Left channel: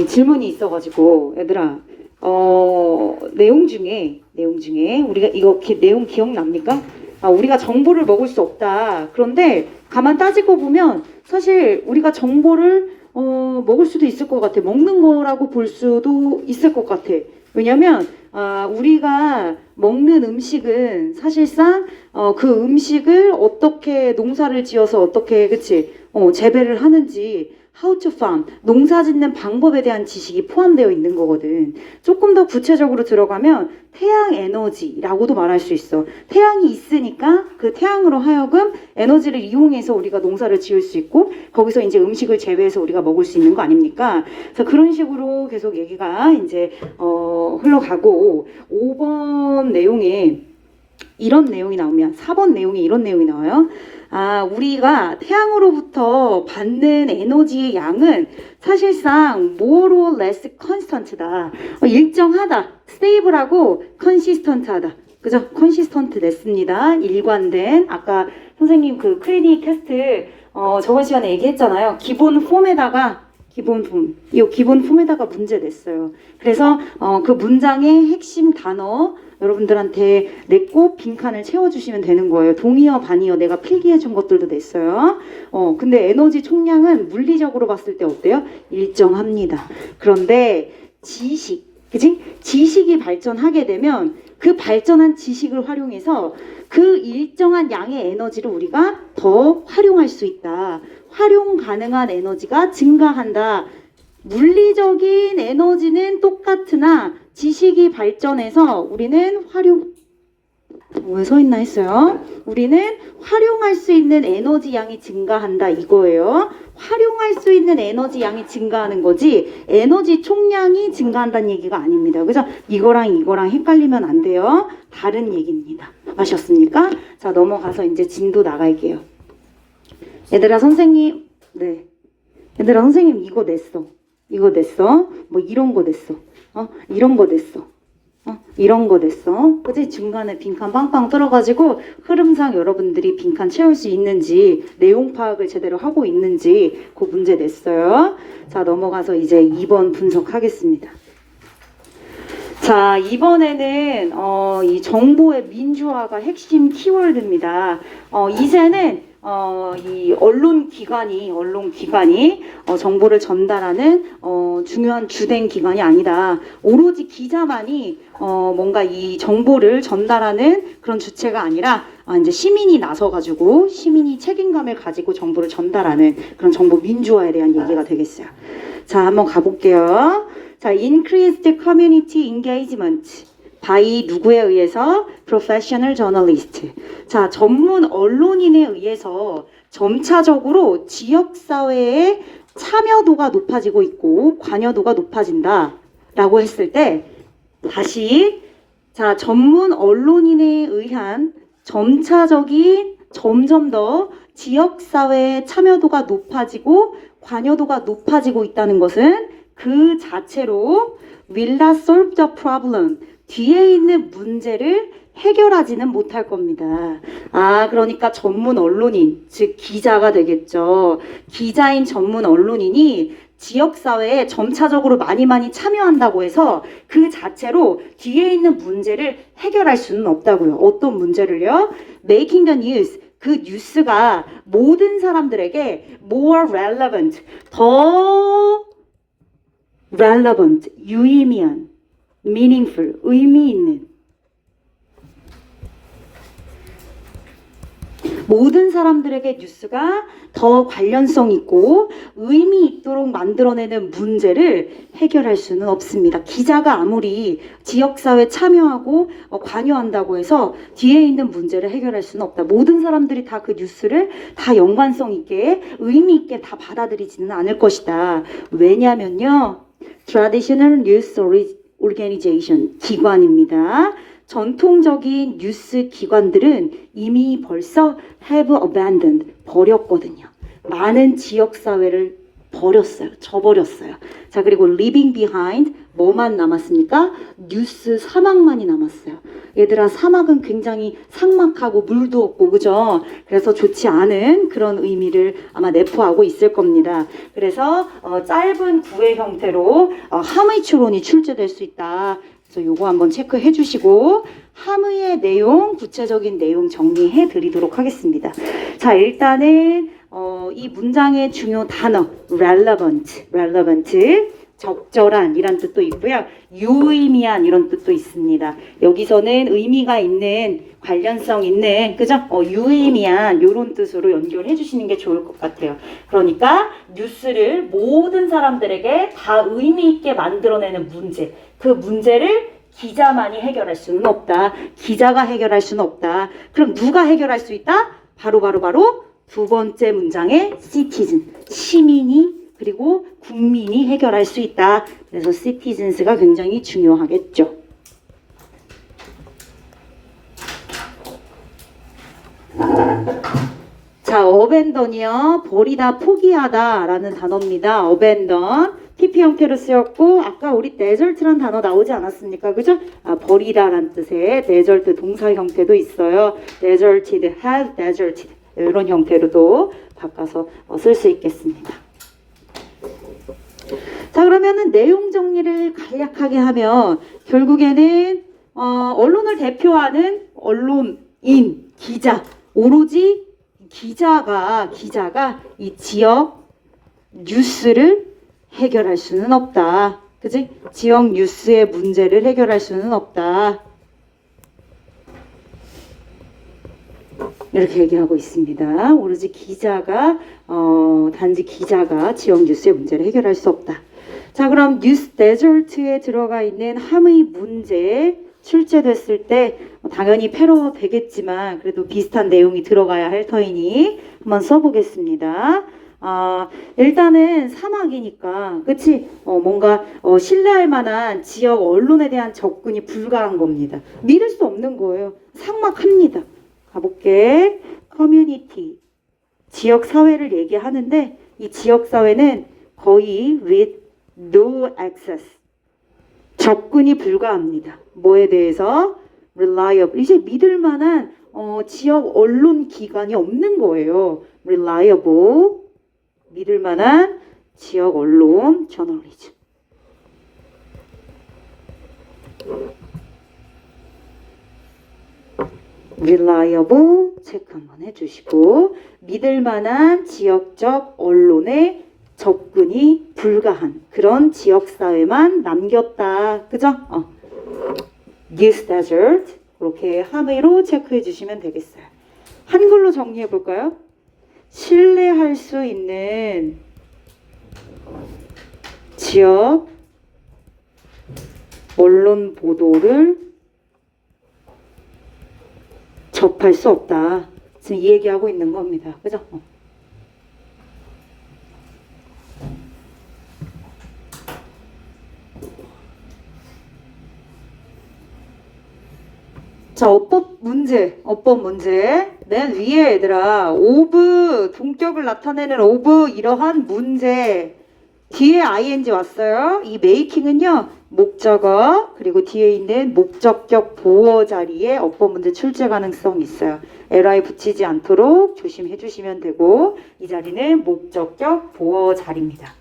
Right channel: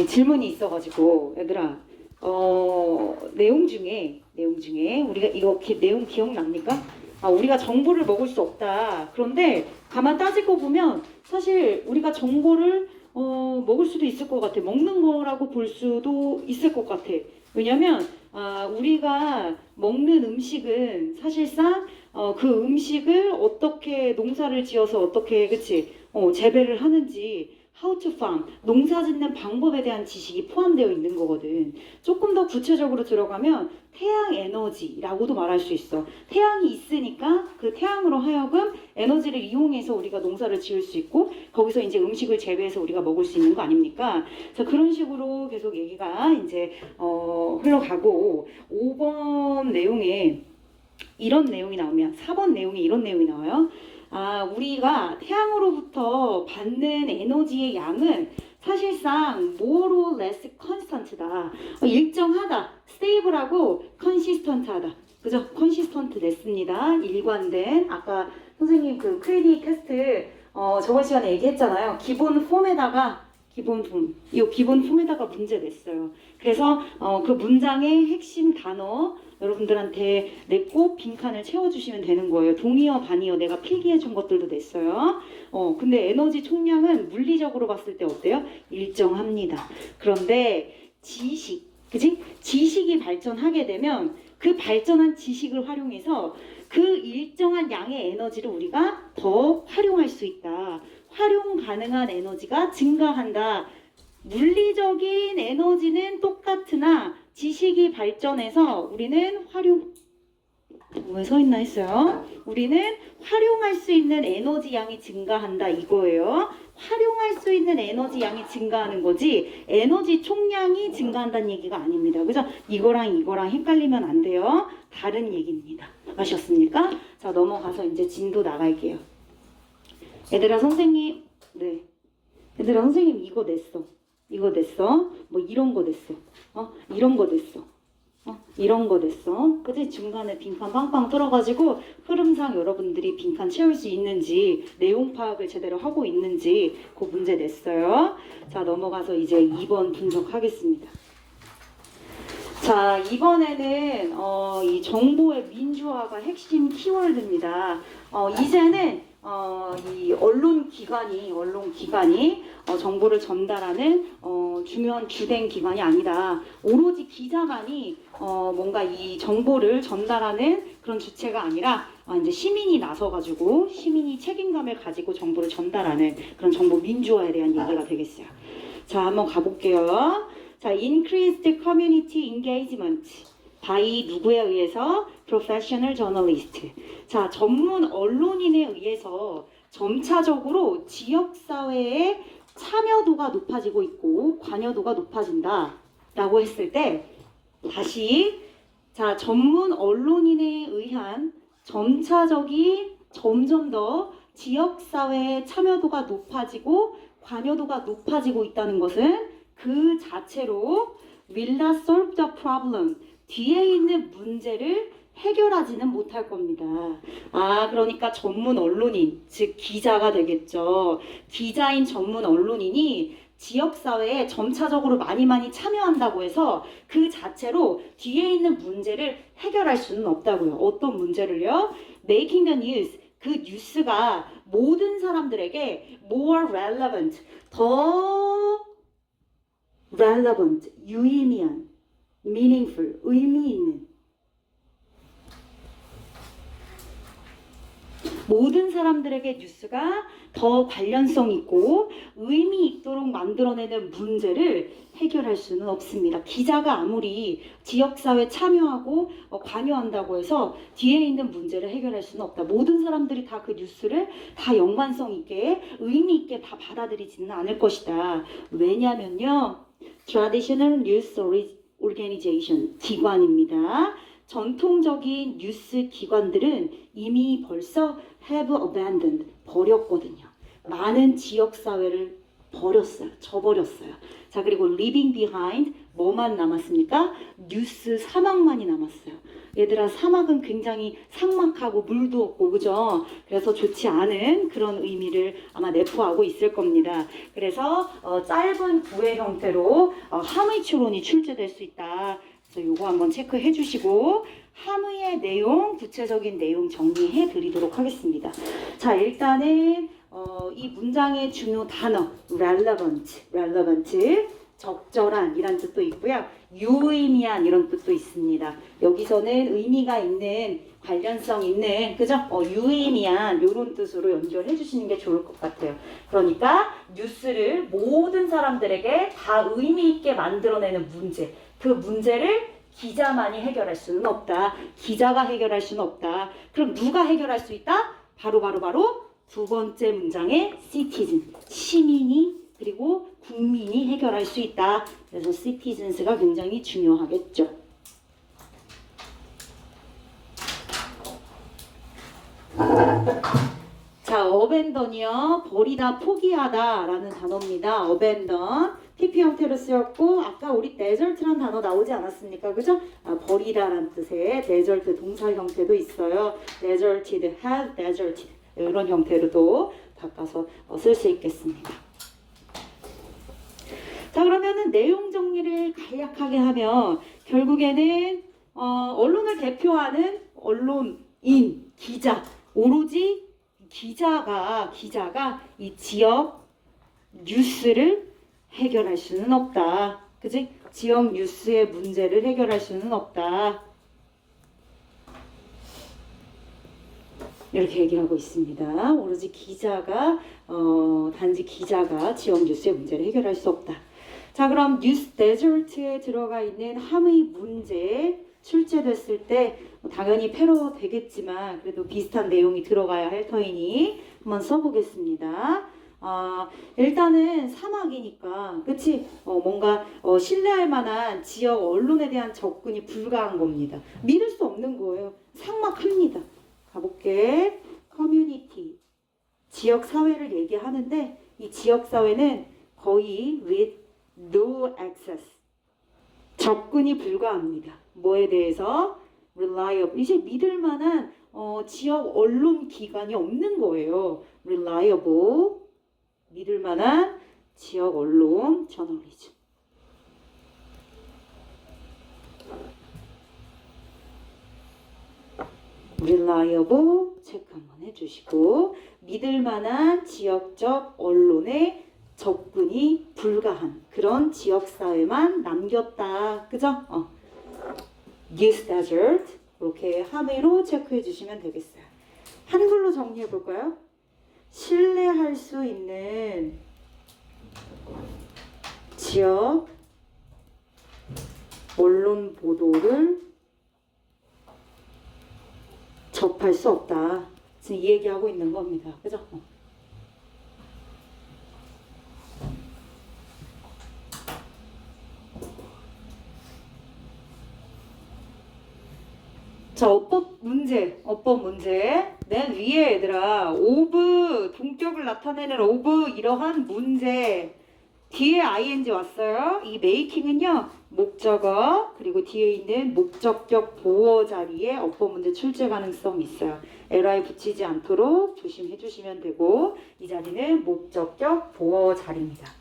이 질문이 있어가지고 얘들아, 내용 중에 우리가 이거 내용 기억납니까? 우리가 정보를 먹을 수 없다. 그런데 가만 따지고 보면 사실 우리가 정보를 먹을 수도 있을 것 같아. 먹는 거라고 볼 수도 있을 것 같아. 왜냐면 우리가 먹는 음식은 사실상 그 음식을 어떻게 농사를 지어서 어떻게 그치 재배를 하는지 how to farm, 농사 짓는 방법에 대한 지식이 포함되어 있는 거거든. 조금 더 구체적으로 들어가면 태양 에너지라고도 말할 수 있어. 태양이 있으니까 그 태양으로 하여금 에너지를 이용해서 우리가 농사를 지을 수 있고 거기서 이제 음식을 재배해서 우리가 먹을 수 있는 거 아닙니까? 그래서 그런 식으로 계속 얘기가 이제 흘러가고 5번 내용에 이런 내용이 나오면 4번 내용에 이런 내용이 나와요. 우리가 태양으로부터 받는 에너지의 양은 사실상 more or less constant다. 일정하다. stable하고 consistent하다. 그죠? consistent 냈습니다. 일관된. 아까 선생님 그 크리니 캐스트 저번 시간에 얘기했잖아요. 기본 폼에다가 문제 냈어요. 그래서 그 문장의 핵심 단어 여러분들한테 냈고 빈칸을 채워주시면 되는 거예요. 동의어, 반의어 내가 필기해준 것들도 냈어요. 근데 에너지 총량은 물리적으로 봤을 때 어때요? 일정합니다. 그런데 그지? 지식이 발전하게 되면 그 발전한 지식을 활용해서 그 일정한 양의 에너지를 우리가 더 활용할 수 있다. 활용 가능한 에너지가 증가한다. 물리적인 에너지는 똑같으나 지식이 발전해서 우리는 왜 서 있나 했어요. 우리는 활용할 수 있는 에너지 양이 증가한다 이거예요. 활용할 수 있는 에너지 양이 증가하는 거지 에너지 총량이 증가한다는 얘기가 아닙니다. 그죠? 이거랑 헷갈리면 안 돼요. 다른 얘기입니다. 아셨습니까? 자, 넘어가서 이제 진도 나갈게요. 얘들아 선생님 이거 냈어. 뭐 이런 거 냈어. 이런 거 냈어. 이런 거 냈어. 그치? 중간에 빈칸 빵빵 뚫어가지고 흐름상 여러분들이 빈칸 채울 수 있는지 내용 파악을 제대로 하고 있는지 그 문제 냈어요. 자, 넘어가서 이제 2번 분석하겠습니다. 자, 이번에는 이 정보의 민주화가 핵심 키워드입니다. 이제는 이 언론 기관이 정보를 전달하는 중요한 주된 기관이 아니다. 오로지 기자만이 뭔가 이 정보를 전달하는 그런 주체가 아니라 이제 시민이 나서가지고 시민이 책임감을 가지고 정보를 전달하는 그런 정보 민주화에 대한 얘기가 되겠어요. 자, 한번 가볼게요. 자, increased community engagement by 누구에 의해서? professional journalist. 자, 전문 언론인에 의해서 점차적으로 지역사회의 참여도가 높아지고 있고 관여도가 높아진다 라고 했을 때 다시 자, 전문 언론인에 의한 점점 더 지역사회의 참여도가 높아지고 관여도가 높아지고 있다는 것은 그 자체로 will not solve the problem. 뒤에 있는 문제를 해결하지는 못할 겁니다. 그러니까 전문 언론인, 즉 기자가 되겠죠. 기자인 전문 언론인이 지역사회에 점차적으로 많이 참여한다고 해서 그 자체로 뒤에 있는 문제를 해결할 수는 없다고요. 어떤 문제를요? Making the news. 그 뉴스가 모든 사람들에게 more relevant, 더 relevant, 유의미한, meaningful, 의미 있는 모든 사람들에게 뉴스가 더 관련성 있고 의미 있도록 만들어내는 문제를 해결할 수는 없습니다. 기자가 아무리 지역사회 참여하고 관여한다고 해서 뒤에 있는 문제를 해결할 수는 없다. 모든 사람들이 다 그 뉴스를 다 연관성 있게 의미 있게 다 받아들이지는 않을 것이다. 왜냐면요. Traditional News Organization 기관입니다. 전통적인 뉴스 기관들은 이미 벌써 have abandoned 버렸거든요. 많은 지역사회를 버렸어요. 져버렸어요. 자, 그리고 leaving behind 뭐만 남았습니까? 뉴스 사막만이 남았어요. 얘들아, 사막은 굉장히 삭막하고 물도 없고 그죠? 그래서 좋지 않은 그런 의미를 아마 내포하고 있을 겁니다. 그래서 짧은 구의 형태로 함의 추론이 출제될 수 있다. 그래서 요거 한번 체크해 주시고 함의의 내용, 구체적인 내용 정리해 드리도록 하겠습니다. 자, 일단은 이 문장의 중요 단어 relevant, 적절한 이란 뜻도 있고요. 유의미한 이런 뜻도 있습니다. 여기서는 의미가 있는, 관련성 있는, 그죠? 유의미한 이런 뜻으로 연결해 주시는 게 좋을 것 같아요. 그러니까 뉴스를 모든 사람들에게 다 의미 있게 만들어내는 문제, 그 문제를 기자만이 해결할 수는 없다. 기자가 해결할 수는 없다. 그럼 누가 해결할 수 있다? 바로 두 번째 문장의 citizen, 시민이 그리고 국민이 해결할 수 있다. 그래서 citizens가 굉장히 중요하겠죠. 자, abandon이요. 버리다, 포기하다 라는 단어입니다. abandon. TP 형태로 쓰였고 아까 우리 desert란 단어 나오지 않았습니까? 그죠? 버리다라는 뜻의 desert 동사 형태도 있어요. deserted, have deserted 이런 형태로도 바꿔서 쓸 수 있겠습니다. 자, 그러면은 내용 정리를 간략하게 하면 결국에는 언론을 대표하는 언론인, 기자, 오로지 기자가 이 지역 뉴스를 해결할 수는 없다. 그지? 지역 뉴스의 문제를 해결할 수는 없다. 이렇게 얘기하고 있습니다. 오로지 기자가 단지 기자가 지역 뉴스의 문제를 해결할 수 없다. 자, 그럼 뉴스 데저트에 들어가 있는 함의 문제 출제됐을 때 당연히 패러 되겠지만 그래도 비슷한 내용이 들어가야 할 터이니 한번 써보겠습니다. 일단은 사막이니까 그치? 뭔가 신뢰할 만한 지역 언론에 대한 접근이 불가한 겁니다. 믿을 수 없는 거예요. 삭막합니다. 가볼게. 커뮤니티, 지역 사회를 얘기하는데 이 지역 사회는 거의 with no access, 접근이 불가합니다. 뭐에 대해서? reliable, 이제 믿을 만한 지역 언론 기관이 없는 거예요. reliable, 믿을 만한 지역 언론, 저널리즘. reliable 체크 한번 해주시고 믿을 만한 지역적 언론의 접근이 불가한 그런 지역사회만 남겼다. 그죠? This desert 이렇게 함의로 체크해 주시면 되겠어요. 한글로 정리해 볼까요? 신뢰할 수 있는 지역 언론 보도를 접할 수 없다. 지금 이 얘기하고 있는 겁니다. 그죠? 자, 어법 문제. 맨 위에 얘들아, of, 동격을 나타내는 of 이러한 문제. 뒤에 ing 왔어요. 이 making은요, 목적어, 그리고 뒤에 있는 목적격 보어 자리에 어법 문제 출제 가능성이 있어요. li 붙이지 않도록 조심해 주시면 되고, 이 자리는 목적격 보어 자리입니다.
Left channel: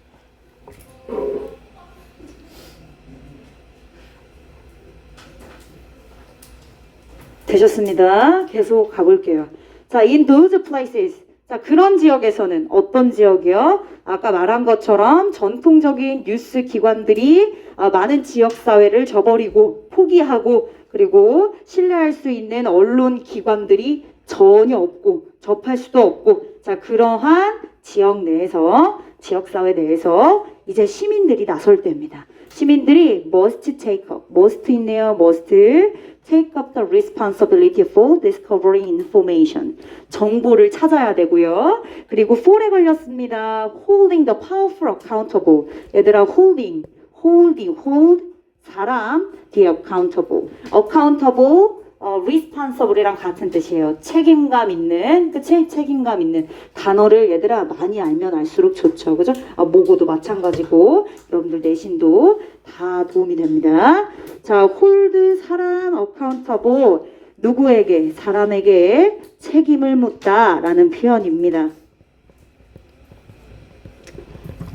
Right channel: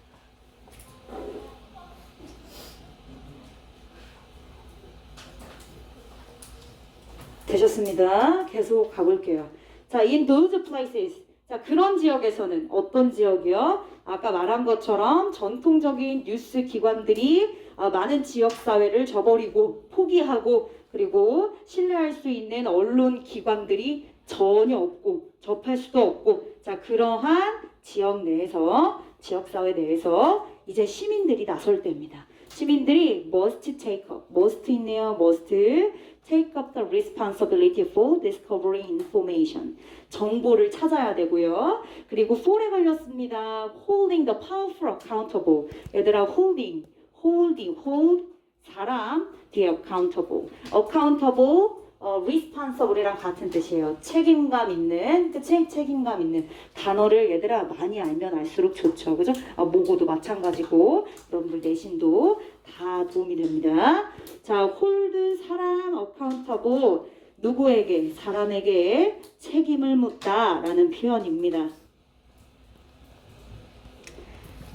되셨습니다. 계속 가볼게요. 자, in those places. 자, 그런 지역에서는 어떤 지역이요? 아까 말한 것처럼 전통적인 뉴스 기관들이 많은 지역사회를 저버리고 포기하고 그리고 신뢰할 수 있는 언론 기관들이 전혀 없고 접할 수도 없고 자, 그러한 지역 내에서 지역사회 내에서 이제 시민들이 나설 때입니다. 시민들이 must take up, must 있네요. must take up the responsibility for discovering information. 정보를 찾아야 되고요. 그리고 for에 걸렸습니다. holding the powerful accountable. 얘들아 hold 사람, the accountable. accountable responsible이랑 같은 뜻이에요. 책임감 있는, 그치? 책임감 있는 단어를 얘들아 많이 알면 알수록 좋죠. 그죠? 모고도 마찬가지고 여러분들 내신도 다 도움이 됩니다. 자, hold 사람 accountable 누구에게? 사람에게 책임을 묻다라는 표현입니다.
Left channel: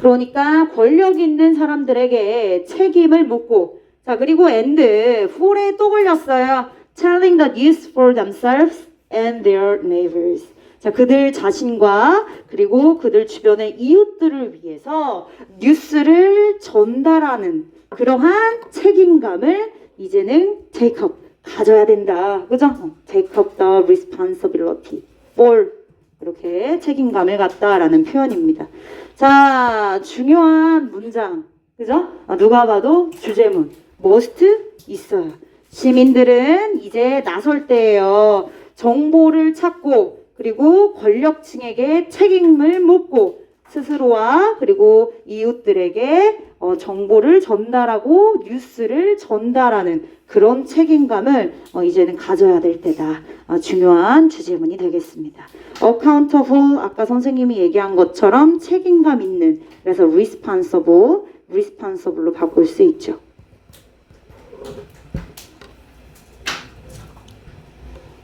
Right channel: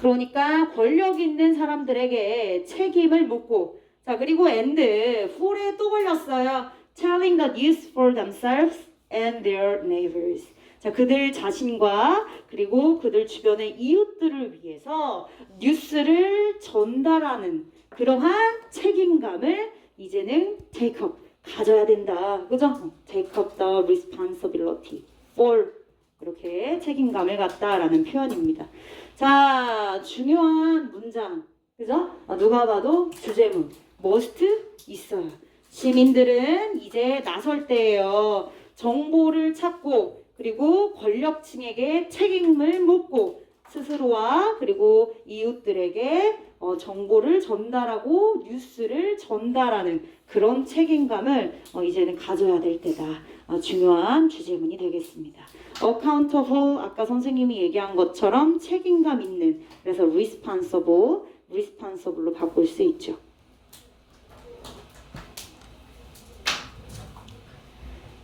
그러니까 권력 있는 사람들에게 책임을 묻고 자 그리고 and for에 또 걸렸어요. telling the news for themselves and their neighbors. 자 그들 자신과 그리고 그들 주변의 이웃들을 위해서 뉴스를 전달하는 그러한 책임감을 이제는 take up 가져야 된다. 그죠? take up the responsibility for 이렇게 책임감을 갖다라는 표현입니다. 자, 중요한 문장. 그죠? 누가 봐도 주제문. must 있어요. 시민들은 이제 나설 때예요. 정보를 찾고 그리고 권력층에게 책임을 묻고 스스로와 그리고 이웃들에게 정보를 전달하고 뉴스를 전달하는 그런 책임감을 이제는 가져야 될 때다. 중요한 주제문이 되겠습니다. accountable 아까 선생님이 얘기한 것처럼 책임감 있는 그래서 responsible로 바꿀 수 있죠.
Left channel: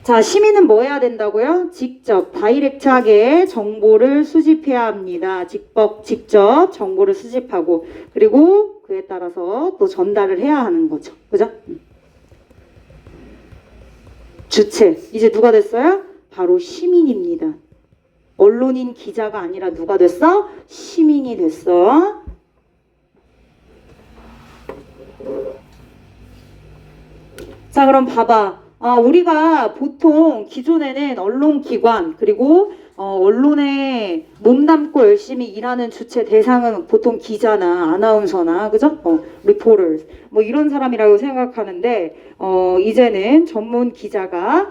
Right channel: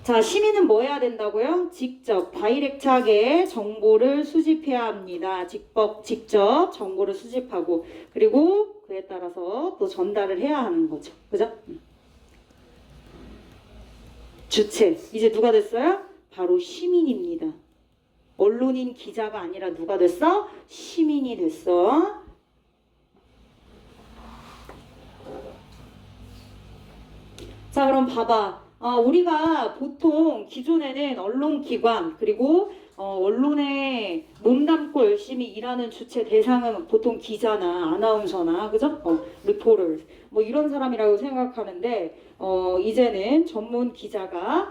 자, 시민은 뭐 해야 된다고요? 직접 다이렉트하게 정보를 수집해야 합니다. 직접 정보를 수집하고 그리고 그에 따라서 또 전달을 해야 하는 거죠. 그죠? 주체 이제 누가 됐어요? 바로 시민입니다. 언론인 기자가 아니라 누가 됐어? 시민이 됐어. 자 그럼 봐봐. 우리가 보통 기존에는 언론기관 그리고 언론에 몸담고 열심히 일하는 주체 대상은 보통 기자나 아나운서나 그죠? 리포터 뭐 이런 사람이라고 생각하는데 이제는 전문 기자가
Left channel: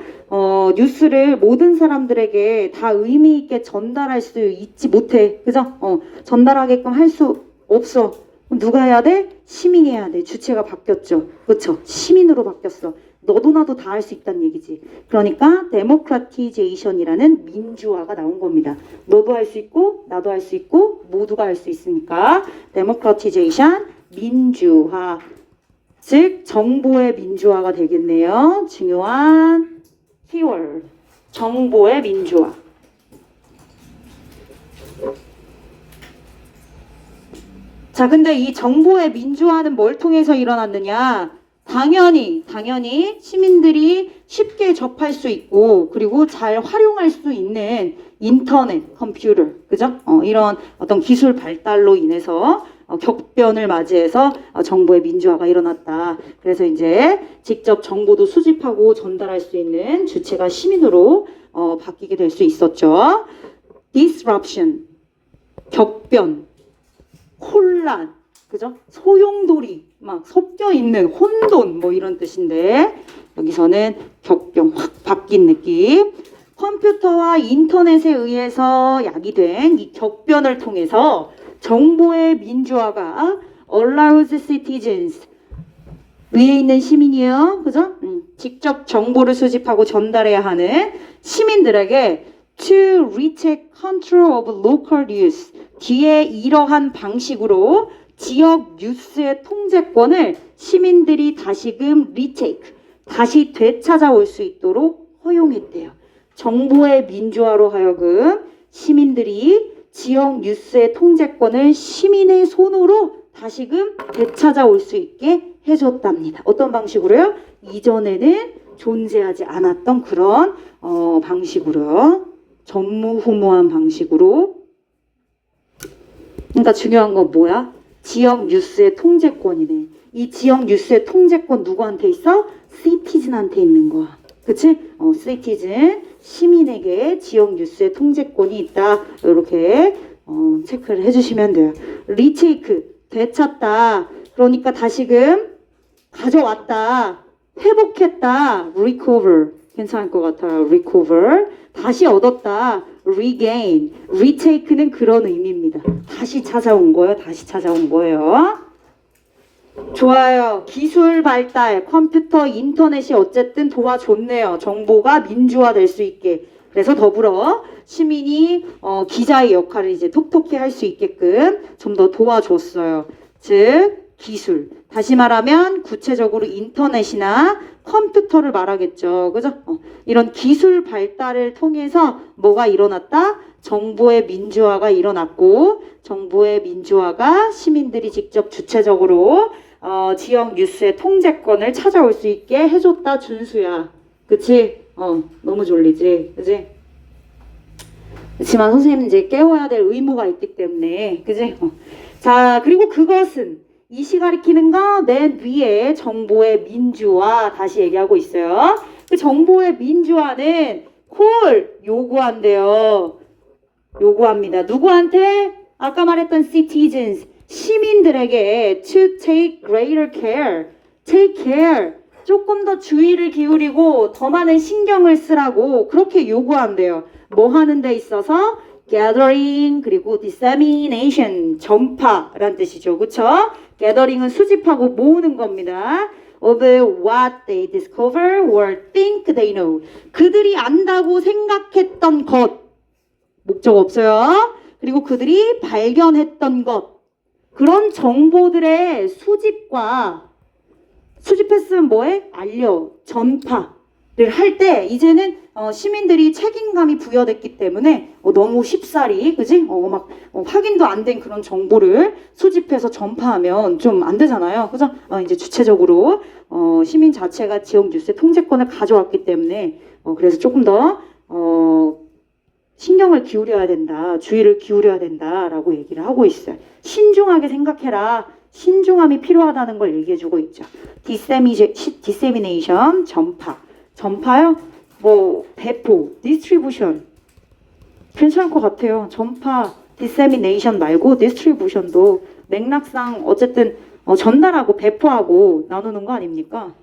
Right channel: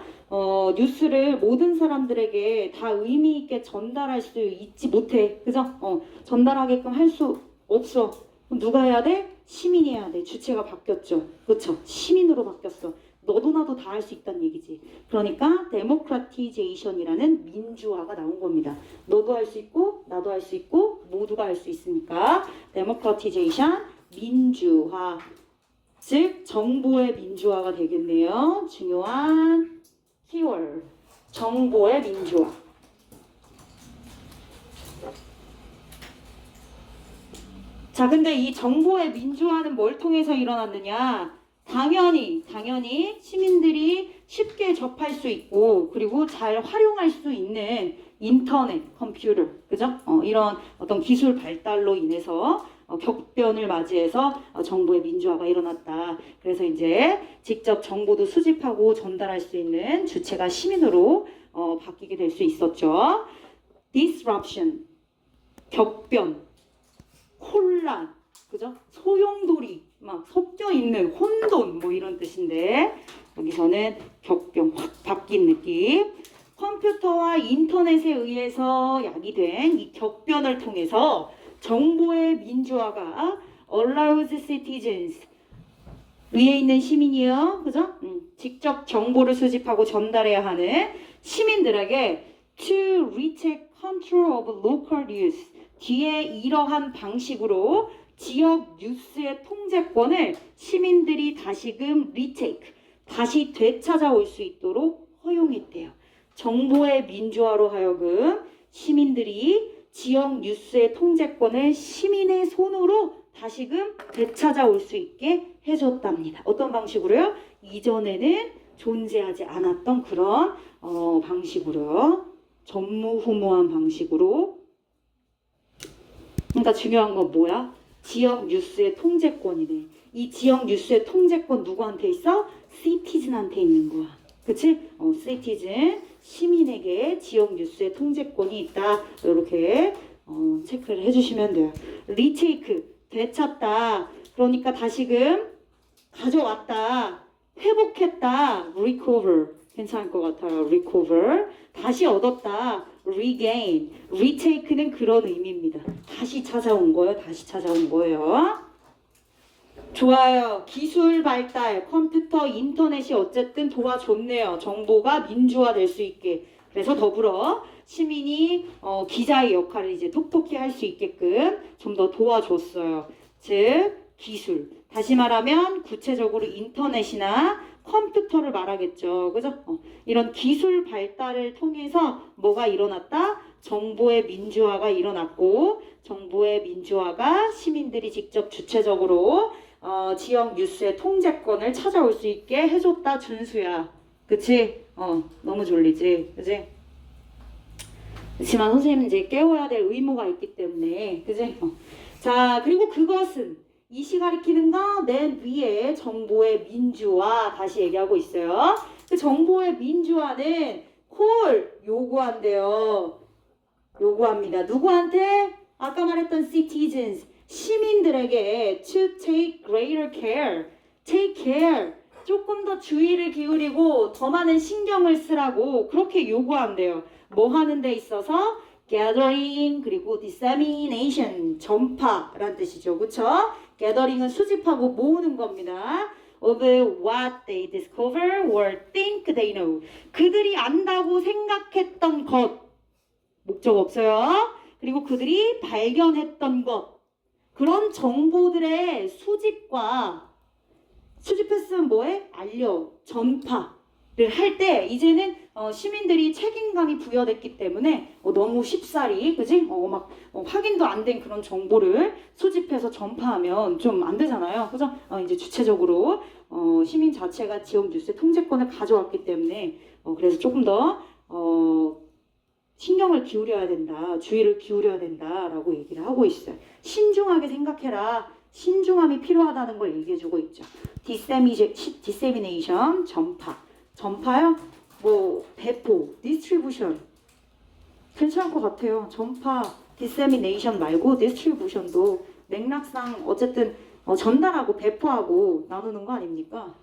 뉴스를 모든 사람들에게 다 의미 있게 전달할 수 있지 못해. 그죠? 전달하게끔 할 수 없어. 그럼 누가 해야 돼? 시민이 해야 돼. 주체가 바뀌었죠. 그렇죠? 시민으로 바뀌었어. 너도 나도 다 할 수 있다는 얘기지. 그러니까 데모크라티제이션이라는 민주화가 나온 겁니다. 너도 할 수 있고 나도 할 수 있고 모두가 할 수 있으니까 데모크라티제이션 민주화 즉 정보의 민주화가 되겠네요. 중요한 키워드 정보의 민주화. 자 근데 이 정보의 민주화는 뭘 통해서 일어났느냐? 당연히 시민들이 쉽게 접할 수 있고 그리고 잘 활용할 수 있는 인터넷, 컴퓨터, 그죠? 이런 어떤 기술 발달로 인해서 격변을 맞이해서 정보의 민주화가 일어났다. 그래서 이제 직접 정보도 수집하고 전달할 수 있는 주체가 시민으로 바뀌게 될 수 있었죠. disruption, 격변, 혼란, 그죠? 소용돌이 막 섞여 있는 혼돈 뭐 이런 뜻인데 여기서는 격변 확 바뀐 느낌. 컴퓨터와 인터넷에 의해서 야기된 이 격변을 통해서 정보의 민주화가 allows citizens 위에 있는 시민이에요. 그죠? 직접 정보를 수집하고 전달해야 하는 시민들에게 to retake control of local news 뒤에 이러한 방식으로 지역 뉴스의 통제권을 시민들이 다시금 retake 다시 되찾아올 수 있도록 허용했대요. 정보의 민주화로 하여금 시민들이 지역 뉴스의 통제권을 시민의 손으로 다시금 되찾아올 수 있게 해줬답니다. 어떤 방식으로요? 이전에는 존재하지 않았던 그런 방식으로요. 전무후무한 방식으로. 그러니까 중요한 건 뭐야? 지역 뉴스의 통제권이네. 이 지역 뉴스의 통제권 누구한테 있어? 시티즌한테 있는 거야. 그치? 시티즌, 시민에게 지역 뉴스의 통제권이 있다. 이렇게 체크를 해주시면 돼요. 리테이크, 되찾다. 그러니까 다시금 가져왔다. 회복했다. recover. 괜찮을 것 같아요. recover. 다시 얻었다. regain. retake는 그런 의미입니다. 다시 찾아온 거예요. 다시 찾아온 거예요. 좋아요. 기술 발달, 컴퓨터, 인터넷이 어쨌든 도와줬네요. 정보가 민주화될 수 있게. 그래서 더불어 시민이 기자의 역할을 이제 톡톡히 할 수 있게끔 좀 더 도와줬어요. 즉 기술. 다시 말하면 구체적으로 인터넷이나 컴퓨터를 말하겠죠. 그죠? 이런 기술 발달을 통해서 뭐가 일어났다? 정보의 민주화가 일어났고 정보의 민주화가 시민들이 직접 주체적으로 지역 뉴스의 통제권을 찾아올 수 있게 해줬다. 준수야. 그치? 너무 졸리지? 그치? 그렇지만 선생님은 이제 깨워야 될 의무가 있기 때문에 그치? 자, 그리고 그것은 이시 가리키는 거 맨 위에 정보의 민주화 다시 얘기하고 있어요. 그 정보의 민주화는 콜 요구한대요. 요구합니다. 누구한테? 아까 말했던 citizens 시민들에게 to take greater care, take care 조금 더 주의를 기울이고 더 많은 신경을 쓰라고 그렇게 요구한대요. 뭐 하는 데 있어서? gathering 그리고 dissemination 전파라는 뜻이죠. 그쵸? gathering은 수집하고 모으는 겁니다. of what they discover or think they know. 그들이 안다고 생각했던 것. 목적 없어요. 그리고 그들이 발견했던 것. 그런 정보들의 수집했으면 뭐해? 알려, 전파를 할 때 이제는 시민들이 책임감이 부여됐기 때문에 너무 쉽사리 그지? 확인도 안 된 그런 정보를 수집해서 전파하면 좀 안 되잖아요. 그죠? 이제 주체적으로 시민 자체가 지역 뉴스의 통제권을 가져왔기 때문에 그래서 조금 더 신경을 기울여야 된다, 주의를 기울여야 된다라고 얘기를 하고 있어요. 신중하게 생각해라. 신중함이 필요하다는 걸 얘기해주고 있죠. dissemination, 전파요? 뭐 배포, distribution 괜찮을 것 같아요. 전파, dissemination 말고 distribution도 맥락상 어쨌든 전달하고 배포하고 나누는 거 아닙니까?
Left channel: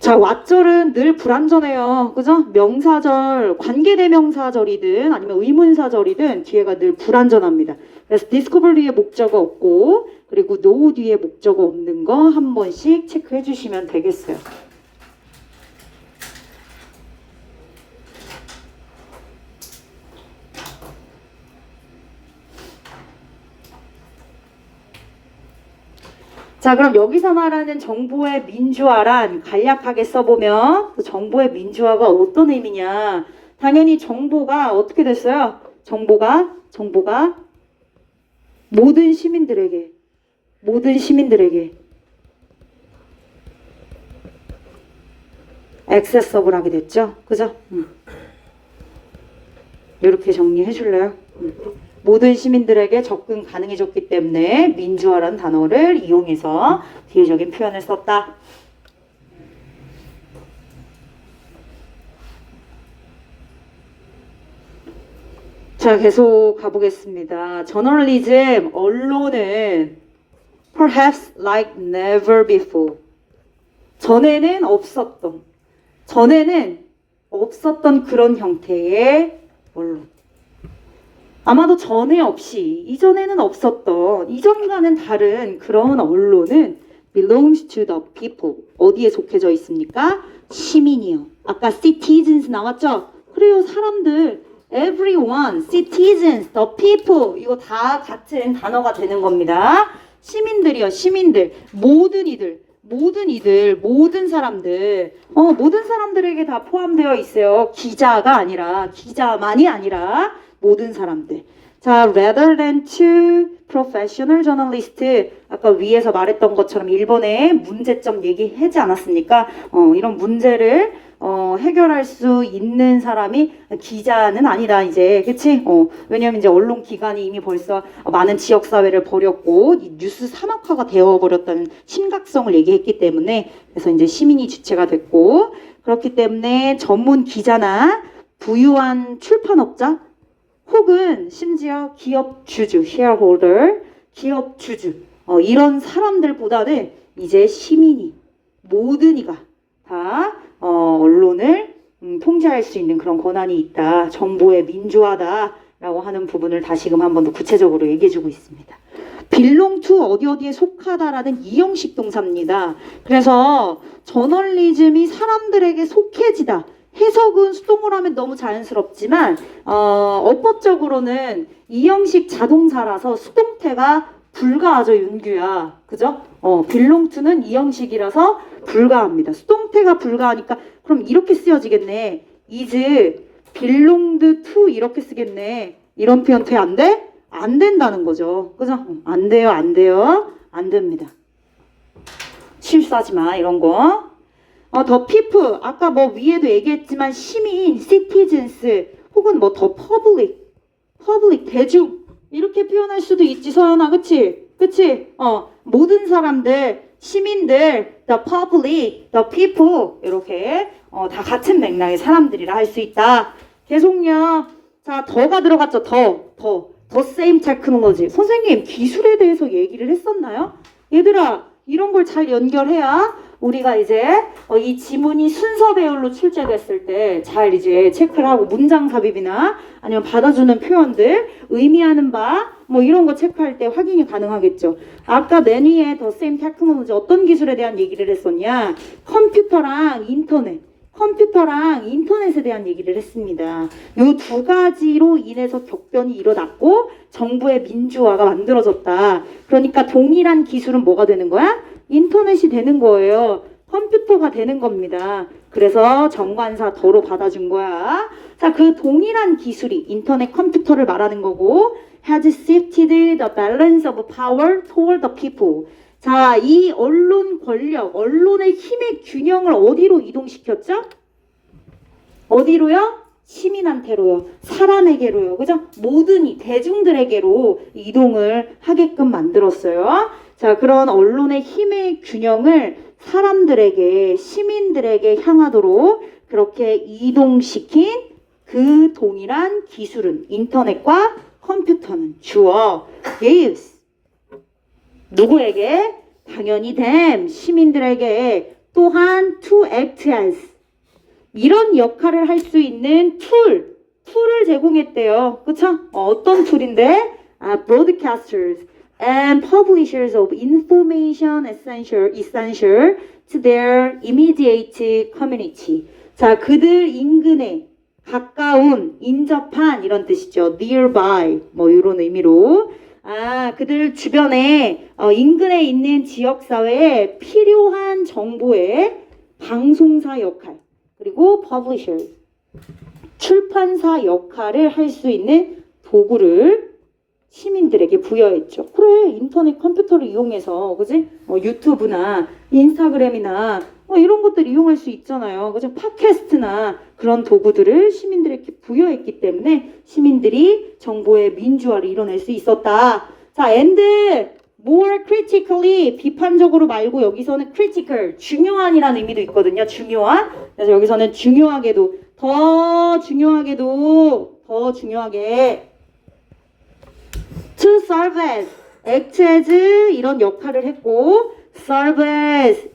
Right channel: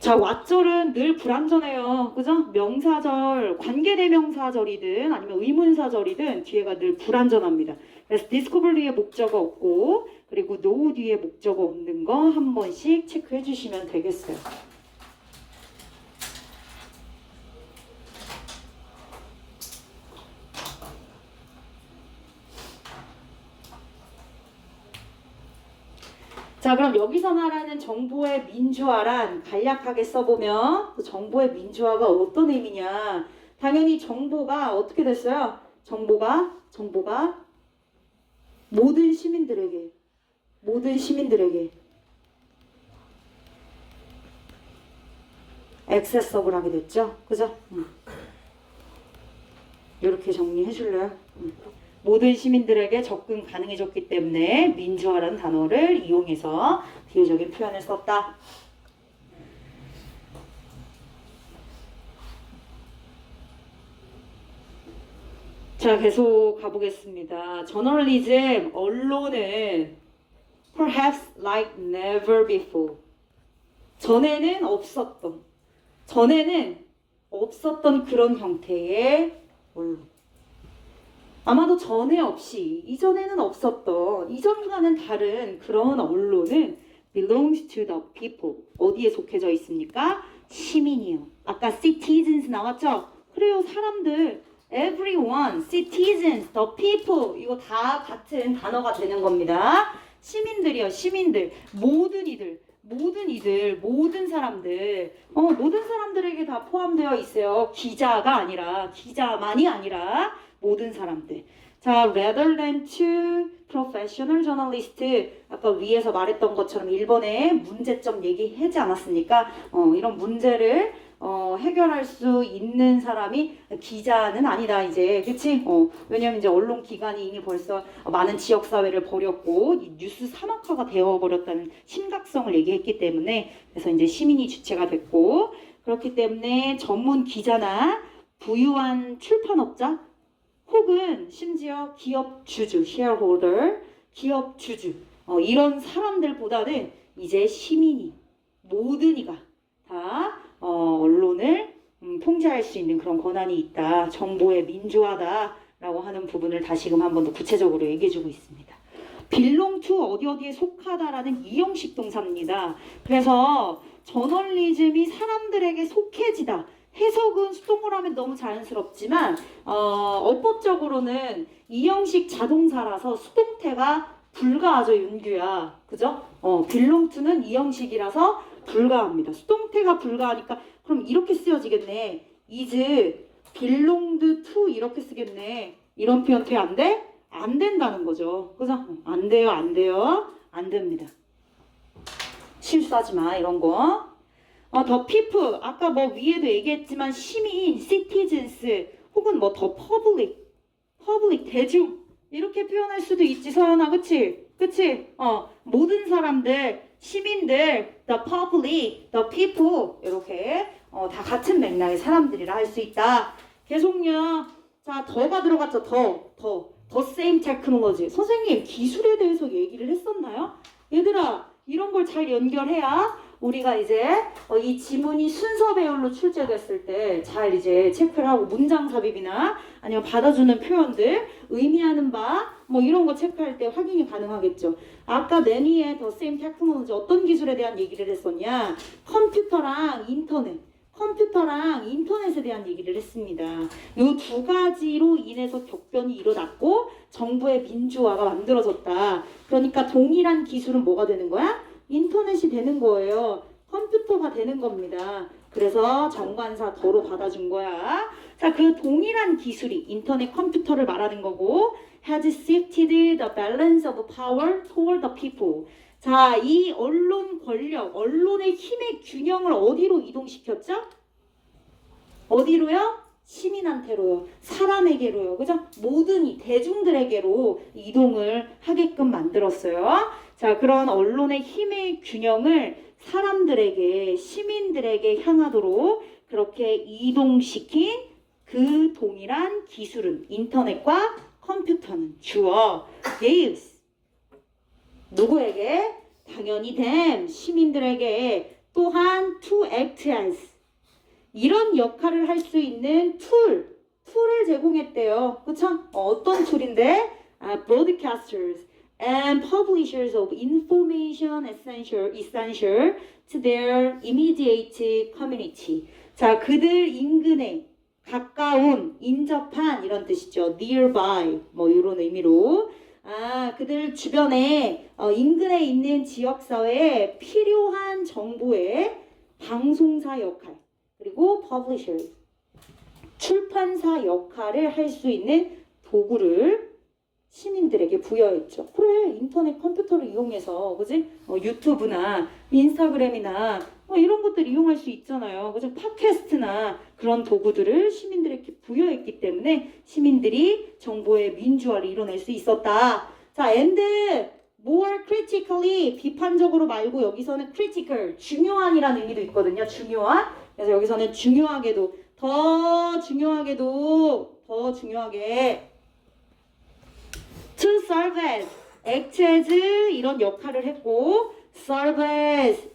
자, 왓절은 늘 불완전해요. 그죠? 명사절, 관계대명사절이든 아니면 의문사절이든 뒤에가 늘 불완전합니다. 그래서 discover 뒤에 목적어 없고 그리고 know 뒤에 목적어 없는 거 한 번씩 체크해 주시면 되겠어요. 자, 그럼 여기서 말하는 정보의 민주화란 간략하게 써보면 그 정보의 민주화가 어떤 의미냐? 당연히 정보가 어떻게 됐어요? 정보가 모든 시민들에게 액세서블 하게 됐죠? 그죠? 이렇게 정리해 줄래요? 모든 시민들에게 접근 가능해졌기 때문에 민주화라는 단어를 이용해서 비유적인 표현을 썼다. 자, 계속 가보겠습니다. 저널리즘, 언론은 perhaps like never before. 전에는 없었던 그런 형태의 언론. 아마도 전에 없이 이전에는 없었던 이전과는 다른 그런 언론은 belongs to the people. 어디에 속해져 있습니까? 시민이요. 아까 citizens 나왔죠? 그래요. 사람들 everyone, citizens, the people 이거 다 같은 단어가 되는 겁니다. 시민들이요. 시민들. 모든 사람들 모든 사람들에게 다 포함되어 있어요. 기자만이 아니라 모든 사람들. 자, rather than to professional journalist. 아까 위에서 말했던 것처럼 일본의 문제점 얘기하지 않았습니까? 이런 문제를 해결할 수 있는 사람이 기자는 아니다 이제. 그치? 왜냐면 이제 언론 기관이 이미 벌써 많은 지역 사회를 버렸고 뉴스 사막화가 되어버렸다는 심각성을 얘기했기 때문에 그래서 이제 시민이 주체가 됐고 그렇기 때문에 전문 기자나 부유한 출판업자 혹은 심지어 기업 주주, shareholder, 기업 주주 이런 사람들보다는 이제 시민이 모든 이가 다 언론을 통제할 수 있는 그런 권한이 있다. 정보의 민주화다라고 하는 부분을 다시금 한 번 더 구체적으로 얘기해주고 있습니다. belong to 어디 어디에 속하다라는 이형식 동사입니다. 그래서 저널리즘이 사람들에게 속해지다. 해석은 수동으로 하면 너무 자연스럽지만 어법적으로는 이형식 자동사라서 수동태가 불가하죠, 윤규야. 그죠? belong to는 이형식이라서 불가합니다. 수동태가 불가하니까 그럼 이렇게 쓰여지겠네. is belonged to 이렇게 쓰겠네. 이런 표현 돼? 안 돼? 안 된다는 거죠. 그죠? 안 돼요, 안 돼요. 안 됩니다. 실수하지 마, 이런 거. 더 people, 아까 뭐 위에도 얘기했지만 시민, citizens, 혹은 뭐 더 public, 대중 이렇게 표현할 수도 있지, 서연아, 그치? 그치? 모든 사람들, 시민들, the public, the people 이렇게 다 같은 맥락의 사람들이라 할 수 있다. 계속요. 자, 더가 들어갔죠. 더 same technology. 선생님, 기술에 대해서 얘기를 했었나요? 얘들아, 이런 걸 잘 연결해야 우리가 이제 이 지문이 순서 배열로 출제됐을 때 잘 이제 체크를 하고 문장 삽입이나 아니면 받아주는 표현들, 의미하는 바 뭐 이런 거 체크할 때 확인이 가능하겠죠. 아까 맨 위에 더 same technology 어떤 기술에 대한 얘기를 했었냐? 컴퓨터랑 인터넷에 대한 얘기를 했습니다. 이 두 가지로 인해서 격변이 일어났고 정부의 민주화가 만들어졌다. 그러니까 동일한 기술은 뭐가 되는 거야? 인터넷이 되는 거예요. 컴퓨터가 되는 겁니다. 그래서 정관사 더로 받아준 거야. 자, 그 동일한 기술이 인터넷 컴퓨터를 말하는 거고 has shifted the balance of power toward the people. 자, 이 언론 권력, 언론의 힘의 균형을 어디로 이동시켰죠? 어디로요? 시민한테로요. 사람에게로요. 그죠? 모든 이 대중들에게로 이동을 하게끔 만들었어요. 자, 그런 언론의 힘의 균형을 사람들에게, 시민들에게 향하도록 그렇게 이동시킨 그 동일한 기술은 인터넷과 컴퓨터는 주어 gives 누구에게? 당연히 them 시민들에게 또한 to act as 이런 역할을 할 수 있는 툴을 제공했대요. 그쵸? 어떤 툴인데? broadcasters and publishers of information essential to their immediate community. 자, 그들 인근에 가까운, 인접한 이런 뜻이죠. nearby 뭐 이런 의미로 그들 주변에 인근에 있는 지역사회에 필요한 정보의 방송사 역할 그리고 publisher 출판사 역할을 할 수 있는 도구를 시민들에게 부여했죠. 그래, 인터넷 컴퓨터를 이용해서 그지? 유튜브나 인스타그램이나 이런 것들 이용할 수 있잖아요. 그죠? 팟캐스트나 그런 도구들을 시민들에게 부여했기 때문에 시민들이 정보의 민주화를 이뤄낼 수 있었다. 자, and more critically 비판적으로 말고 여기서는 critical 중요한이라는 의미도 있거든요. 중요한. 그래서 여기서는 중요하게도 더 중요하게 to serve as, act as 이런 역할을 했고 serve as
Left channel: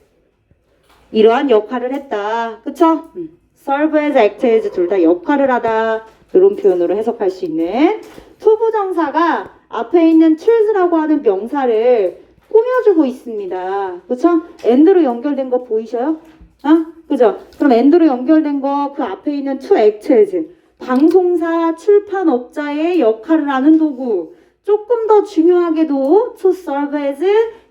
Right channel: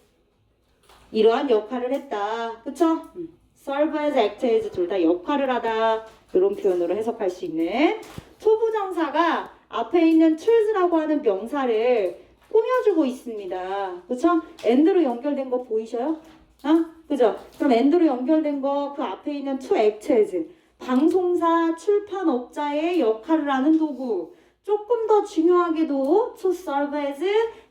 이러한 역할을 했다. 그쵸? serve as, act as 둘 다 역할을 하다. 이런 표현으로 해석할 수 있는 투부정사가 앞에 있는 choose라고 하는 명사를 꾸며주고 있습니다. 그쵸? and로 연결된 거 보이셔요? 그죠? 그럼 and로 연결된 거 그 앞에 있는 to act as 방송사 출판업자의 역할을 하는 도구. 조금 더 중요하게도 to serve as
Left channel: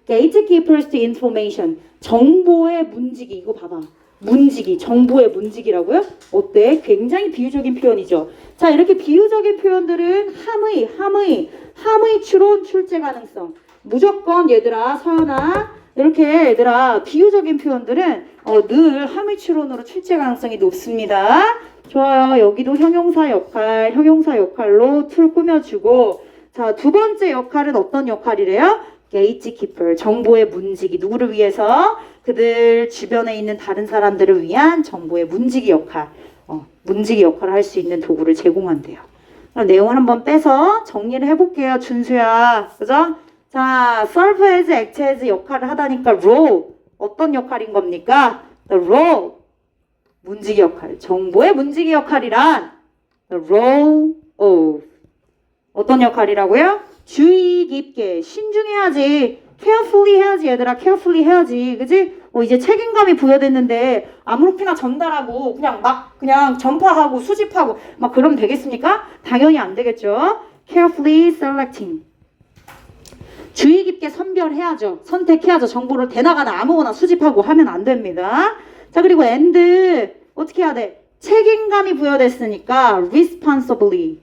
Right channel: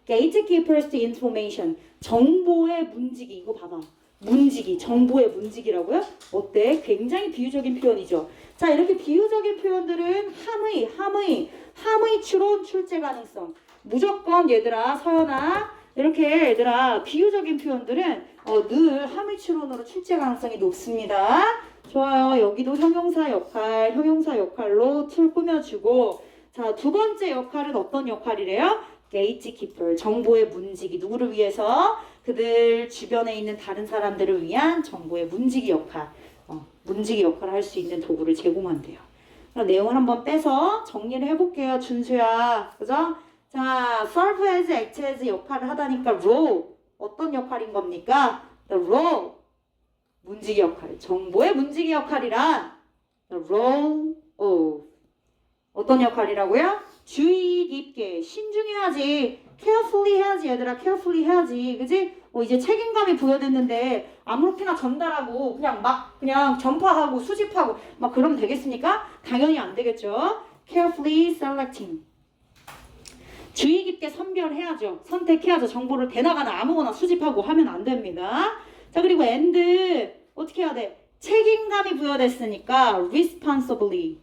gatekeepers to information. 정보의 문지기. 이거 봐봐. 문지기. 정보의 문지기라고요? 어때? 굉장히 비유적인 표현이죠. 자, 이렇게 비유적인 표현들은 함의 추론 출제 가능성. 무조건 얘들아, 서연아, 이렇게 얘들아 비유적인 표현들은 늘 함의 추론으로 출제 가능성이 높습니다. 좋아요. 여기도 형용사 역할로 툴 꾸며주고 자, 두 번째 역할은 어떤 역할이래요? gatekeeper, 정보의 문지기. 누구를 위해서? 그들 주변에 있는 다른 사람들을 위한 정보의 문지기 역할. 문지기 역할을 할 수 있는 도구를 제공한대요. 내용을 한번 빼서 정리를 해볼게요. 준수야. 그죠? 자, serve as, act as 역할을 하다니까 role. 어떤 역할인 겁니까? The role. 문지기 역할. 정보의 문지기 역할이란 the role of. 어떤 역할이라고요? 주의 깊게, 신중해야지. carefully 해야지, 얘들아. carefully 해야지. 그지? 이제 책임감이 부여됐는데 아무렇게나 전달하고 그냥 전파하고 수집하고 막 그러면 되겠습니까? 당연히 안 되겠죠. carefully selecting. 주의 깊게 선별해야죠. 선택해야죠. 정보를 대나가나 아무거나 수집하고 하면 안 됩니다. 자, 그리고 and 어떻게 해야 돼? 책임감이 부여됐으니까 responsibly.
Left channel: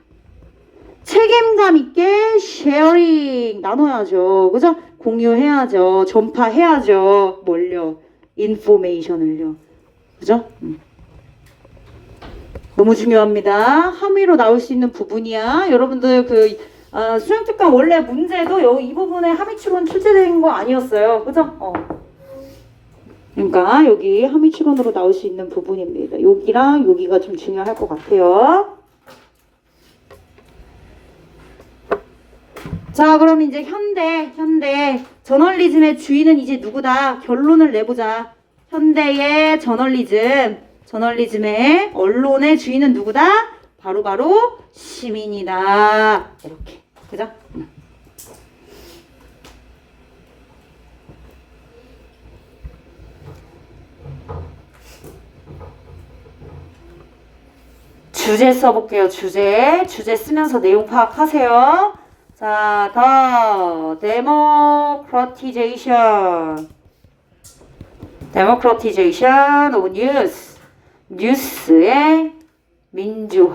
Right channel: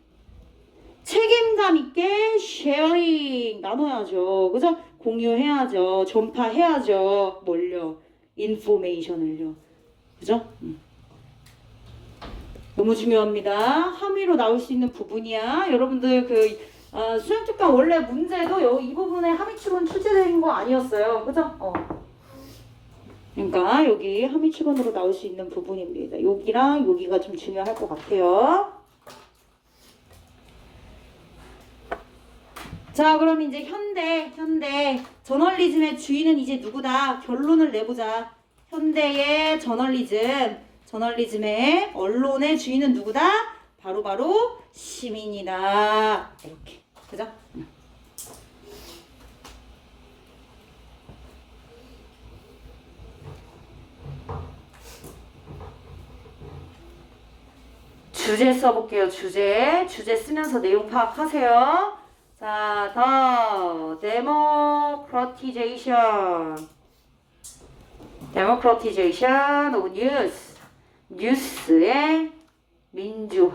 책임감 있게 sharing 나눠야죠. 그죠? 공유해야죠. 전파해야죠. 뭘요? information을요. 그죠? 너무 중요합니다. 함의로 나올 수 있는 부분이야. 여러분들 수행특강 원래 문제도 이 부분에 함의추론 출제된 거 아니었어요. 그죠? 그러니까 여기 함의추론으로 나올 수 있는 부분입니다. 여기랑 여기가 좀 중요할 것 같아요. 자, 그럼 이제 현대 저널리즘의 주인은 이제 누구다? 결론을 내보자. 현대의 저널리즘의 언론의 주인은 누구다? 바로 시민이다. 이렇게. 그죠? 주제 써볼게요. 주제 쓰면서 내용 파악하세요. 자, 더 democratization of 뉴스의 민주화.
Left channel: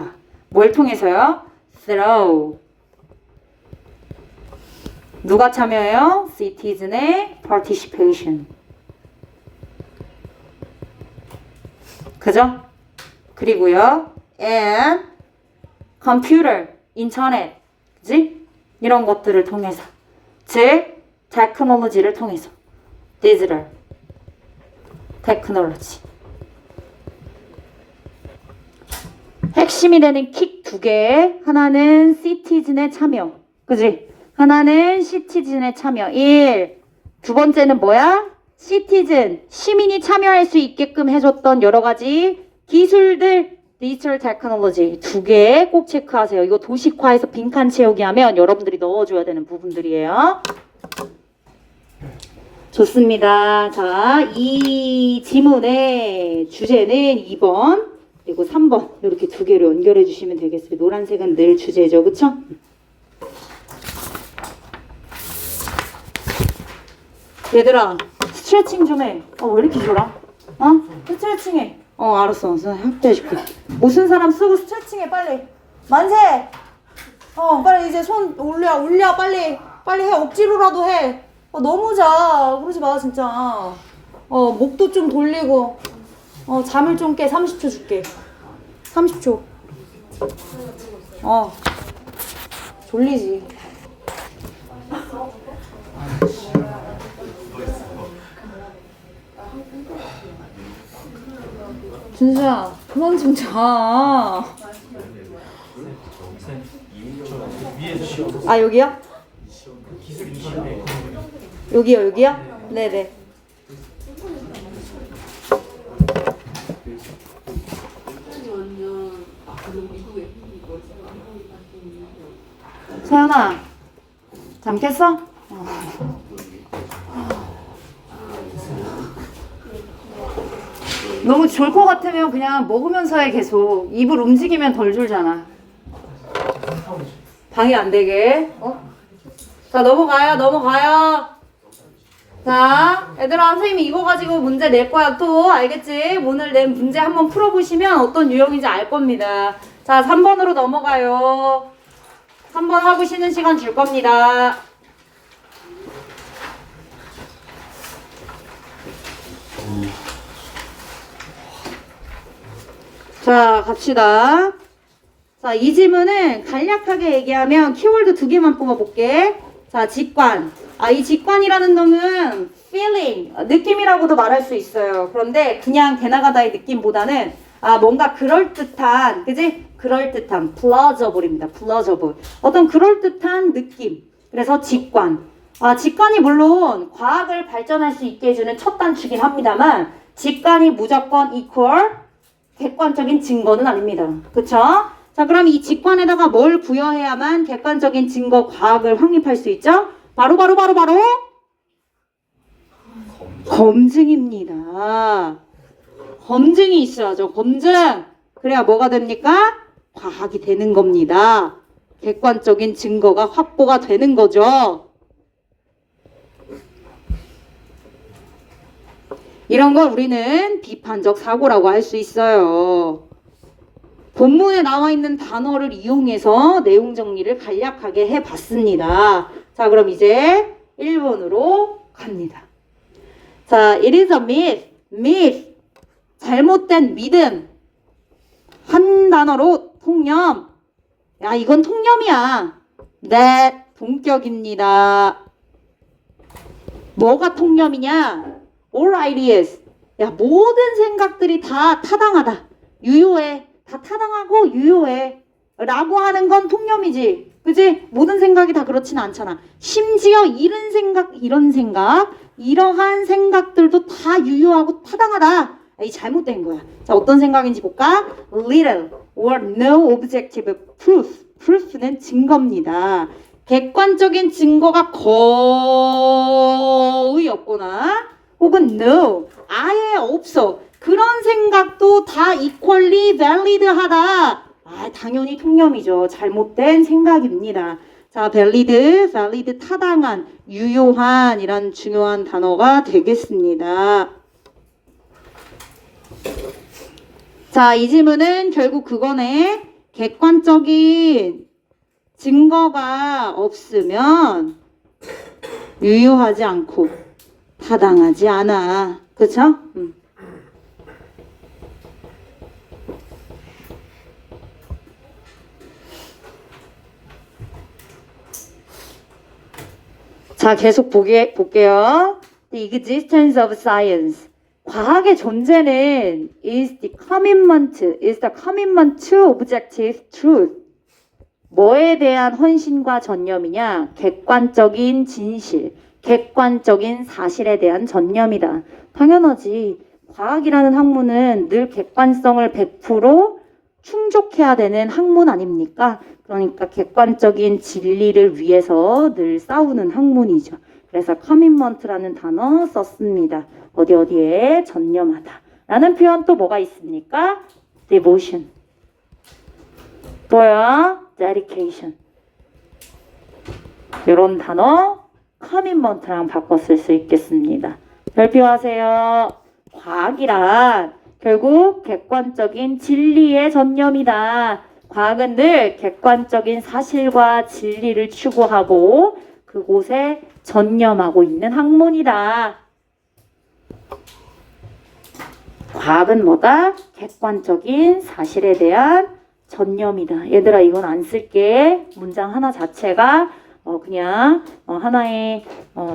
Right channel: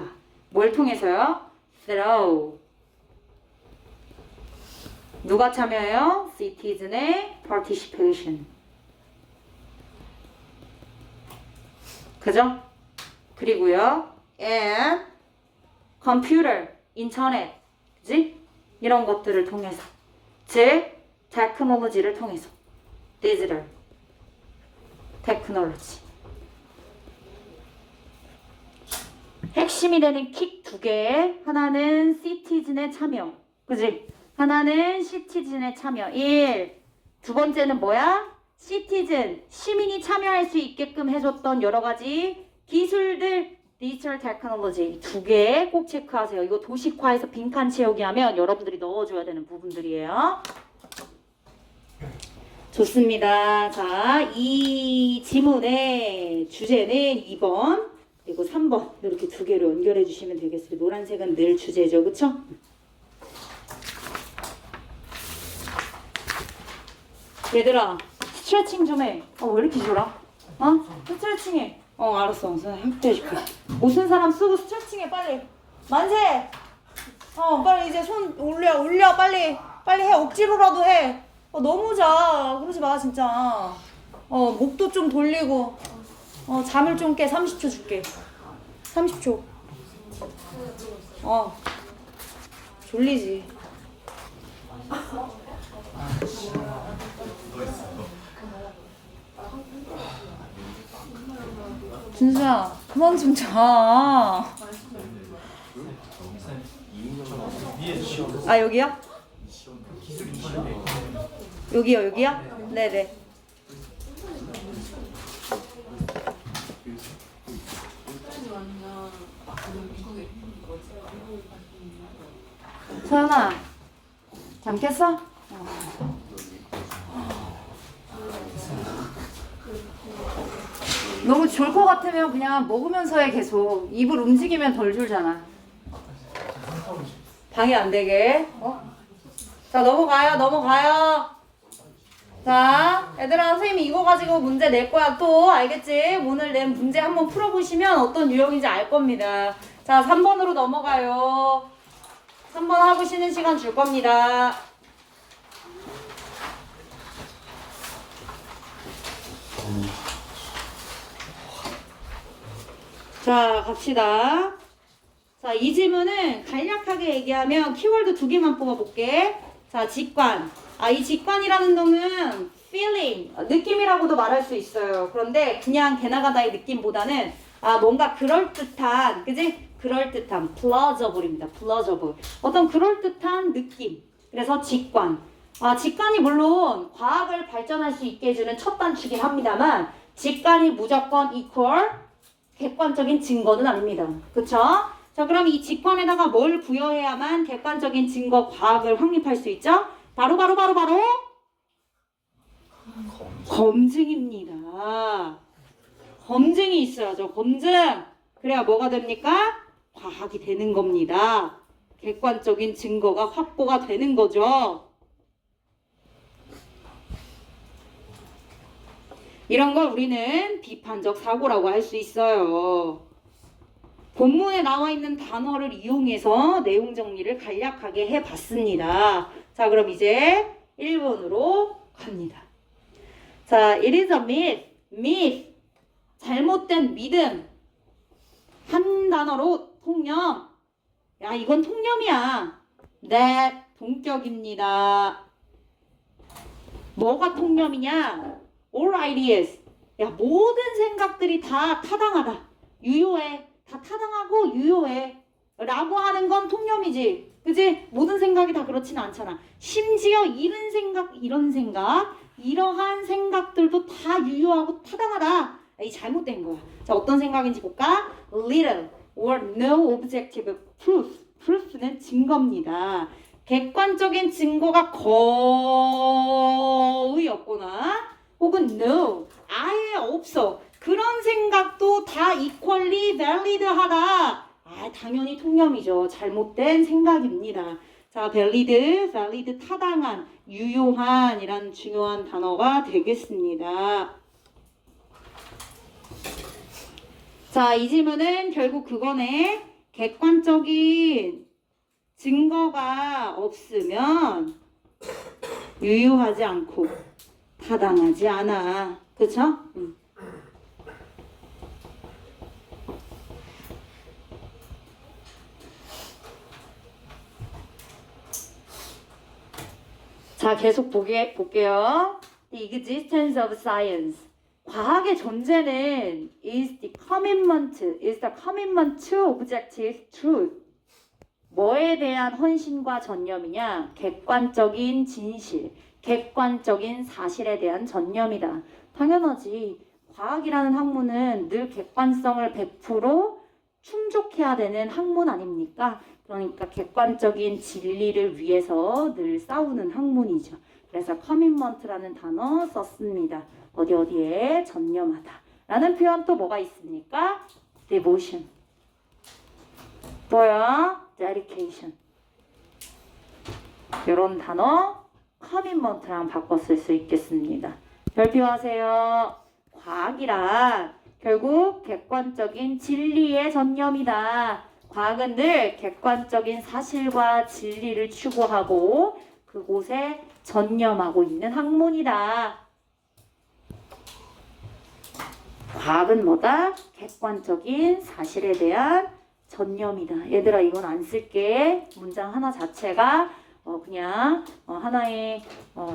뭘 통해서요? through. 누가 참여해요? citizen의 participation. 그죠? 그리고요, and computer, 인터넷, 그지? 이런 것들을 통해서, 즉 테크놀로지를 통해서, 디지털 테크놀로지. 핵심이 되는 킥 두 개. 하나는 시티즌의 참여, 그지? 하나는 시티즌의 참여. 1. 두 번째는 뭐야? 시티즌, 시민이 참여할 수 있게끔 해줬던 여러 가지 기술들, 디지털 테크놀로지 두 개 꼭 체크하세요. 이거 도식화해서 빈칸 채우기 하면 여러분들이 넣어줘야 되는 부분들이에요. 좋습니다. 자, 이 지문의 주제는 2번 그리고 3번 이렇게 두 개로 연결해 주시면 되겠습니다. 노란색은 늘 주제죠. 그쵸? 얘들아 스트레칭 좀 해. 왜 이렇게 졸아? 스트레칭 해. 알았어. 협조해줄게. 무슨 사람 쓰고 스트레칭 해, 빨리. 만세! 빨리 이제 손 올려, 빨리. 빨리 해. 억지로라도 해. 너무 자. 그러지 마, 진짜. 목도 좀 돌리고. 잠을 좀 깨. 30초 줄게. 30초. 졸리지. 준수야, 그만 좀 자. 여기요? 여기요? 네네. 서연아, 잠 깼어? 너무 졸 것 같으면 그냥 먹으면서 해. 계속 입을 움직이면 덜 졸잖아. 방해 안 되게. 자, 넘어가요. 자, 얘들아, 선생님이 이거 가지고 문제 낼 거야 또. 알겠지? 오늘 낸 문제 한번 풀어보시면 어떤 유형인지 알 겁니다. 자, 3번으로 넘어가요. 3번 하고 쉬는 시간 줄 겁니다. 자, 갑시다. 자, 이 질문은 간략하게 얘기하면 키워드 두 개만 뽑아볼게. 자, 직관. 이 직관이라는 놈은 feeling, 느낌이라고도 말할 수 있어요. 그런데 그냥 개나가다의 느낌보다는 뭔가 그럴듯한, 그지? 그럴듯한, plausible입니다. plausible. 어떤 그럴듯한 느낌. 그래서 직관. 직관이 물론 과학을 발전할 수 있게 해주는 첫 단추긴 합니다만, 직관이 무조건 equal 객관적인 증거는 아닙니다. 그쵸? 자, 그럼 이 직관에다가 뭘 부여해야만 객관적인 증거 과학을 확립할 수 있죠? 바로 검증입니다. 검증이 있어야죠. 검증. 그래야 뭐가 됩니까? 과학이 되는 겁니다. 객관적인 증거가 확보가 되는 거죠. 이런 걸 우리는 비판적 사고라고 할 수 있어요. 본문에 나와 있는 단어를 이용해서 내용 정리를 간략하게 해봤습니다. 자, 그럼 이제 1번으로 갑니다. 자, it is a myth. myth. 잘못된 믿음. 한 단어로 통념. 야, 이건 통념이야. that. 동격입니다. 뭐가 통념이냐? all ideas. 야, 모든 생각들이 다 타당하다. 유효해. 다 타당하고 유효해. 라고 하는 건 통념이지. 그지? 모든 생각이 다 그렇진 않잖아. 심지어 이런 생각, 이러한 생각들도 다 유효하고 타당하다. 이 잘못된 거야. 자, 어떤 생각인지 볼까? little or no objective proof. proof는 증거입니다. 객관적인 증거가 거의 없거나 혹은 no, 아예 없어. 그런 생각도 다 equally valid하다. 아, 당연히 통념이죠. 잘못된 생각입니다. 자, valid, 타당한, 유효한 이란 중요한 단어가 되겠습니다. 자, 이 질문은 결국 그거네. 객관적인 증거가 없으면 유효하지 않고 타당하지 않아. 그쵸? 자, 계속 볼게요. The existence of science. 과학의 존재는 is the commitment to objective truth. 뭐에 대한 헌신과 전념이냐? 객관적인 진실, 객관적인 사실에 대한 전념이다. 당연하지. 과학이라는 학문은 늘 객관성을 100% 충족해야 되는 학문 아닙니까? 그러니까 객관적인 진리를 위해서 늘 싸우는 학문이죠. 그래서 commitment라는 단어 썼습니다. 어디에 전념하다 라는 표현 또 뭐가 있습니까? devotion. 또요, dedication. 이런 단어 commitment랑 바꿔 쓸 수 있겠습니다. 별표하세요. 과학이란 결국 객관적인 진리의 전념이다. 과학은 늘 객관적인 사실과 진리를 추구하고 그곳에 전념하고 있는 학문이다. 과학은 뭐다? 객관적인 사실에 대한 전념이다. 얘들아, 이건 안 쓸게. 문장 하나 자체가 그냥 하나의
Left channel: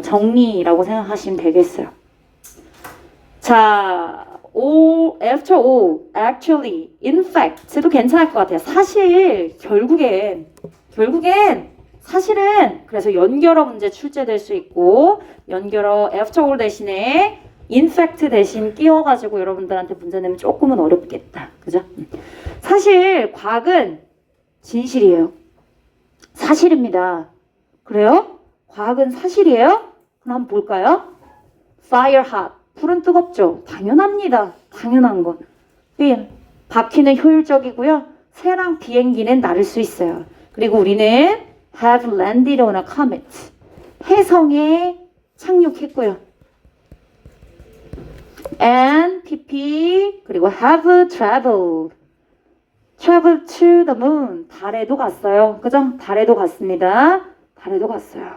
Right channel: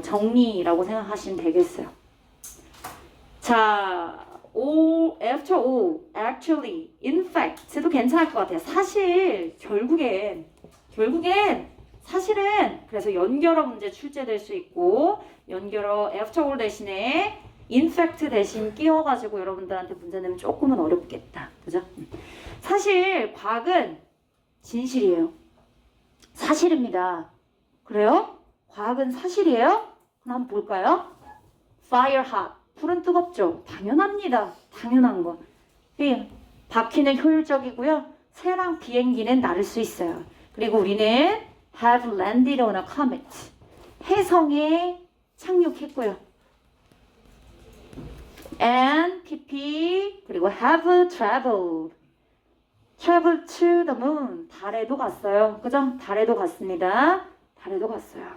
정리라고 생각하시면 되겠어요. 자, after all, actually, in fact도 괜찮을 것 같아요. 사실, 결국엔 사실은 그래서 연결어 문제 출제될 수 있고 연결어 after all 대신에 in fact 대신 끼워가지고 여러분들한테 문제 내면 조금은 어렵겠다. 그죠? 사실 과학은 진실이에요. 사실입니다. 그래요? 과학은 사실이에요? 그럼 한번 볼까요? Fire hot. 불은 뜨겁죠? 당연합니다. 당연한 거. 바퀴는 효율적이고요. 새랑 비행기는 날을 수 있어요. 그리고 우리는 have landed on a comet. 해성에 착륙했고요. and PP 그리고 have traveled to the moon. 달에도 갔어요. 그죠? 달에도 갔습니다. 달에도 갔어요.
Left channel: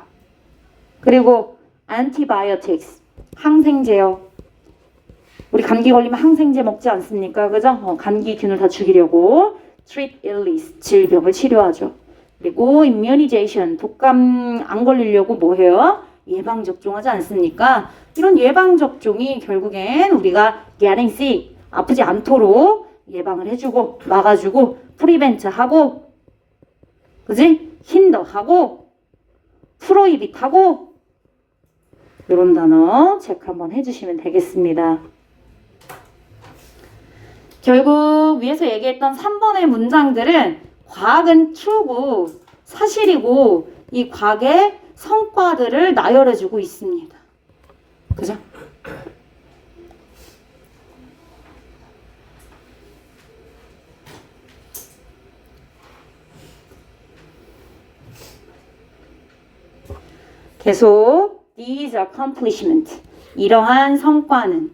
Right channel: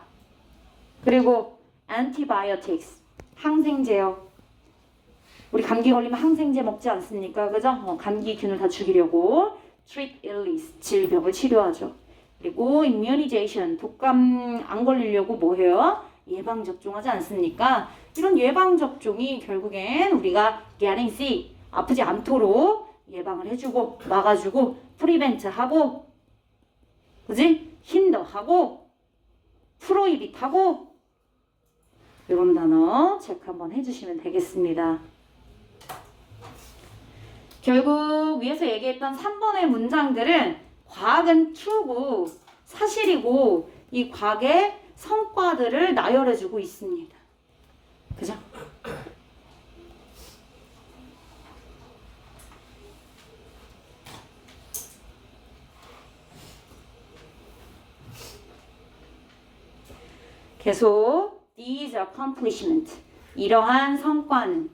그리고 antibiotics. 항생제요. 우리 감기 걸리면 항생제 먹지 않습니까? 그죠? 감기균을 다 죽이려고 treat illness, 질병을 치료하죠. 그리고 immunization, 독감 안 걸리려고 뭐 해요? 예방접종하지 않습니까? 이런 예방접종이 결국엔 우리가 getting sick, 아프지 않도록 예방을 해주고 막아주고 프리벤트하고 그지? 힌더하고 프로이빗하고 이런 단어 체크 한번 해주시면 되겠습니다. 결국 위에서 얘기했던 3번의 문장들은 과학은 true고 사실이고 이 과학의 성과들을 나열해주고 있습니다. 그죠? 계속 these accomplishment 이러한 성과는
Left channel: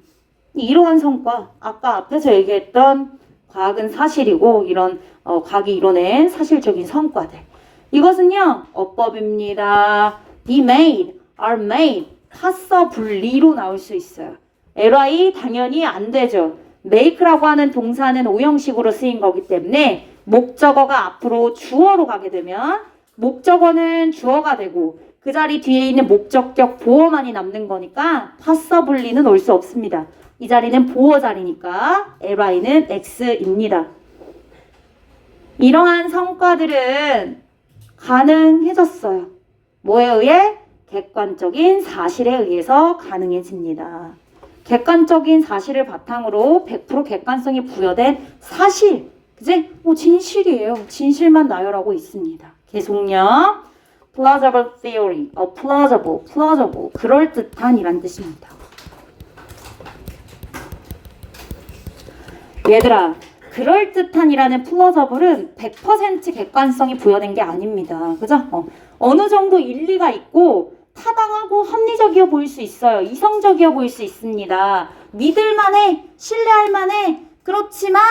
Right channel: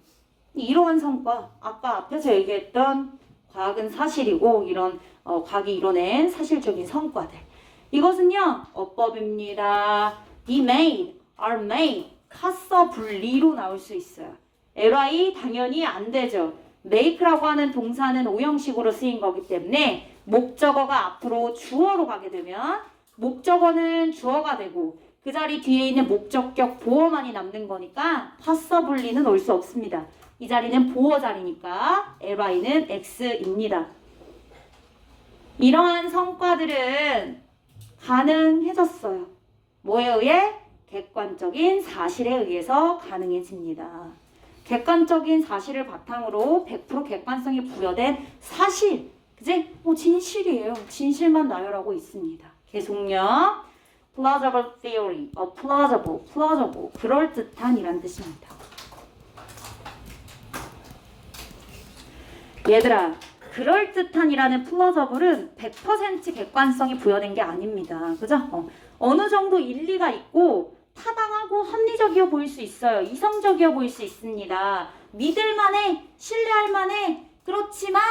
이러한 성과 아까 앞에서 얘기했던 과학은 사실이고 이런 과학이 이뤄낸 사실적인 성과들 이것은요 어법입니다. be made, are made 카서 분리로 나올 수 있어요. ly 당연히 안 되죠. make라고 하는 동사는 오형식으로 쓰인 거기 때문에 목적어가 앞으로 주어로 가게 되면 목적어는 주어가 되고 그 자리 뒤에 있는 목적격 보어만이 남는 거니까 possibly는 올 수 없습니다. 이 자리는 보어 자리니까 ly는 x입니다. 이러한 성과들은 가능해졌어요. 뭐에 의해? 객관적인 사실에 의해서 가능해집니다. 객관적인 사실을 바탕으로 100% 객관성이 부여된 사실, 그지? 진실이에요. 진실만 나열하고 있습니다. 계속요. plausible theory, plausible, 그럴듯한 이란 뜻입니다. 얘들아, 그럴듯한이라는 plausible은 100% 객관성이 부여된 게 아닙니다. 그죠? 어느 정도 일리가 있고 타당하고 합리적이어 보일 수 있어요. 이성적이어 보일 수 있습니다. 믿을만해, 신뢰할만해. 그렇지만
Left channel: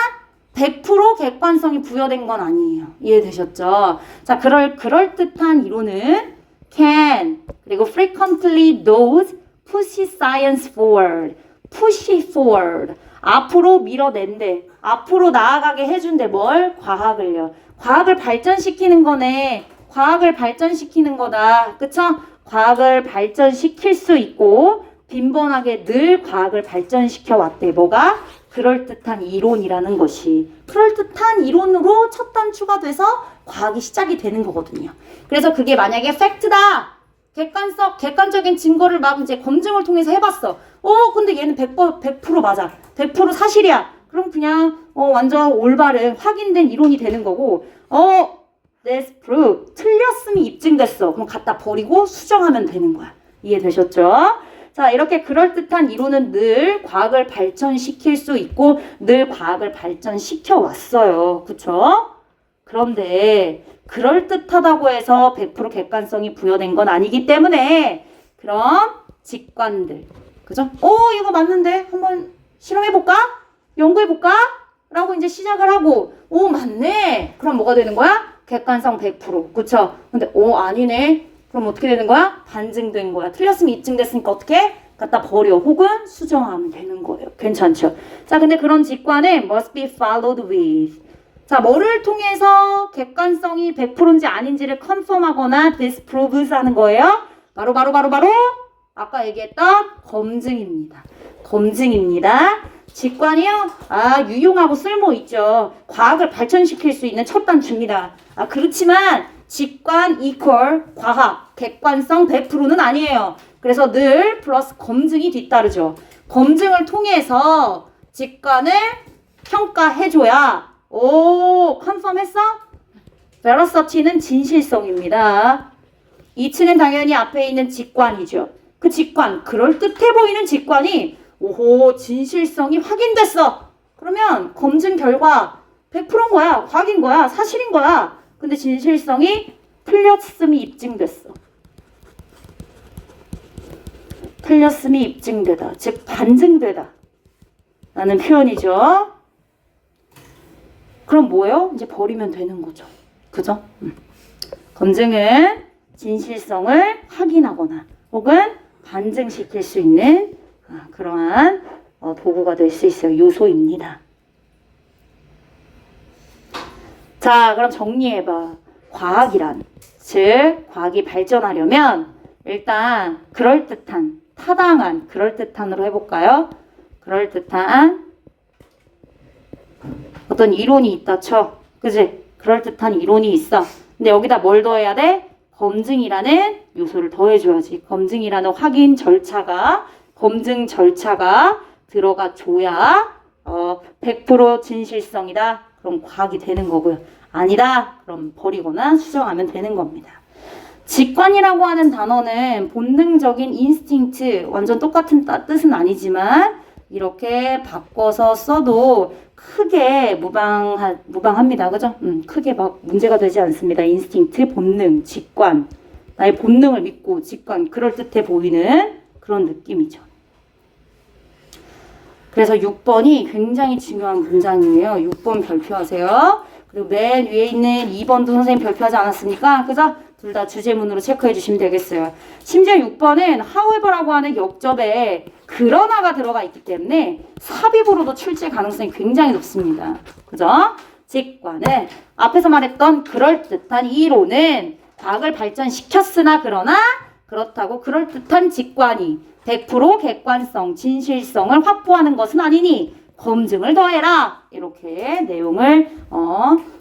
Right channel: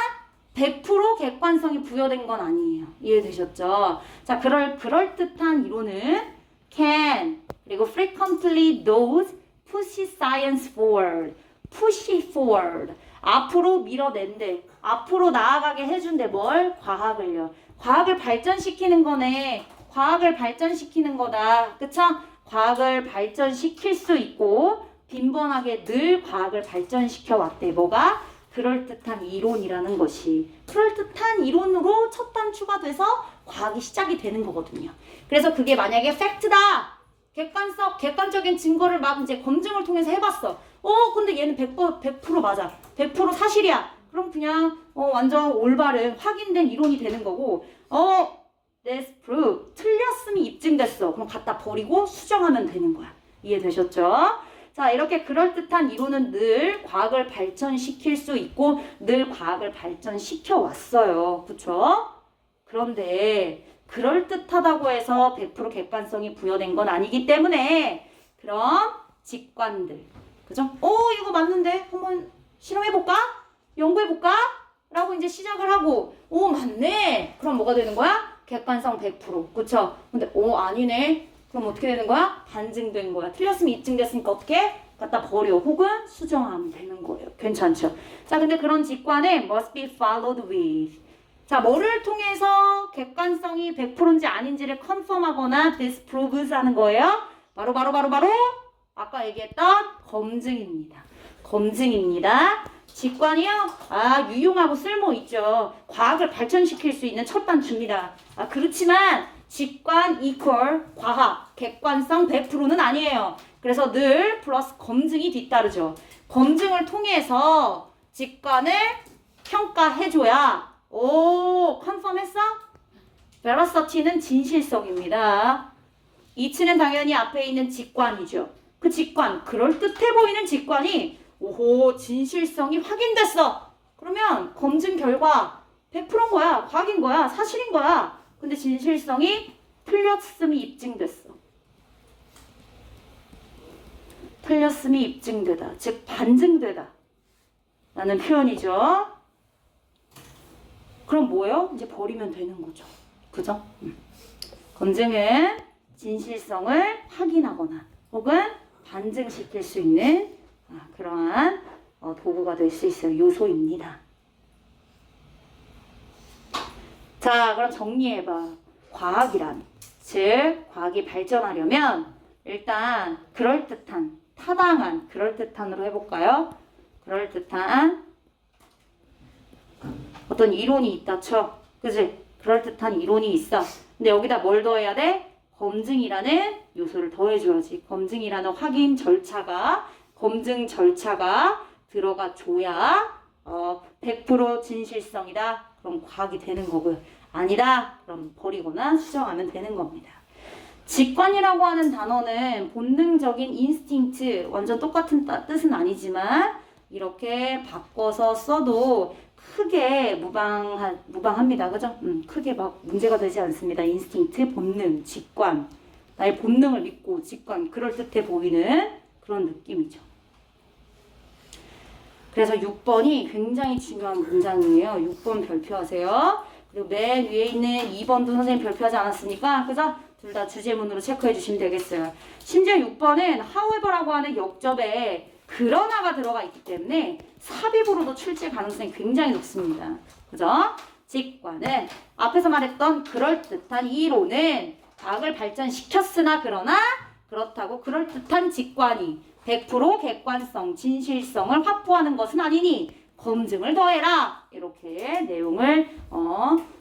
100% 객관성이 부여된 건 아니에요. 이해되셨죠? 자, 그럴듯한 이론은 can 그리고 frequently does push science forward, push forward 앞으로 밀어낸대. 앞으로 나아가게 해준대. 뭘? 과학을요. 과학을 발전시키는 거네. 과학을 발전시키는 거다. 그쵸? 과학을 발전시킬 수 있고 빈번하게 늘 과학을 발전시켜 왔대. 뭐가? 그럴듯한 이론이라는 것이. 그럴듯한 이론으로 첫 단추가 돼서 과학이 시작이 되는 거거든요. 그래서 그게 만약에 팩트다. 객관적인 증거를 막 이제 검증을 통해서 해봤어. 근데 얘는 100% 맞아. 100% 사실이야. 그럼 그냥 완전 올바른 확인된 이론이 되는 거고 that's proof. 틀렸음이 입증됐어. 그럼 갖다 버리고 수정하면 되는 거야. 이해되셨죠? 자, 이렇게 그럴듯한 이론은 늘 과학을 발전시킬 수 있고 늘 과학을 발전시켜 왔어요. 그쵸? 그런데 그럴듯하다고 해서 100% 객관성이 부여된 건 아니기 때문에 그런 직관들, 그죠? 이거 맞는데 한번 실험해볼까? 연구해볼까? 라고 이제 시작을 하고 맞네. 그럼 뭐가 되는 거야? 객관성 100%. 그쵸? 근데 아니네. 그럼 어떻게 되는 거야? 반증된 거야. 틀렸으면 입증됐으니까 어떻게? 갖다 버려. 혹은 수정하면 되는 거예요. 괜찮죠? 자, 근데 그런 직관은 must be followed with. 자, 뭐를 통해서 객관성이 100%인지 아닌지를 컨펌하거나 disproves 하는 거예요? 바로 아까 얘기했던 검증입니다. 검증입니다. 직관이요? 유용하고 쓸모 있죠. 과학을 발전시킬 수 있는 첫 단추입니다. 그렇지만 직관 이퀄 과학, 객관성 100%는 아니에요. 그래서 늘 플러스 검증이 뒤따르죠. 검증을 통해서 직관을 평가해줘야 컨펌했어? vericity는 진실성입니다. 이치는 당연히 앞에 있는 직관이죠. 그 직관, 그럴듯해 보이는 직관이 진실성이 확인됐어. 그러면 검증 결과 100%인 거야. 과학인 거야. 사실인 거야. 근데 진실성이 틀렸음이 입증됐어. 틀렸음이 입증되다. 즉 반증되다. 라는 표현이죠. 그럼 뭐예요? 이제 버리면 되는 거죠. 그죠? 검증은 진실성을 확인하거나 혹은 반증시킬 수 있는 그러한 도구가 될 수 있어요. 요소입니다. 자, 그럼 정리해봐. 과학이란, 즉 과학이 발전하려면 일단 그럴듯한, 타당한, 그럴듯한으로 해볼까요? 그럴듯한 어떤 이론이 있다 쳐. 그지? 그럴듯한 이론이 있어. 근데 여기다 뭘 더해야 돼? 검증이라는 요소를 더해줘야지. 검증이라는 확인 절차가, 검증 절차가 들어가 줘야 100% 진실성이다. 그럼 과학이 되는 거고요. 아니다. 그럼 버리거나 수정하면 되는 겁니다. 직관이라고 하는 단어는 본능적인 인스팅트, 완전 똑같은 뜻은 아니지만 이렇게 바꿔서 써도 크게 무방합니다. 그죠? 크게 막 문제가 되지 않습니다. 인스팅트, 본능, 직관. 나의 본능을 믿고 직관, 그럴듯해 보이는 그런 느낌이죠. 그래서 6번이 굉장히 중요한 문장이에요. 6번 별표하세요. 그리고 맨 위에 있는 2번도 선생님 별표하지 않았습니까? 그죠? 둘 다 주제문으로 체크해 주시면 되겠어요. 심지어 6번은 however라고 하는 역접에 그러나가 들어가 있기 때문에 삽입으로도 출제 가능성이 굉장히 높습니다. 그죠? 직관은 앞에서 말했던 그럴듯한 이론은 과학을 발전시켰으나 그러나 그렇다고 그럴듯한 직관이 100% 객관성, 진실성을 확보하는 것은 아니니 검증을 더해라. 이렇게 내용을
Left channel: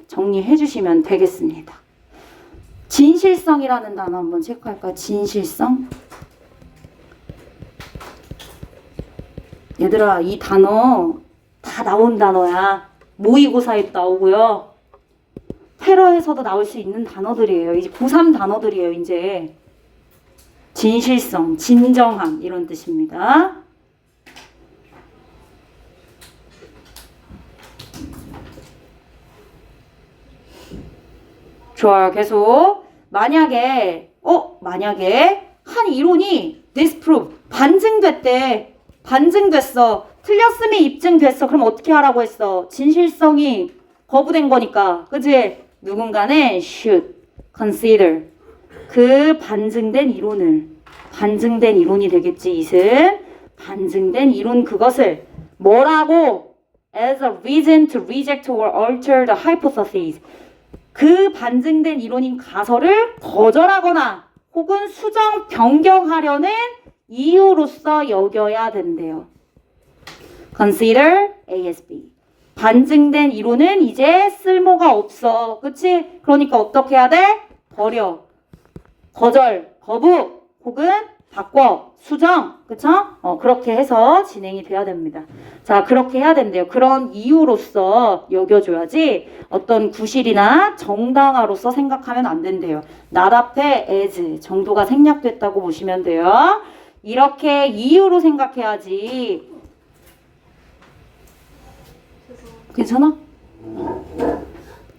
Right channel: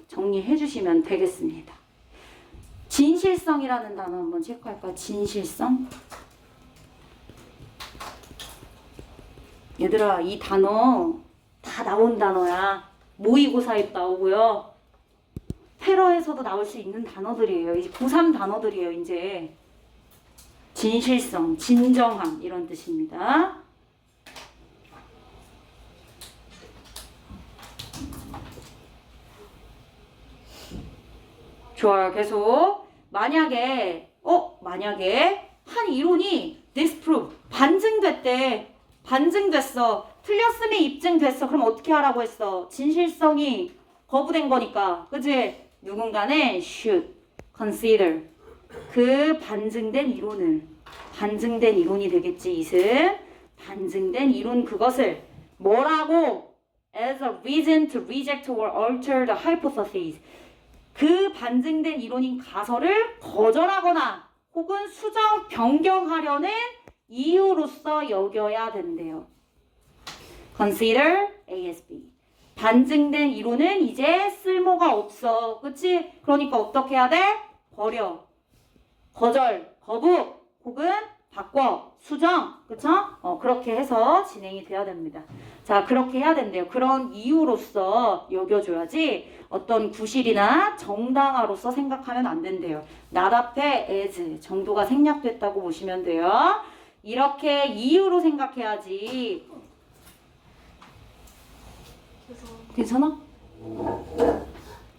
정리해 주시면 되겠습니다. 진실성이라는 단어 한번 체크할까요? 진실성. 얘들아, 이 단어 다 나온 단어야. 모의고사에 나오고요. 회로에서도 나올 수 있는 단어들이에요. 이제 고3 단어들이에요. 이제 진실성, 진정함 이런 뜻입니다. 좋아요. 계속 만약에 한 이론이 disprove 반증됐대. 반증됐어. 틀렸음이 입증됐어. 그럼 어떻게 하라고 했어? 진실성이 거부된 거니까. 그지? 누군가는 should consider 그 반증된 이론이 되겠지. 이은 반증된 이론 그것을 뭐라고? as a reason to reject or alter the hypothesis. 그 반증된 이론인 가설을 거절하거나 혹은 수정 변경하려는 이유로서 여겨야 된대요. Consider ASB. 반증된 이론은 이제 쓸모가 없어. 그치? 그러니까 어떻게 해야 돼? 버려. 거절, 거부, 혹은 바꿔, 수정. 그쵸? 그렇게 해서 진행이 돼야 됩니다. 자, 그렇게 해야 된대요. 그런 이유로서 여겨줘야지 어떤 구실이나 정당화로서 생각하면 안 된대요. not 앞에 as 정도가 생략됐다고 보시면 돼요. 이렇게 이유로 생각해야지. 괜찮아?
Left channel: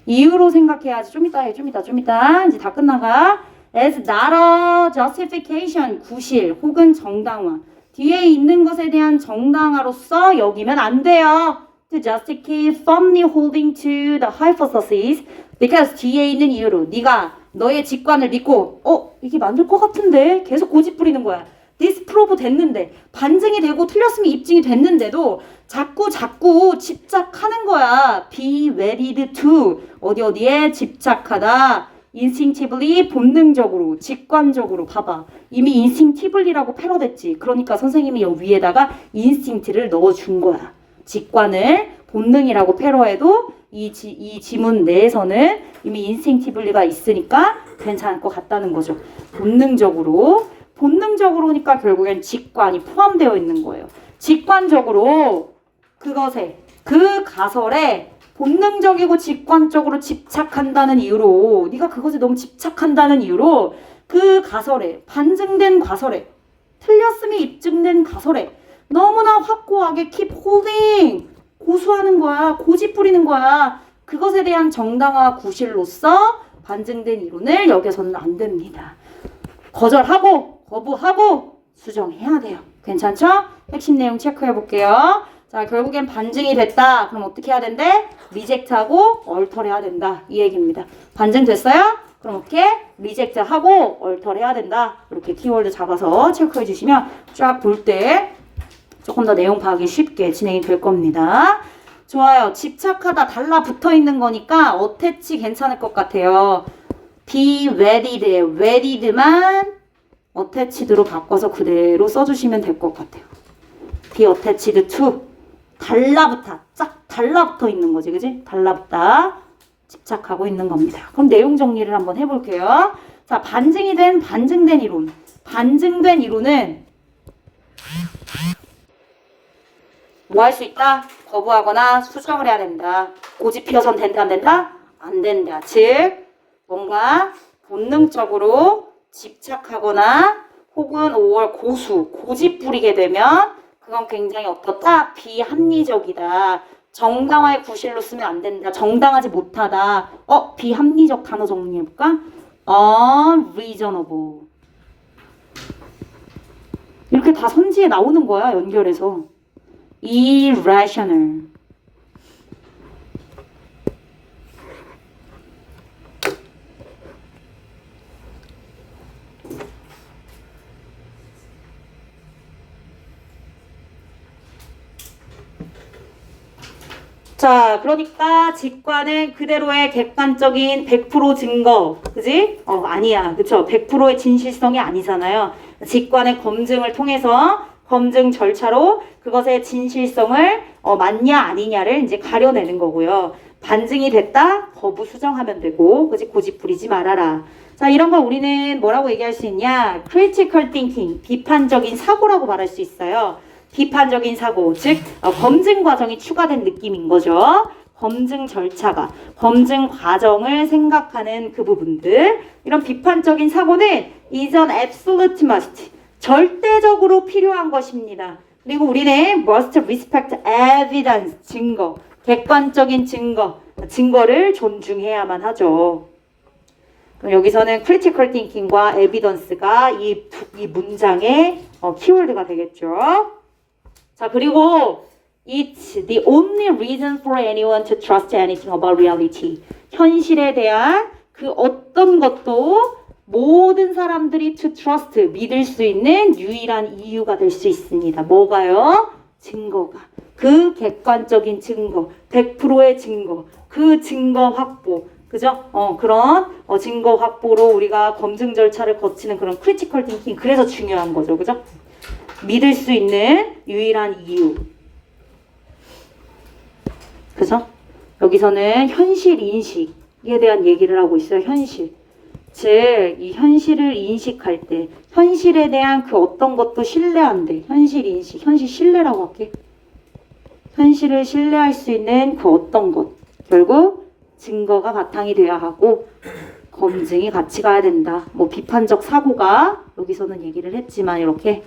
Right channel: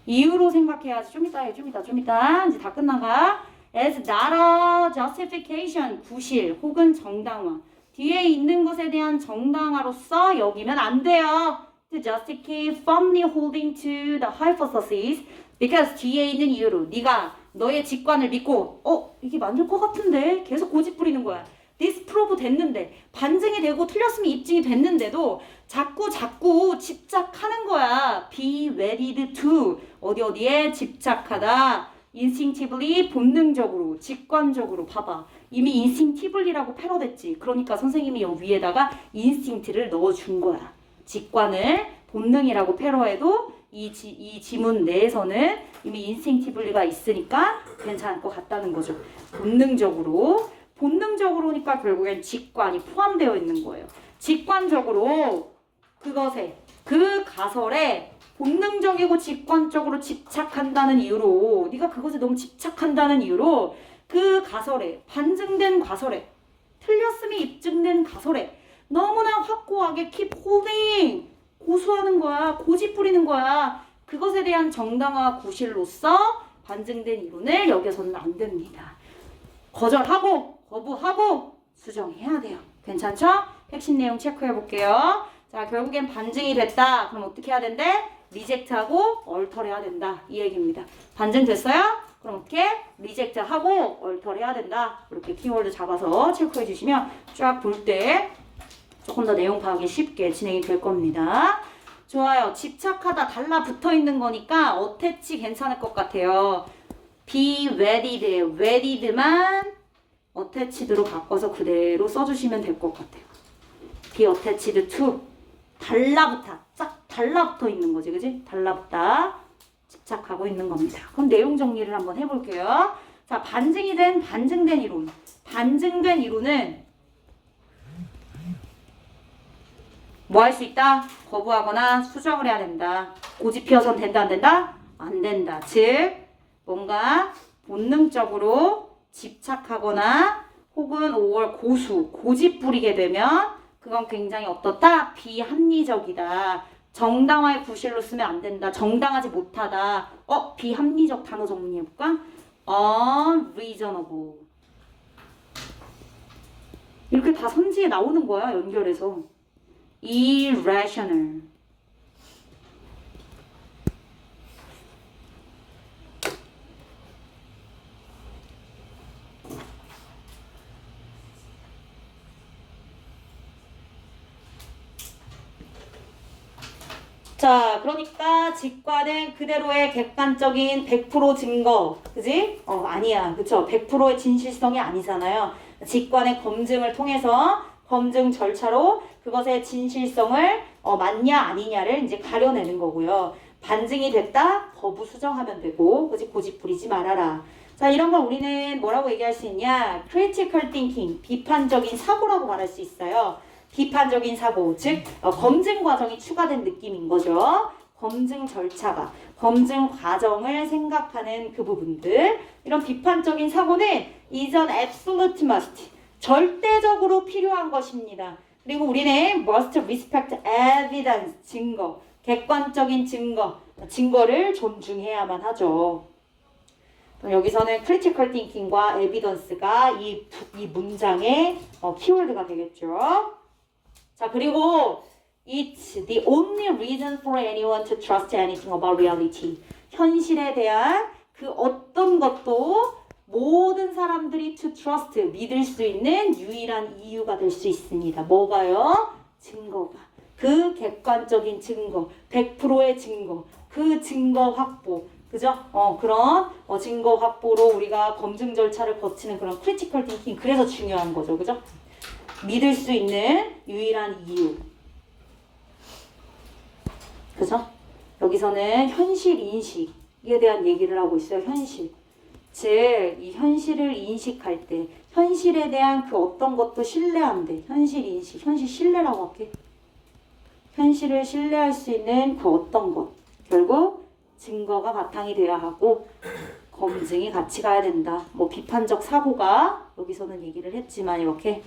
이유로 생각해야지. 좀 이따 해, 좀 이따. 이제 다 끝나가. as not a justification, 구실 혹은 정당화. 뒤에 있는 것에 대한 정당화로서 여기면 안 돼요. To justify firmly holding to the hypothesis because 뒤에 있는 이유로 네가 너의 직관을 믿고 이게 맞을 것 같은데 계속 고집 부리는 거야. disprove 됐는데 반증이 되고 틀렸음이 입증이 됐는데도 자꾸 집착하는 거야. be wedded to 어디에 집착하다. instinctively 본능적으로 직관적으로 봐봐. 이미 instinctively라고 패러됐지. 그러니까 선생님이 여기 위에다가 instinct를 넣어준 거야. 직관을 본능이라고 패러해도 이 지문 내에서는 이미 instinctively가 있으니까 괜찮을 것 같다는 거죠. 본능적으로니까 결국엔 직관이 포함되어 있는 거예요. 직관적으로 그것에 그 가설에 본능적이고 직관적으로 집착한다는 이유로 네가 그것에 너무 집착한다는 이유로 그 가설에 반증된 가설에 틀렸음이 입증된 가설에 너무나 확고하게 keep holding 고수하는 거야. 고집 부리는 거야. 그것에 대한 정당화 구실로서 반증된 이론을 여겨서는 안 됩니다. 거절하고 거부하고 수정해야 돼요. 괜찮죠? 핵심 내용 체크해 볼게요. 자, 결국엔 반증이 됐다. 그럼 어떻게 해야 된대? 리젝트하고 얼터해야 된다. 이 얘기입니다. 반증됐어요? 그럼 어떻게? 리젝트하고 얼터해야 된다. 이렇게 키워드 잡아서 체크해 주시면 쫙 볼 때 조금 더 내용 파악이 쉽게 진행이 될 겁니다. 좋아요. 집착하다 달라붙어 있는 거니까 어태치 괜찮을 것 같아요. be wedded, wedded만 attached로 바꿔서 그대로 써주시면 될 것 같아요. be attached to 쫙 달라붙어 있는 거지, 그지? 달라붙다 집착하고 있는 겁니다. 그럼 내용 정리를 한번 해볼게요. 자, 반증된 이론. 반증된 이론은 뭐 할 수 있다? 거부하거나 수정을 해야 된다. 고집 피워선 된다, 안 된다? 안 된다. 즉 뭔가 본능적으로 집착하거나 혹은 5월 고집 부리게 되면 그건 굉장히 어떻다? 비합리적이다. 정당화의 구실로 쓰면 안 된다. 정당하지 못하다. 비합리적 단어 정리해볼까? unreasonable. 이렇게 다 선지에 나오는 거야, 연결해서. irrational. 자, 그러니까 직관은 그대로의 객관적인 100% 증거, 그지? 아니야, 그쵸? 100%의 진실성이 아니잖아요. 직관의 검증을 통해서 검증 절차로 그것의 진실성을 맞냐 아니냐를 이제 가려내는 거고요. 반증이 됐다, 거부 수정하면 되고, 그지? 고집 부리지 말아라. 자, 이런 걸 우리는 뭐라고 얘기할 수 있냐? critical thinking, 비판적인 사고라고 말할 수 있어요. 비판적인 사고, 즉 검증 과정이 추가된 느낌인 거죠. 검증 절차가, 검증 과정을 생각하는 그 부분들, 이런 비판적인 사고는 is an absolute must, 절대적으로 필요한 것입니다. 그리고 우리는 must respect evidence, 증거, 객관적인 증거를 존중해야만 하죠. 그럼 여기서는 critical thinking과 evidence가 이 문장의 키워드가 되겠죠. 자, 그리고 it's the only reason for anyone to trust anything about reality. 현실에 대한 그 어떤 것도 모든 사람들이 to trust, 믿을 수 있는 유일한 이유가 될 수 있습니다. 뭐가요? 증거가. 그 객관적인 증거, 100%의 증거, 그 증거 확보. 그죠? 그런 증거 확보로 우리가 검증 절차를 거치는 그런 critical thinking, 그래서 중요한 거죠. 그죠? 믿을 수 있는 유일한 이유. 그죠? 여기서는 현실 인식에 대한 얘기를 하고 있어요. 현실. 즉, 이 현실을 인식할 때 현실에 대한 그 어떤 것도 신뢰한대. 현실 인식, 현실 신뢰라고 할게. 현실을 신뢰할 수 있는 그 어떤 것. 결국 증거가 바탕이 돼야 하고 검증이 같이 가야 된다. 뭐 비판적 사고가 여기서는 얘기를 했지만 이렇게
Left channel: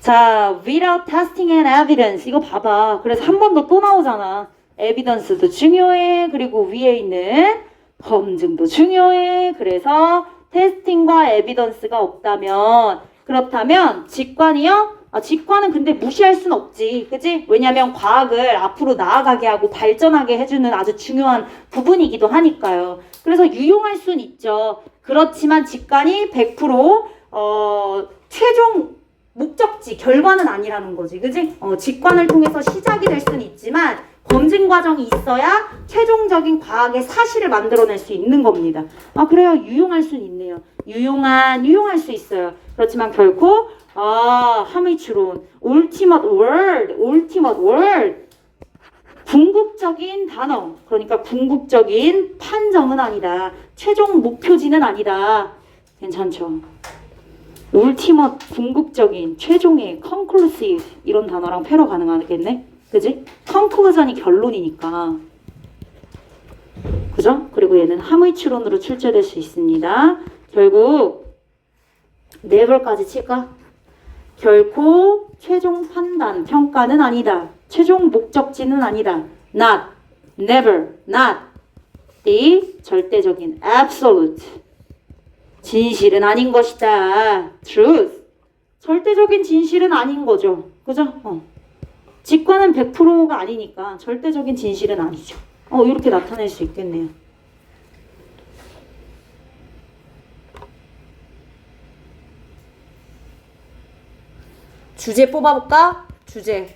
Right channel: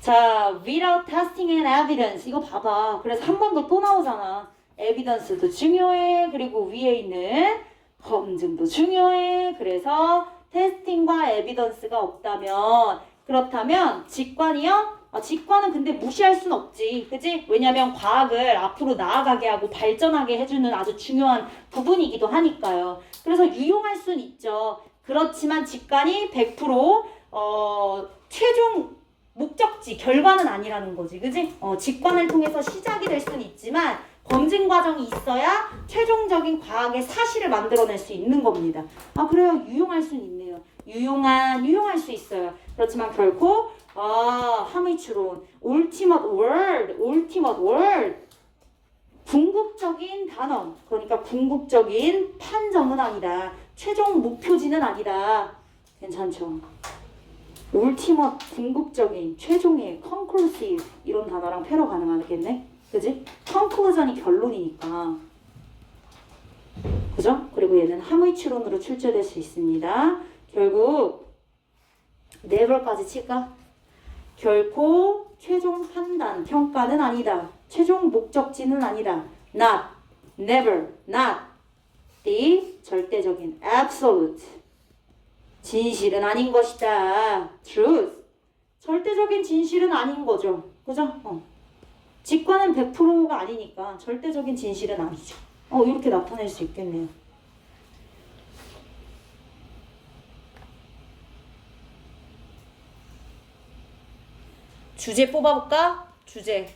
자, without testing and evidence. 이거 봐봐. 그래서 한 번 더 또 나오잖아. evidence도 중요해. 그리고 위에 있는 검증도 중요해. 그래서 테스팅과 evidence가 없다면, 그렇다면 직관이요? 직관은 근데 무시할 순 없지. 그지? 왜냐면 과학을 앞으로 나아가게 하고 발전하게 해주는 아주 중요한 부분이기도 하니까요. 그래서 유용할 순 있죠. 그렇지만 직관이 100% 최종 목적지, 결과는 아니라는 거지. 그지? 직관을 통해서 시작이 될 수는 있지만 검증 과정이 있어야 최종적인 과학의 사실을 만들어낼 수 있는 겁니다. 그래요. 유용할 수는 있네요. 유용할 수 있어요. 그렇지만 결코 함의추론, ultimate word, 궁극적인 단어, 그러니까 궁극적인 판정은 아니다. 최종 목표지는 아니다. 괜찮죠? ultimate, 궁극적인, 최종의, conclusive 이런 단어랑 패러 가능하겠네? 그지? conclusion이 결론이니까. 그죠? 그리고 얘는 함의추론으로 출제될 수 있습니다. 결국 never까지 칠까? 결코 최종 판단, 평가는 아니다. 최종 목적지는 아니다. not, never, not the 절대적인 absolute 진실은 아닌 것이다. truth 절대적인 진실은 아닌 거죠. 그죠? 직관은 100%가 아니니까 절대적인 진실은 아니죠. 이렇게 나타낼 수 있겠네요. 주제 뽑아볼까? 주제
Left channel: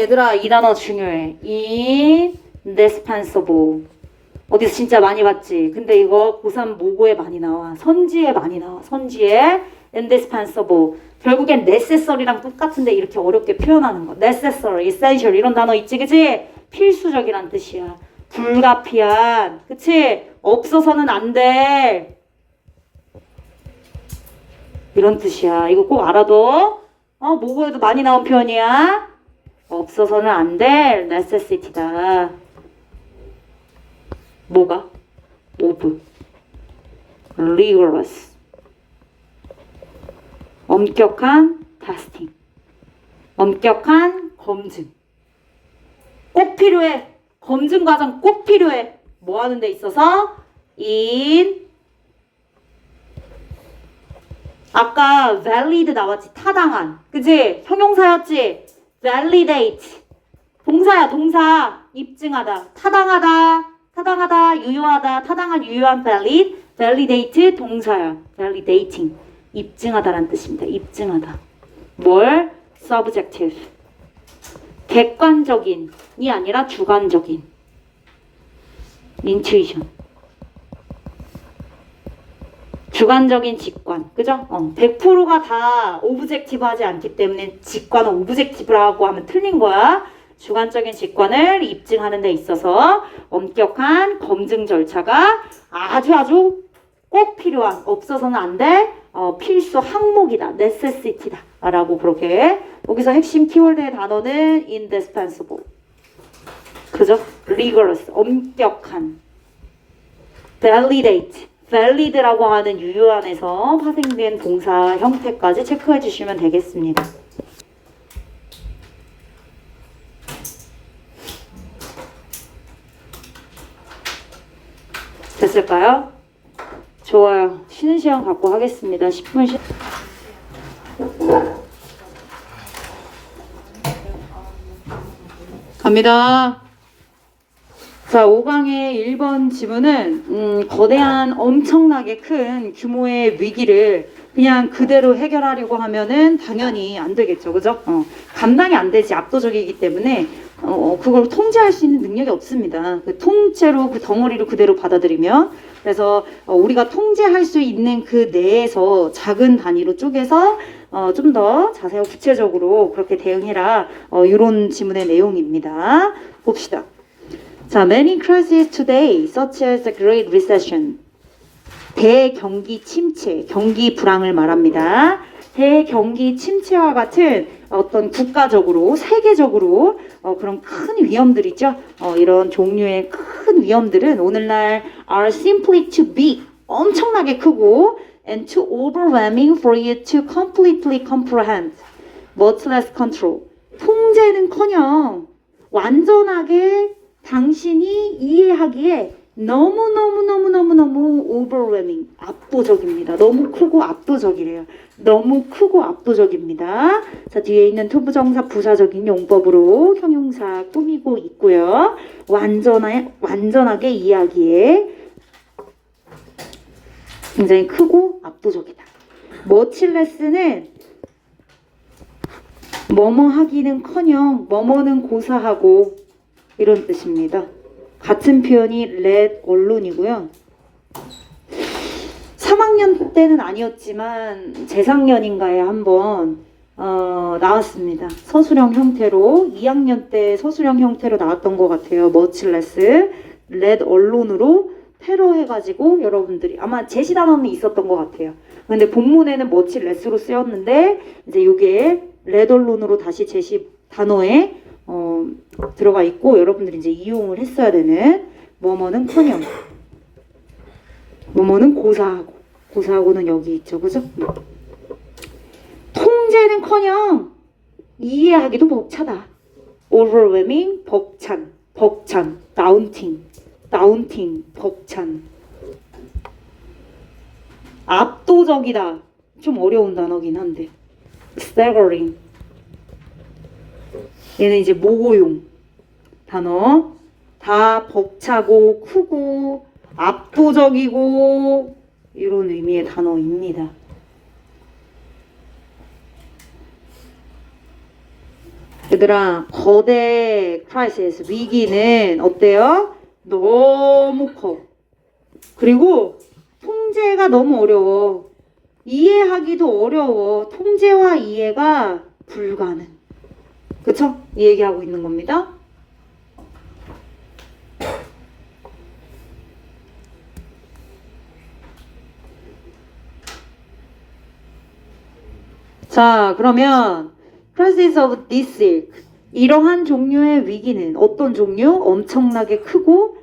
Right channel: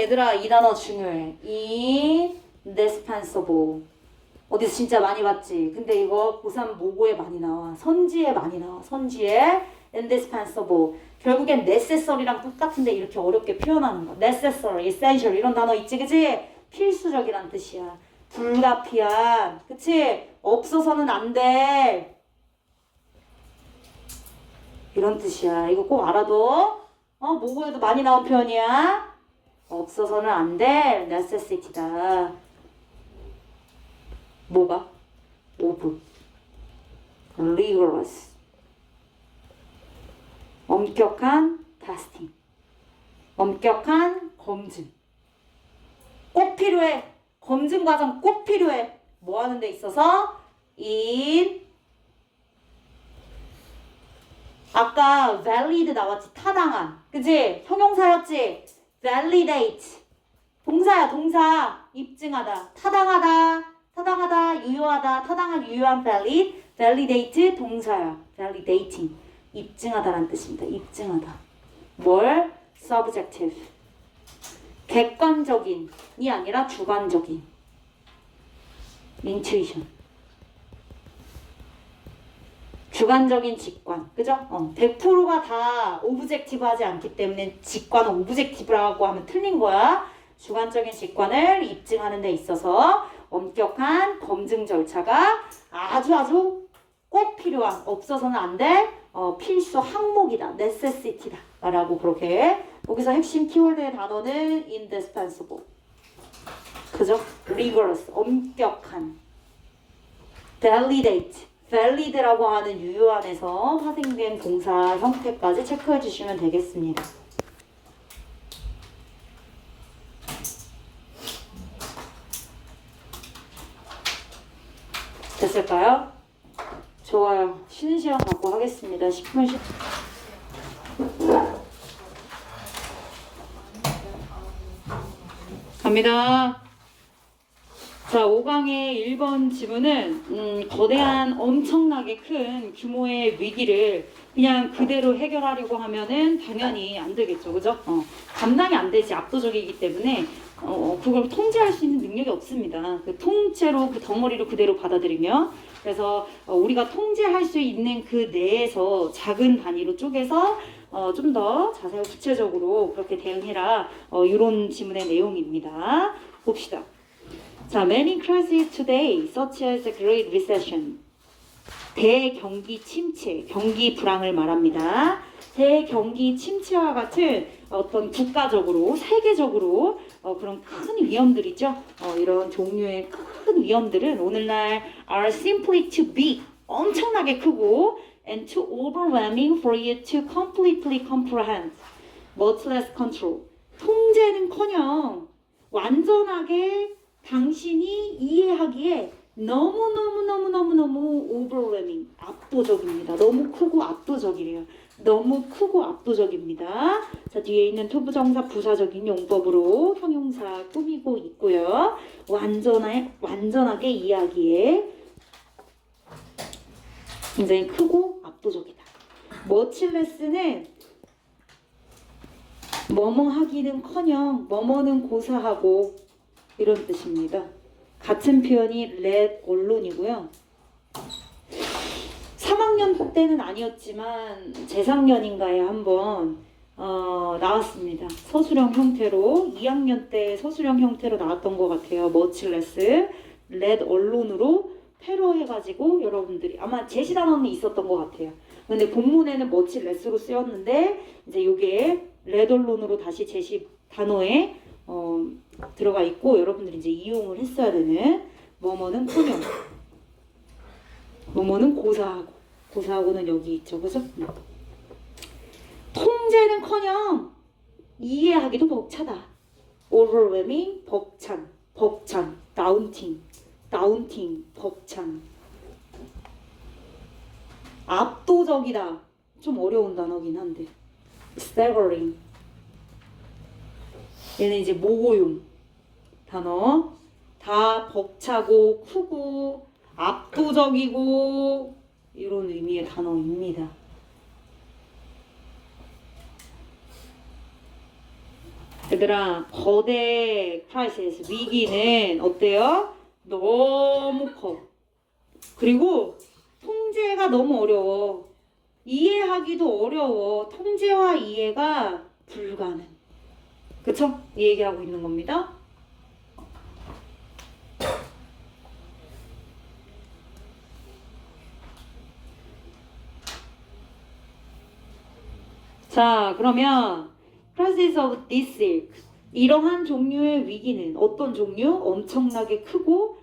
얘들아 이 단어 중요해. indispensable. 어디서 진짜 많이 봤지? 근데 이거 고3 모고에 많이 나와. 선지에 많이 나와. 선지에 indispensable. 결국엔 necessary랑 똑같은데 이렇게 어렵게 표현하는 거. necessary, essential 이런 단어 있지, 그치? 필수적이란 뜻이야. 불가피한, 그치? 없어서는 안 돼. 이런 뜻이야. 이거 꼭 알아둬. 모국어에도 많이 나온 표현이야. 없어서는 안 될 necessity다. 뭐가? of. rigorous. 엄격한 testing. 엄격한 검증. 꼭 필요해. 검증 과정 꼭 필요해. 뭐 하는 데 있어서? 아까 valid 나왔지. 타당한. 그치? 형용사였지? validate. 동사야, 동사. 입증하다. 타당하다, 유효하다. 타당한, 유효한 valid. validate 동사야. validating. 입증하다라는 뜻입니다. 입증하다. 뭘? subjective. 객관적인이 아니라 주관적인. intuition. 주관적인 직관. 그죠? 100%가 다 오브젝티브하지 않기 때문에 직관은 오브젝티브라고 하면 틀린 거야. 주관적인 직관을 입증하는 데 있어서 엄격한 검증 절차가 아주 꼭 필요한, 없어서는 안 될 필수 항목이다. necessity다. 라고 그렇게. 여기서 핵심 키워드의 단어는 indispensable. 그죠? rigorous. 엄격한. validate. valid라고 하는 유효한에서 파생된 동사 형태까지 체크해 주시면 되겠습니다. 됐을까요? 좋아요. 쉬는 시간 갖고 하겠습니다. 10분 쉬... 갑니다. 자, 5강의 1번 지문은 거대한 엄청나게 큰 규모의 위기를 그냥 그대로 해결하려고 하면은 당연히 안 되겠죠. 그죠? 감당이 안 되지. 압도적이기 때문에 그걸 통제할 수 있는 능력이 없습니다. 그 통째로 그 덩어리를 그대로 받아들이면. 그래서 우리가 통제할 수 있는 그 내에서 작은 단위로 쪼개서 좀 더 자세하고 구체적으로 그렇게 대응해라. 이런 지문의 내용입니다. 봅시다. 자, many crises today, such as the Great Recession. 대경기 침체, 경기 불황을 말합니다. 대경기 침체와 같은 어떤 국가적으로, 세계적으로 그런 큰 위험들 있죠. 이런 종류의 큰 위험들은 오늘날 are simply too big, 엄청나게 크고 and too overwhelming for you to completely comprehend, much less control. 통제는커녕 완전하게 당신이 이해하기에 너무 overwhelming, 압도적입니다. 너무 크고 압도적이래요. 너무 크고 압도적입니다. 자, 뒤에 있는 투부정사 부사적인 용법으로 형용사 꾸미고 있고요. 완전하게 이해하기에 굉장히 크고 압도적이다. 머칠레스는 뭐뭐 하기는커녕 뭐뭐는 고사하고 이런 뜻입니다. 같은 표현이 let allone이고요. 3학년 때는 아니었지만 재작년인가에 한번 나왔습니다. 서술형 형태로 2학년 때 서술형 형태로 나왔던 것 같아요. much less, let alone으로 패러 해가지고 여러분들이 아마 제시 단어는 있었던 것 같아요. 근데 본문에는 much less로 쓰였는데 이제 이게 let alone으로 다시 제시 단어에 들어가 있고 여러분들이 이제 이용을 했어야 되는 뭐뭐는 커녕, 뭐뭐는 고사하고는 여기 있죠, 그죠? 통제는커녕 이해하기도 벅차다. overwhelming, 벅찬, daunting, 벅찬. 압도적이다. 좀 어려운 단어긴 한데. staggering. 얘는 이제 모고용 단어. 다 벅차고 크고 압도적이고 이런 의미의 단어입니다. 얘들아, 거대 크라이시스 위기는 어때요? 너무 커. 그리고 통제가 너무 어려워. 이해하기도 어려워. 통제와 이해가 불가능. 그쵸? 이 얘기하고 있는 겁니다. 자, 그러면 crisis of this ilk. 이러한 종류의 위기는 어떤 종류? 엄청나게 크고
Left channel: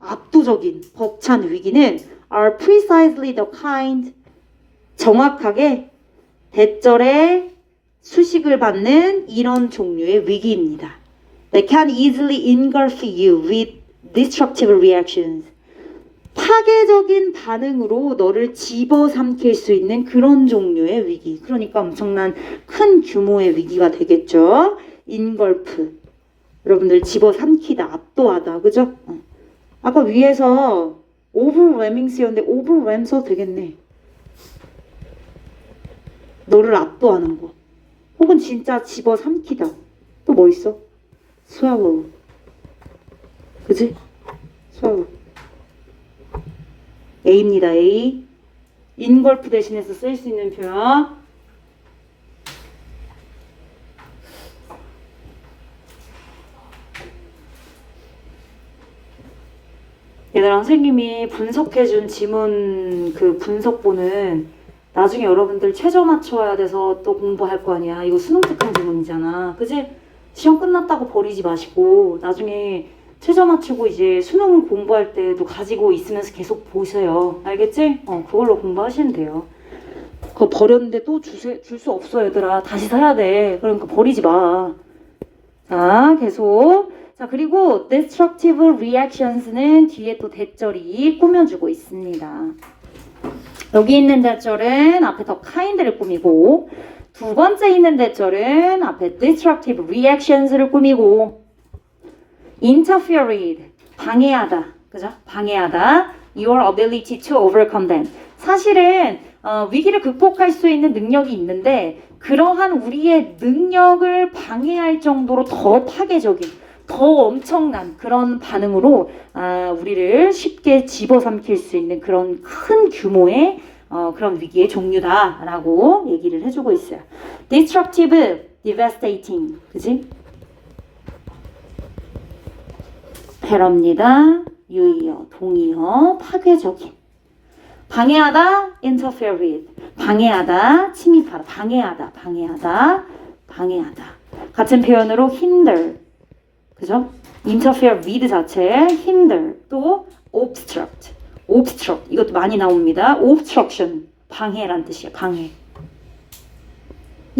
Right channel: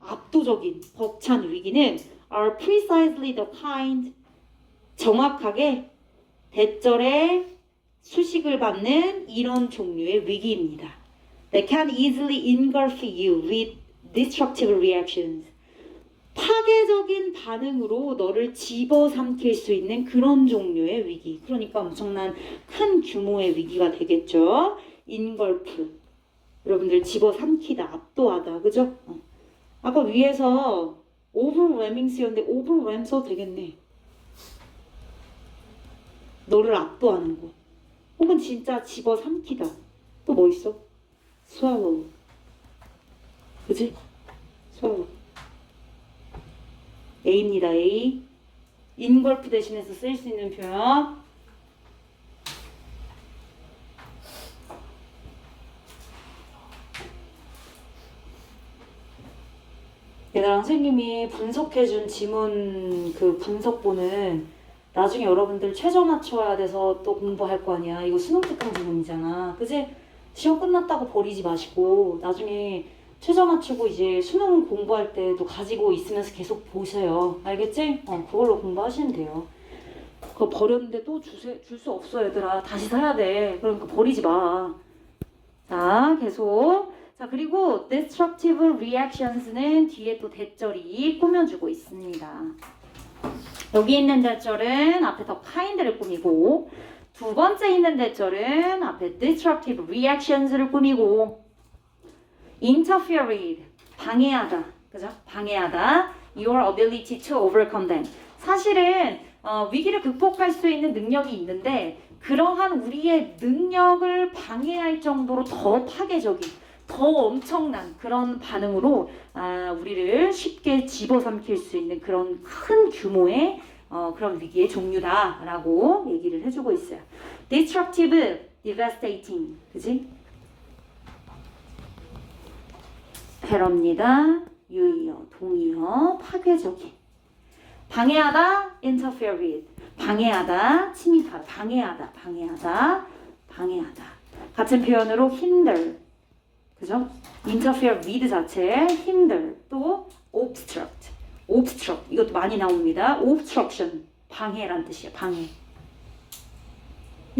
압도적인 벅찬 위기는 are precisely the kind 정확하게 대절에 수식을 받는 이런 종류의 위기입니다. They can easily engulf you with destructive reactions. 파괴적인 반응으로 너를 집어삼킬 수 있는 그런 종류의 위기. 그러니까 엄청난 큰 규모의 위기가 되겠죠. engulf. 여러분들 집어삼키다, 압도하다, 그죠? 아까 위에서 overwhelming 쓰였는데 overwhelm 써도 되겠네. 너를 압도하는 거. 혹은 진짜 집어삼키다. 또 뭐 있어? swallow. 그지? swallow. A입니다. A. engulf 대신해서 쓸 수 있는 표현. 얘들아, 선생님이 분석해준 지문 그 분석본은 나중에 여러분들 최저 맞춰야 돼서 또 공부할 거 아니야. 이거 수능 특강 지문이잖아. 그지? 시험 끝났다고 버리지 마시고 나중에 최저 맞추고 이제 수능 공부할 때도 가지고 있으면서 계속 보세요. 알겠지? 그걸로 공부하시면 돼요. 그거 버렸는데 또 줄 수 없어, 얘들아. 다시 사야 돼. 그러니까 버리지 마. 자, 계속. 자, 그리고 destructive reactions는 뒤에 또 대절이 꾸며주고 있습니다. 여기 있는 대절은 앞에 더 kind를 꾸미고, 두 번째 있는 대절은 앞에 destructive reactions를 꾸미고, interfere with, 방해하다, 그죠? 방해하다, your ability to overcome them. 사실은 위기를 극복할 수 있는 능력이 있는데 그러한 우리의 능력을 방해할 정도로 더 파괴적인, 더 엄청난 그런 반응으로 우리를 쉽게 집어삼킬 수 있는 그런 큰 규모의 그런 위기의 종류다라고 얘기를 해주고 있어요. destructive, devastating, 그지? 패러입니다. 유의어, 동의어, 파괴적인. 방해하다, interfere with. 방해하다, 침입하다, 방해하다, 방해하다, 방해하다. 같은 표현으로 hinder, 그죠? interfere with 자체, hinder, 또 obstruct, obstruct. 이것도 많이 나옵니다. obstruction, 방해란 뜻이에요. 방해.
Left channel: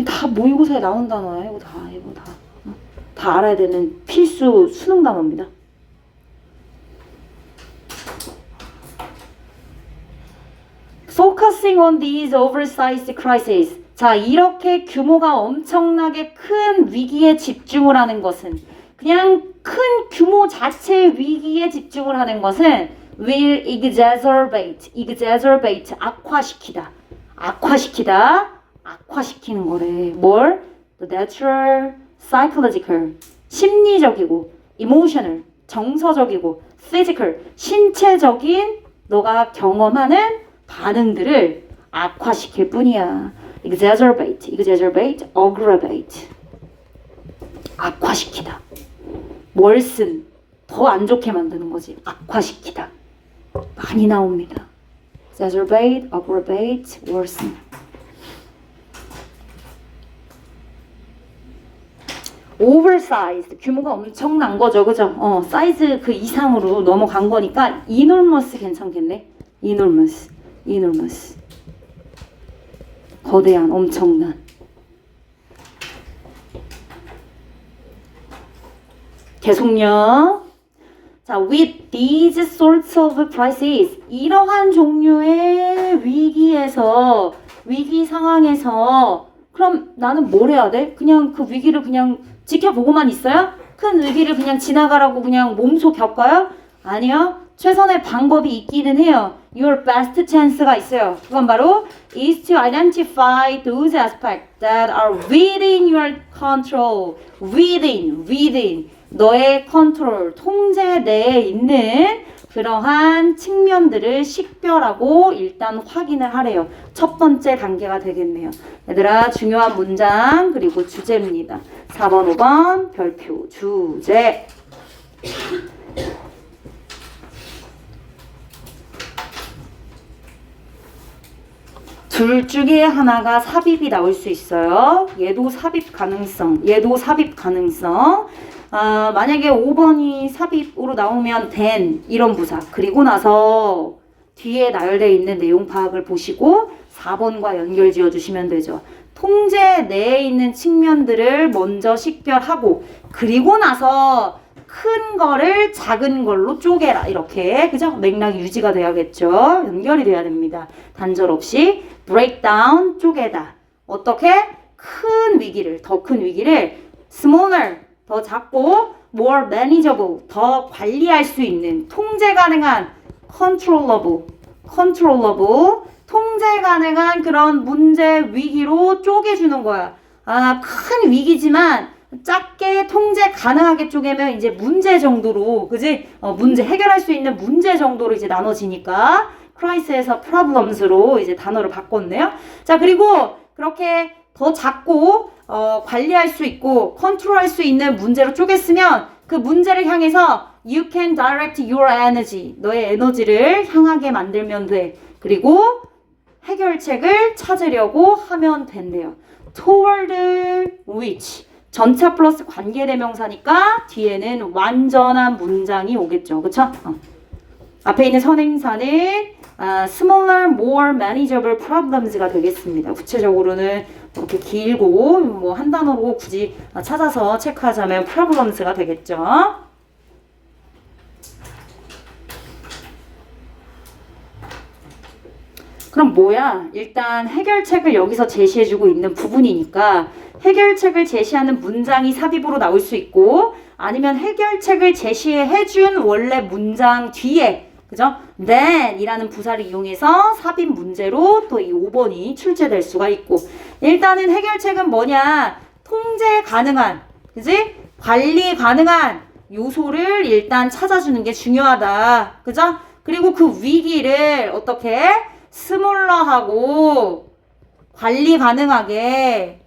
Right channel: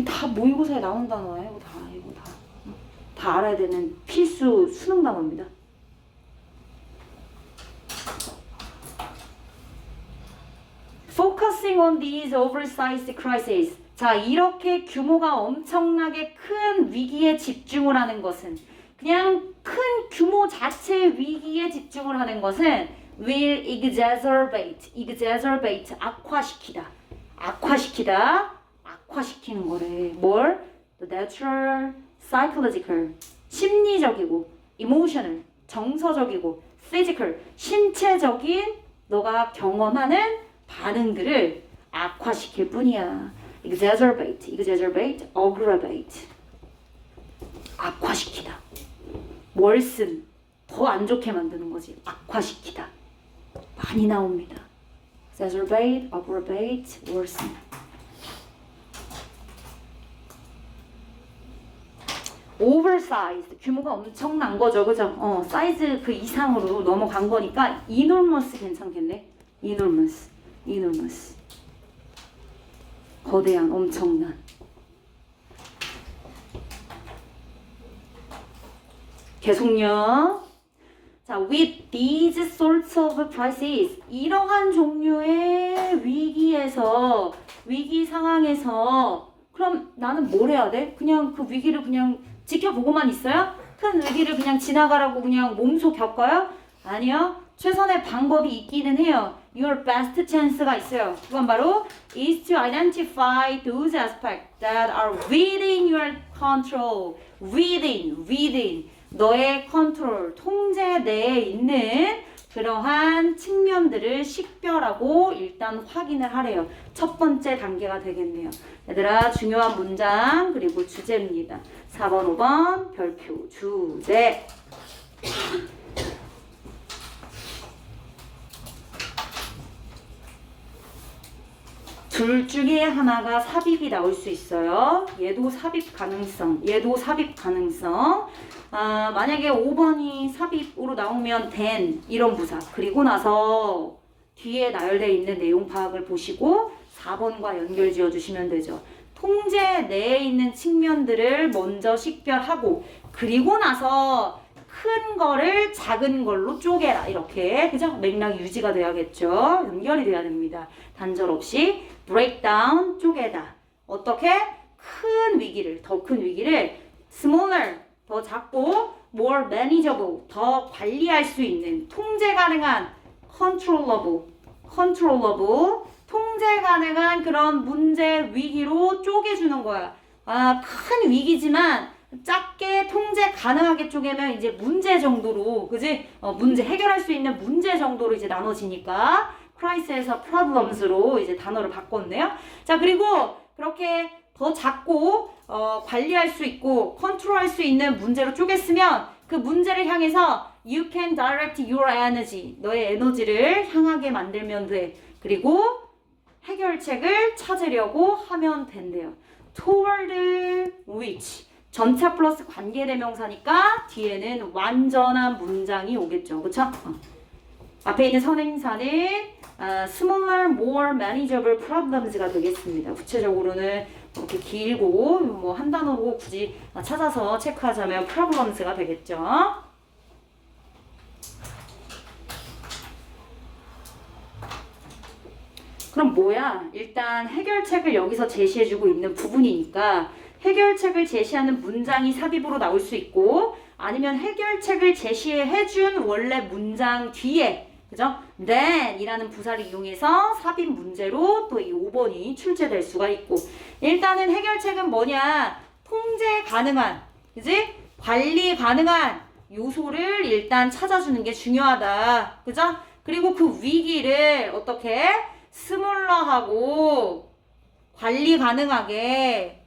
다 모의고사에 나온 단어예요. 이거 다 알아야 되는 필수 수능 단어입니다. Focusing on these oversized crises. 자, 이렇게 규모가 엄청나게 큰 위기에 집중을 하는 것은, 그냥 큰 규모 자체의 위기에 집중을 하는 것은 will exacerbate, 악화시키다. 악화시키는 거래. 뭘? The natural, psychological, 심리적이고, emotional, 정서적이고, physical, 신체적인 너가 경험하는 반응들을 악화시킬 뿐이야. exacerbate, aggravate. 악화시키다. worsen, 더 안 좋게 만드는 거지. 악화시키다. 많이 나옵니다. exacerbate, aggravate, worsen. oversized, 규모가 엄청난 거죠. 그죠? 사이즈 그 이상으로 넘어간 거니까 enormous 괜찮겠네. enormous. 거대한, 엄청난. 계속요. 자, with these sorts of crises, 이러한 종류의 위기에서, 위기 상황에서, 그럼 나는 뭘 해야 돼? 그냥 그 위기를 그냥 지켜보고만 있어요? 큰 위기를 그냥 지나가라고 그냥 몸소 겪어요? 아니요. 최선의 방법이 있기는 해요. Your best chance가 있어요. 그건 바로 is to identify those aspects that are within your control. within 너의 컨트롤, 통제 내에 있는 그러한 측면들을 식별하고 일단 확인을 하래요. 첫 번째 단계가 되겠네요. 얘들아, 중요한 문장 그리고 주제입니다. 4번, 5번 별표 주제. 둘 중에 하나가 삽입이 나올 수 있어요. 얘도 삽입 가능성, 얘도 삽입 가능성. 만약에 5번이 삽입으로 나오면 then 이런 부사. 그리고 나서 뒤에 나열되어 있는 내용 파악을 보시고 4번과 연결 지어주시면 되죠. 통제 내에 있는 측면들을 먼저 식별하고 그리고 나서 큰 거를 작은 걸로 쪼개라. 이렇게 그죠? 맥락이 유지가 돼야겠죠. 연결이 돼야 됩니다. 단절 없이 break down 쪼개다. 어떻게? 큰 위기를 더 큰 위기를 smaller 더 작고 more manageable 더 관리할 수 있는 통제 가능한 controllable 통제 가능한 그런 문제 위기로 쪼개주는 거야. 큰 위기지만 작게 통제 가능하게 쪼개면 이제 문제 정도로, 그지? 문제 해결할 수 있는 문제 정도로 이제 나눠지니까 cries에서 problems로 이제 단어를 바꿨네요. 자, 그리고 그렇게 더 작고 관리할 수 있고 컨트롤할 수 있는 문제로 쪼갰으면 그 문제를 향해서 you can direct your energy 너의 에너지를 향하게 만들면 돼. 그리고 해결책을 찾으려고 하면 된대요. toward which 전차 플러스 관계대명사니까 뒤에는 완전한 문장이 오겠죠. 그쵸? 앞에 있는 선행사는 smaller, more manageable problems가 되겠습니다. 구체적으로는 이렇게 길고 뭐 한 단어로 굳이 찾아서 체크하자면 problems가 되겠죠. 그럼 뭐야? 일단 해결책을 여기서 제시해주고 있는 부분이니까 해결책을 제시하는 문장이 삽입으로 나올 수 있고 아니면 해결책을 제시해준 원래 문장 뒤에 그죠? then 이라는 부사를 이용해서 삽입 문제로 또 이 5번이 출제될 수가 있고 일단은 해결책은 뭐냐? 통제 가능한 그지? 관리 가능한 요소를 일단 찾아주는 게 중요하다. 그죠? 그리고 그 위기를 어떻게? 스몰러하고 관리 가능하게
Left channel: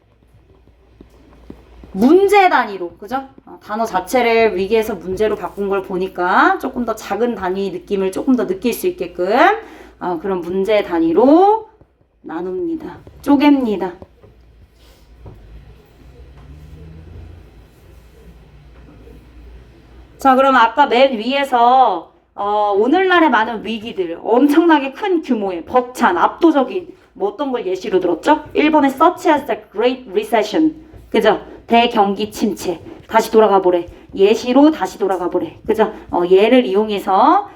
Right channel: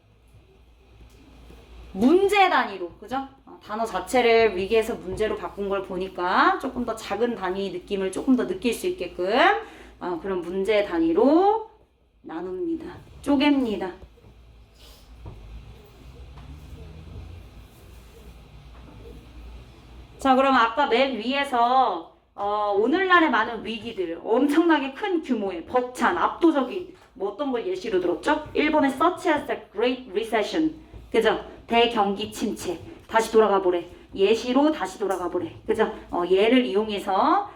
문제 단위로 그죠? 단어 자체를 위기에서 문제로 바꾼 걸 보니까 조금 더 작은 단위 느낌을 조금 더 느낄 수 있게끔 그런 문제 단위로 나눕니다. 쪼갭니다. 자, 그럼 아까 맨 위에서 오늘날의 많은 위기들, 엄청나게 큰 규모의 벅찬, 압도적인 뭐 어떤 걸 예시로 들었죠? 일본의 such as the Great Recession, 그죠? 대경기 침체. 다시 돌아가 보래. 예시로 다시 돌아가 보래. 그죠? 예를 이용해서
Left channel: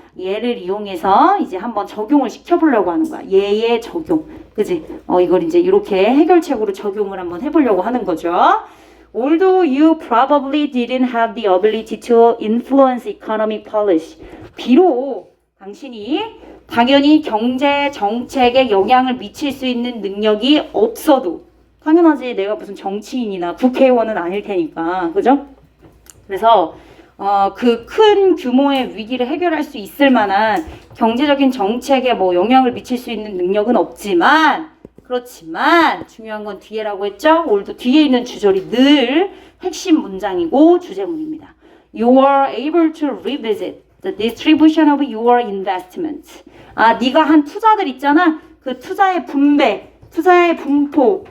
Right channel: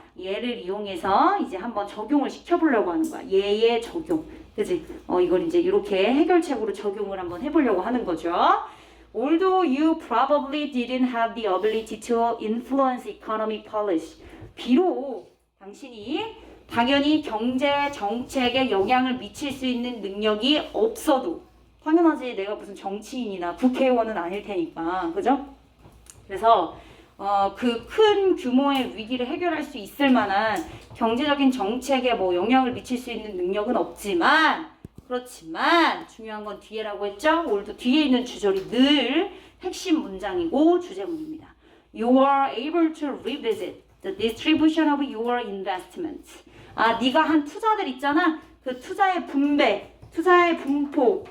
이제 한번 적용을 시켜보려고 하는 거야. 예의 적용. 그지? 이걸 이제 이렇게 해결책으로 적용을 한번 해보려고 하는 거죠. Although you probably didn't have the ability to influence economic policy. 비록 당신이 당연히 경제 정책에 영향을 미칠 수 있는 능력이 없어도 당연하지 내가 무슨 정치인이나 국회의원은 아닐 테니까 그죠? 그래서 그 큰 규모의 위기를 해결할 수 있을 만한 경제적인 정책에 뭐 영향을 미칠 수 있는 능력은 없지만 그렇지만 중요한 건 뒤에라고 했죠? 오늘도 뒤에 있는 주절이 늘 핵심 문장이고 주제문입니다. You are able to revisit the distribution of your investment. 네가 한 투자들 있잖아. 그 투자의 분배, 투자의 분포,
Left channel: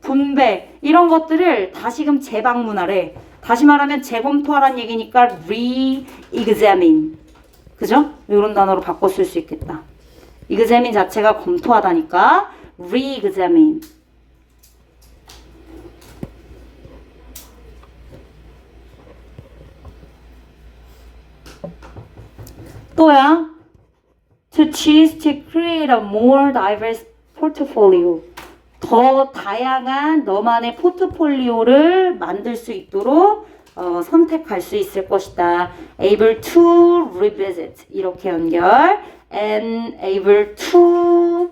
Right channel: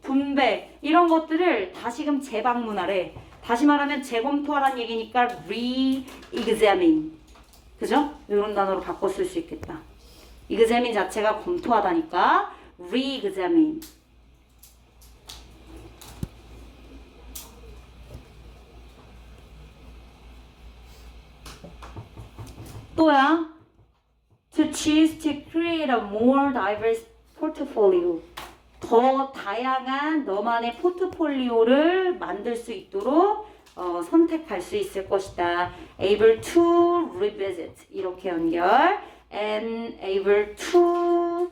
분배 이런 것들을 다시금 재방문하래. 다시 말하면 재검토하라는 얘기니까 re-examine. 그죠? 이런 단어로 바꿔 쓸 수 있겠다. examine 자체가 검토하다니까 re-examine. 또야 to choose to create a more diverse portfolio. 더 다양한 너만의 포트폴리오를 만들 수 있도록 선택할 수 있을 것이다. able to revisit 이렇게 연결 and able to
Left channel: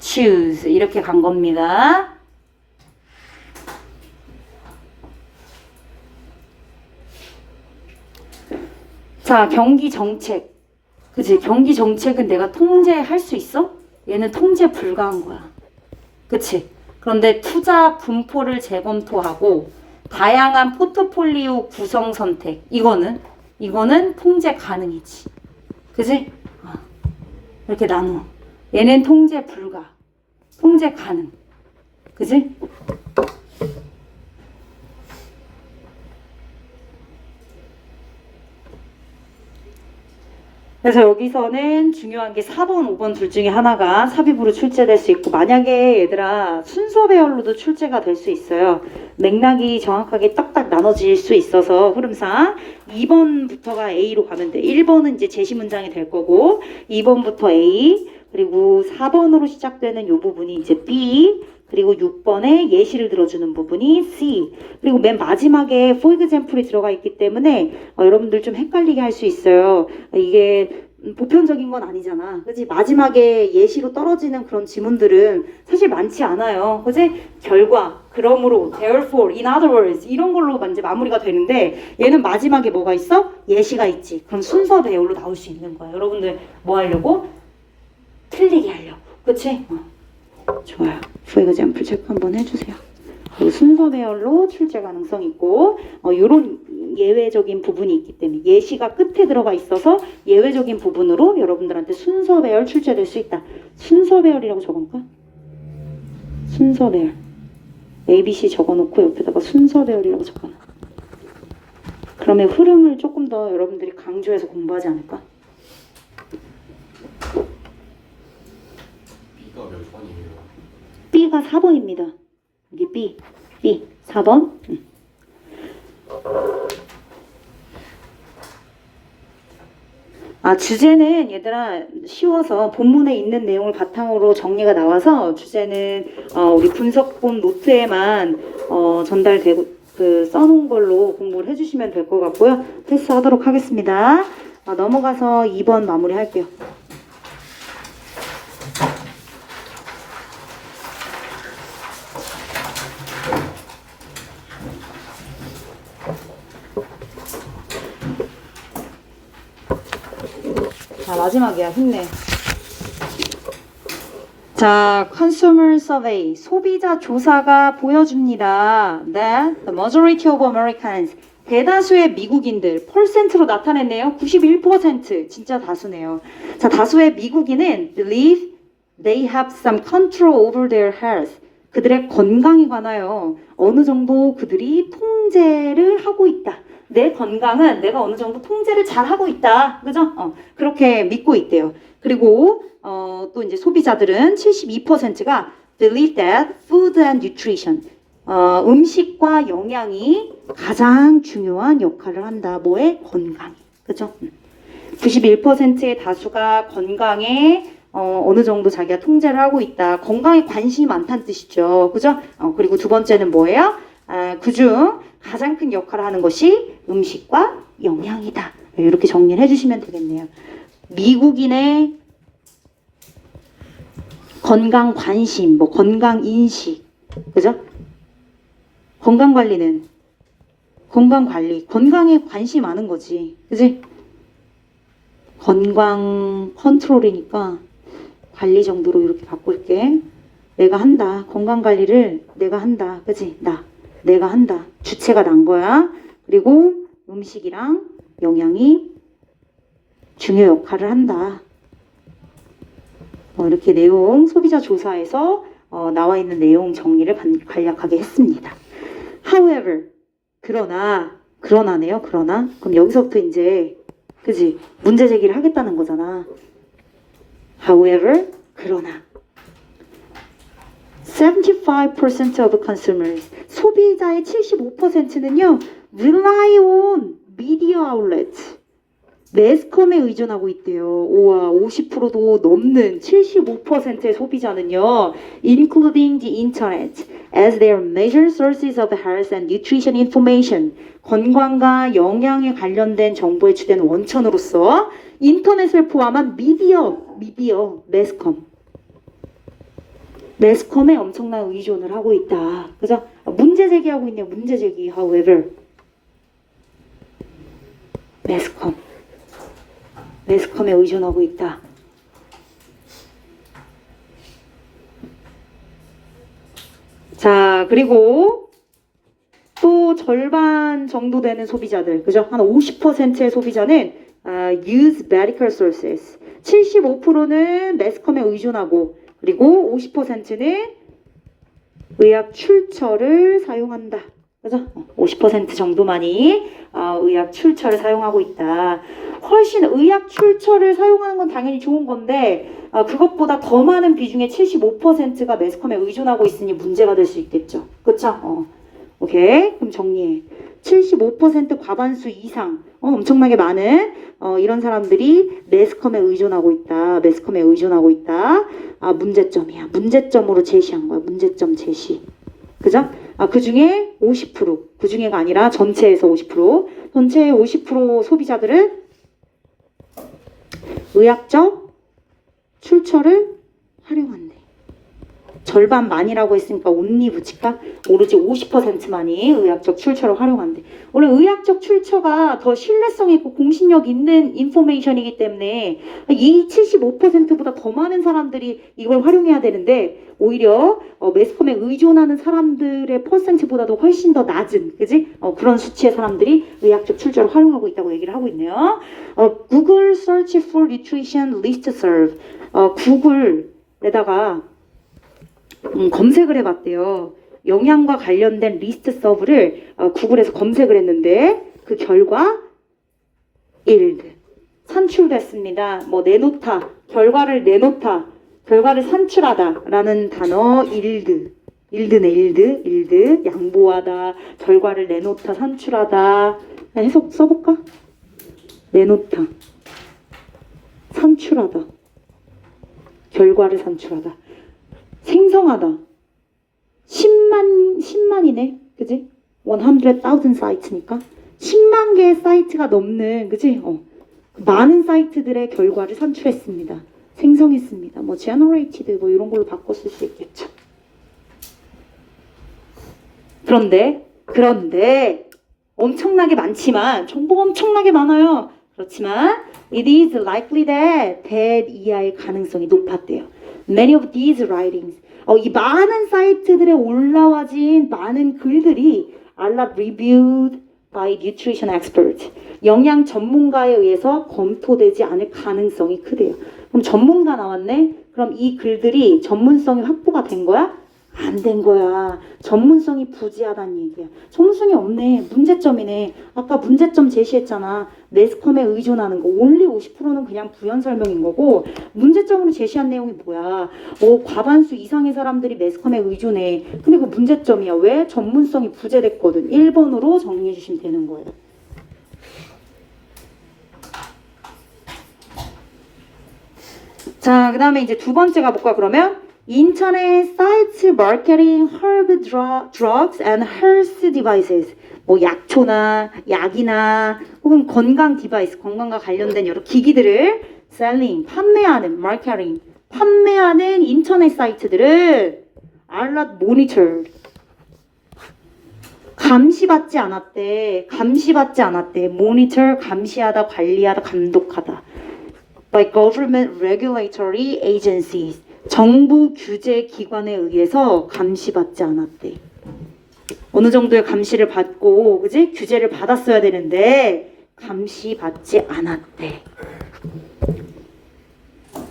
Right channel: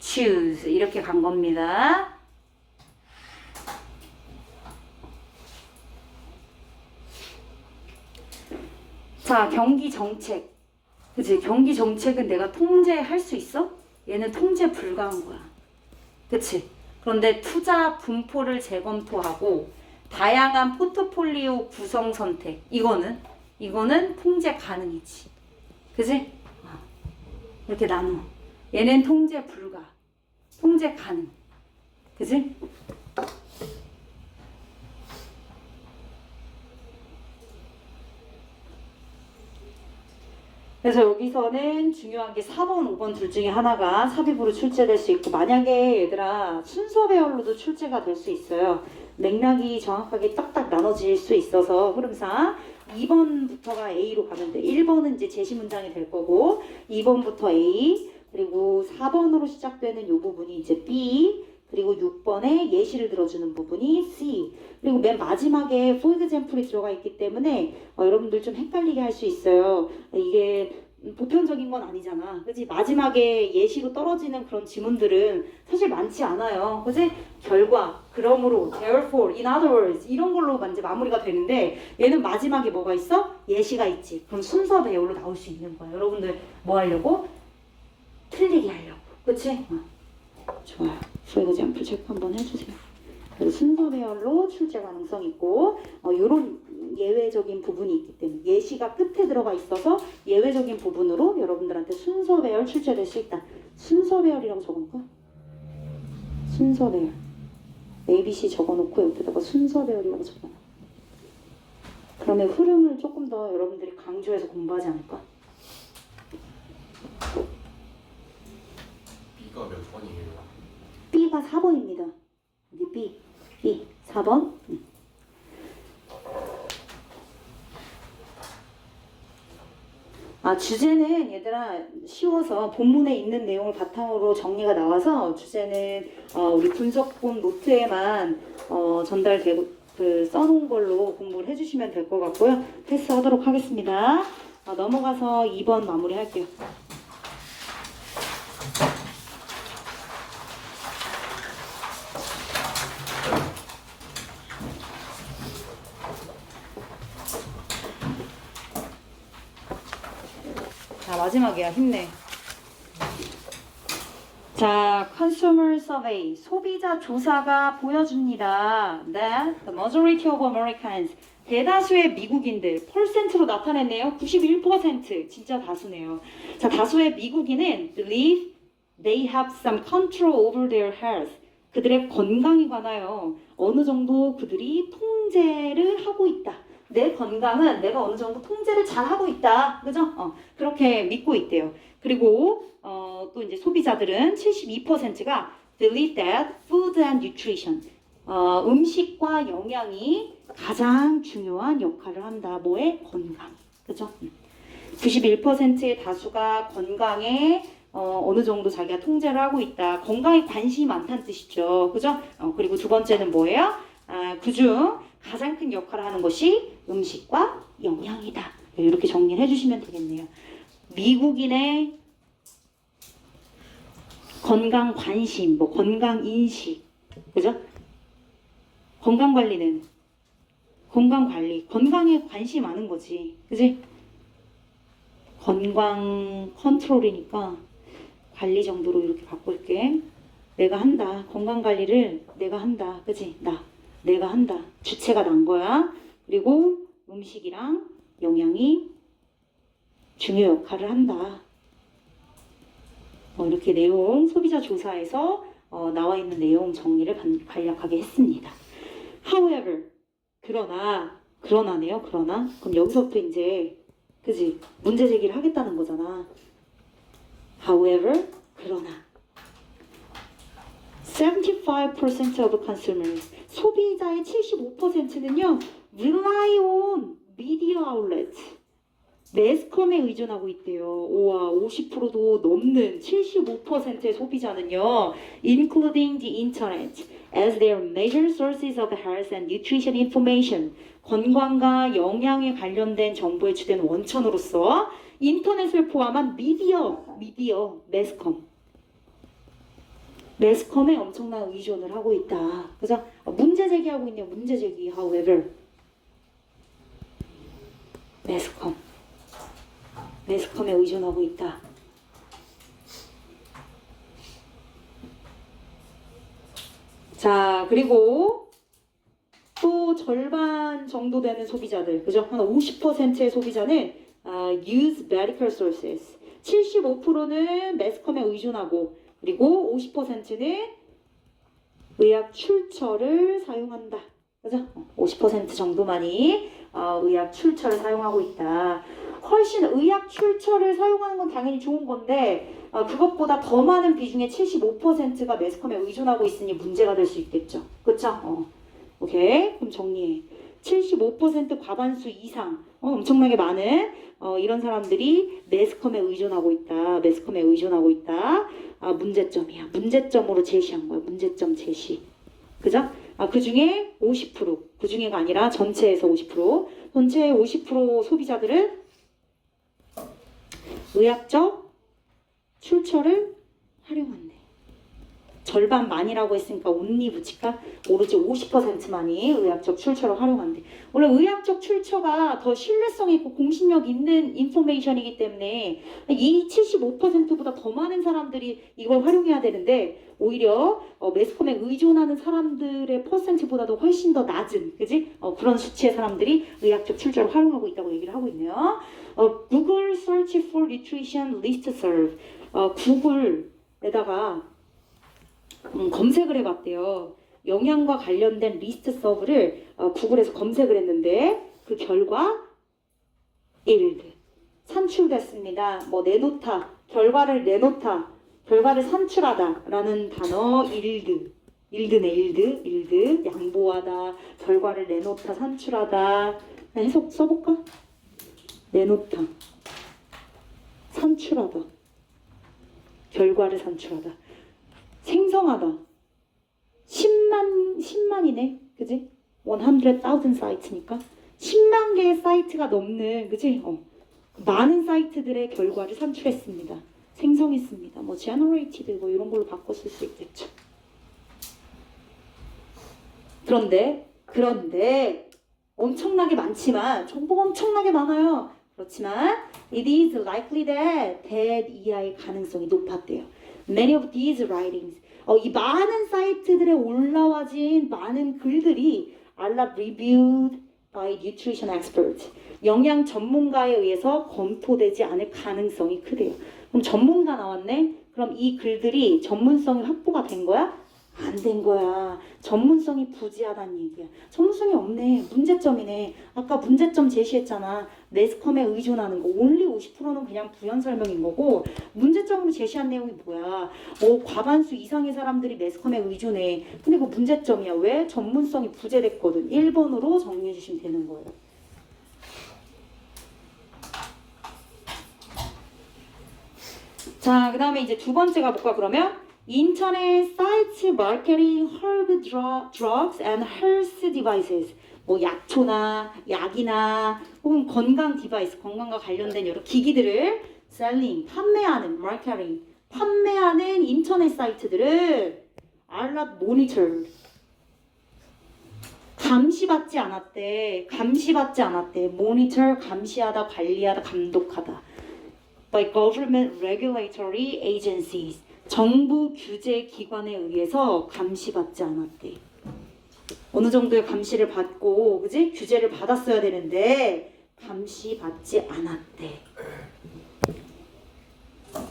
choose 이렇게 간 겁니다. 자, 경기 정책. 그치? 경기 정책은 내가 통제할 수 있어? 얘는 통제 불가한 거야. 그치? 그런데 투자 분포를 재검토하고 다양한 포트폴리오 구성 선택. 이거는 통제 가능이지. 그치? 이렇게 나눠. 얘는 통제 불가, 통제 가능. 그지? 그래서 여기서는 중요한 게 4번, 5번 둘 중에 하나가 삽입으로 출제될 수 있고, 만약에 얘들아 순서 배열로도 출제가 될 수 있어요. 맥락이 정확하게 딱딱 나눠질 수 있어서 흐름상 2번부터가 A로 가면 돼. 1번은 이제 제시 문장이 될 거고 2번부터 A, 그리고 4번으로 시작되는 이 부분이 이제 B, 그리고 6번에 예시를 들어주는 부분이 C, 그리고 맨 마지막에 for example이 들어가 있기 때문에 여러분들 좀 헷갈리게 할 수 있어요. 이게 보편적인 건 아니잖아. 그지? 마지막에 예시로 떨어지는 그런 지문들은 사실 많지 않아요. 그지? 결과, 그러므로, therefore, in other words 이런 걸로 이제 마무리가 되는데 얘는 마지막에 뭐가 있어? 예시가 있지. 그럼 순서 배열로 나올 수 있는 거야. 여러분들 뭐 하려고? 틀리게 하려고. 그치? 좋아요. for example 체크 한번 해주세요. 그리고 순서 배열로 출제 가능성 있고 이런 예외적인 부분이 있기 때문에 예시가 끝에 들어가 있어서 예외적인 부분으로 여러분들한테 순서 배열 출제될 수 있다. 순서 배열이라고 적을까? 순서 배열. ABC 적어놓고 옆에다가 순서 배열이라고 적어놔. 그러면 흐름을 조금 더 여러분들이 강조해서 공부하지 않을까? B가 몇 번이에요? B가 4번입니다. 여기 B 4번. 주제는 얘들아 쉬워서 본문에 있는 내용을 바탕으로 정리가 나와서 주제는 우리 분석본 노트에만 전달되고 써놓은 걸로 공부를 해주시면 될 것 같고요. 패스하도록 하겠습니다. 넘어가서 2번 마무리할게요. 자, 마지막이야. 힘내. 자, consumer survey, 소비자 조사가 보여줍니다. That the majority of Americans, 대다수의 미국인들, 퍼센트로 나타냈네요. 91%, 진짜 다수네요. 자, 다수의 미국인은 believe they have some control over their health. 그들의 건강에 관하여 어느 정도 그들이 통제를 하고 있다. 내 건강은 내가 어느 정도 통제를 잘 하고 있다. 그죠? 그렇게 믿고 있대요. 그리고 또 이제 소비자들은 72%가 believe that food and nutrition, 음식과 영양이 가장 중요한 역할을 한다. 뭐에? 건강. 그죠? 91%의 다수가 건강에 어느 정도 자기가 통제를 하고 있다. 건강에 관심이 많다는 뜻이죠. 그죠? 그리고 두 번째는 뭐예요? 그중 가장 큰 역할을 하는 것이 음식과 영양이다. 이렇게 정리를 해주시면 되겠네요. 미국인의 건강 관심, 뭐 건강 인식, 그죠? 건강 관리는 건강 관리, 건강에 관심이 많은 거지, 그지? 건강 컨트롤이니까 관리 정도로 이렇게 바꿀게. 내가 한다. 건강 관리를 내가 한다, 그지? 내가 한다. 주체가 난 거야. 그리고 음식이랑 영양이 중요 역할을 한다. 이렇게 내용 소비자 조사에서 나와 있는 내용 정리를 간략하게 했습니다. However, 그러나네요. 그럼 여기서부터 이제 그지 문제 제기를 하겠다는 거잖아. However, 그러나 75% of consumers, 소비자의 75%는요 rely on media outlets, 매스컴에 의존하고 있대요. 우와, 50%도 넘는 75%의 소비자는요 including the internet as their major sources of health and nutrition information, 건강과 영양에 관련된 정보의 주된 원천으로서 인터넷을 포함한 미디어, 매스컴에 엄청난 의존을 하고 있다. 그죠? 문제 제기하고 있네요. 문제 제기. However, 매스컴에 의존하고 있다. 자, 그리고 또 절반 정도 되는 소비자들, 그죠? 한 50%의 소비자는 use medical sources, 75%는 매스컴에 의존하고 그리고 50%는 의학 출처를 사용한다. 그죠? 50% 정도만이 의학 출처를 사용하고 있다. 훨씬 의학 출처를 사용하는 건 당연히 좋은 건데 그것보다 더 많은 비중의 75%가 매스컴에 의존하고 있으니 문제가 될 수 있겠죠. 그쵸? 오케이. 그럼 정리해. 75% 과반수 이상 엄청나게 많은 이런 사람들이 매스컴에 의존하고 있다. 매스컴에 의존하고 있다. 문제점이야. 문제점으로 제시한 거야. 문제점 제시. 그죠? 그 중에 50%, 그 중에가 아니라 전체에서 50%, 전체의 50% 소비자들은 의학적 출처를 활용한대. 절반만이라고 했으니까 온리 붙일까? 오로지 50%만이 의학적 출처를 활용한대. 원래 의학적 출처가 더 신뢰성 있고 공신력 있는 인포메이션이기 때문에 이 75%보다 더 많은 사람들이 이걸 활용해야 되는데 오히려 매스컴에 의존하는 사람들의 퍼센트보다도 훨씬 더 낮은, 그지? 그런 수치의 사람들이 의학적 출처를 활용하고 있다고 얘기를 하고 있네요. Google Search for Nutrition Listserv. 구글에다가 검색을 해봤대요. 영양과 관련된 리스트 서브를 구글에서 검색을 했는데 그 결과 yield 산출됐습니다. 뭐 내놓다, 결과를 내놓다, 결과를 산출하다 라는 단어 yield네 yield 양보하다, 결과를 내놓다, 산출하다. 해석 써볼까? 내놓다, 산출하다, 결과를 산출하다, 생성하다. 10만이네. 그지? 100,000 사이트니까 10만 개의 사이트가 넘는, 그지? 많은 사이트들의 결과를 산출했습니다. 생성했습니다. 뭐 generated 뭐 이런 걸로 바꿔 쓸 수 있겠죠. 그런데 엄청나게 많지만, 정보가 엄청나게 많아요. 그렇지만 it is likely that bad 이하의 가능성이 높았대요. Many of these writings, 이 많은 사이트들에 올라와진 많은 글들이 are not reviewed by nutrition experts. 영양 전문가에 의해서 검토되지 않을 가능성이 크대요. 그럼 전문가 나왔네? 그럼 이 글들이 전문성이 확보가 된 거야? 안 된 거야. 전문성이 부지하다는 얘기야. 전문성이 없네. 문제점이네. 아까 문제점 제시했잖아. 매스컴에 의존하는 거. only 50%는 그냥 부연 설명인 거고, 문제점으로 제시한 내용이 뭐야? 과반수 이상의 사람들이 매스컴에 의존해. 근데 그 문제점이야. 왜? 전문성이 부재됐거든. 1번으로 정리해 주시면 되는 거예요. 자, 그 다음에 이제 두 번째 가볼까, 그러면? 인터넷 사이트 마케팅 herb drugs and health devices. 뭐 약초나 약이나 혹은 건강 디바이스, 건강과 관련된 여러 기기들을 selling, 판매하는, 마케팅, 판매하는 인터넷 사이트들은 are not monitored. 감시받지 않았대. monitor, 감시하다, 관리하다, 감독하다. by government regulatory agencies. 정부 규제 기관에 의해서 감시받지 않았대. 어느 정도의 감시를 받고, 그지? 규제를 받았어야 되는데 감시받지 않았대.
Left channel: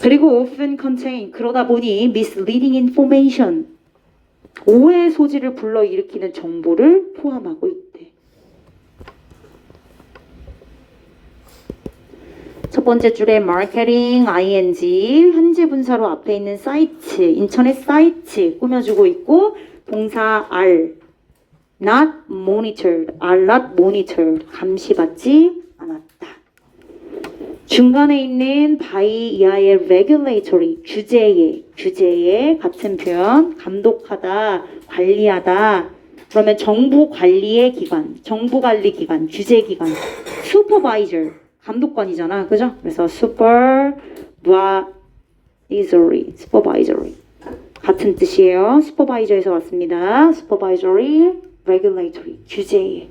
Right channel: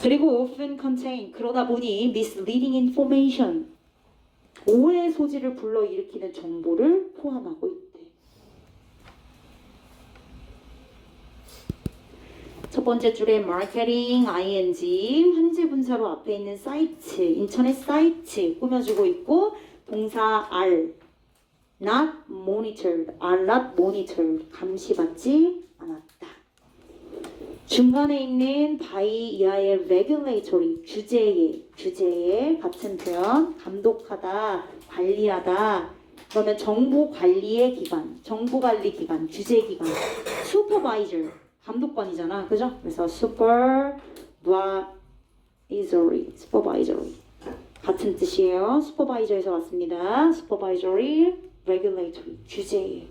그리고 often contain, 그러다 보니 misleading information, 오해의 소지를 불러일으키는 정보를 포함하고 있대. 첫 번째 줄에 마케팅, ing, 현재 분사로 앞에 있는 사이트, 인터넷 사이트 꾸며주고 있고, 동사 are, not monitored, are not monitored, 감시받지 않았다. 중간에 있는 by 이하의 regulatory, 규제의 같은 표현, 감독하다, 관리하다. 그러면 정부 관리의 기관, 정부 관리 기관, 규제 기관, supervisor, 감독관이잖아, 그죠? 그래서 supervisory 같은 뜻이에요. supervisor에서 왔습니다. supervisory, regulatory, 규제의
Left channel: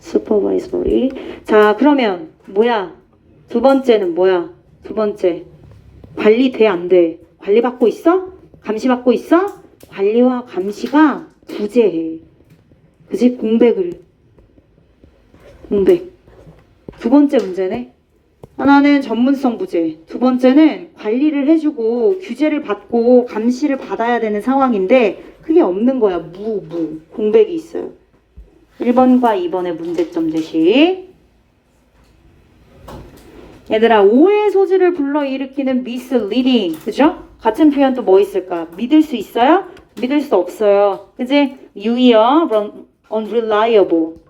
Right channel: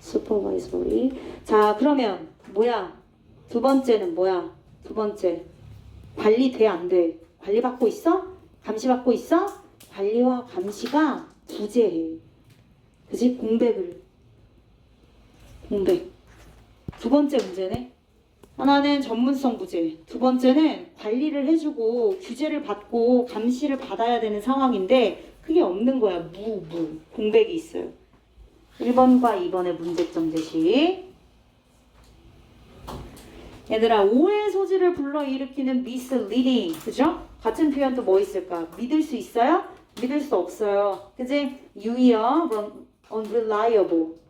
supervisory. 자, 그러면 뭐야? 두 번째는 뭐야? 두 번째, 관리돼 안 돼? 관리받고 있어? 감시받고 있어? 관리와 감시가 부재해. 그지? 공백. 두 번째 문제네. 하나는 전문성 부재, 두 번째는 관리를 해주고 규제를 받고 감시를 받아야 되는 상황인데 그게 없는 거야. 공백이 있어요. 1번과 2번의 문제점 제시. 얘들아, 오해 소지를 불러일으키는 misleading, 그죠? 같은 표현 또 뭐 있을까? 믿을 수 있어요? 믿을 수 없어요. 그지? 유의어, unreliable,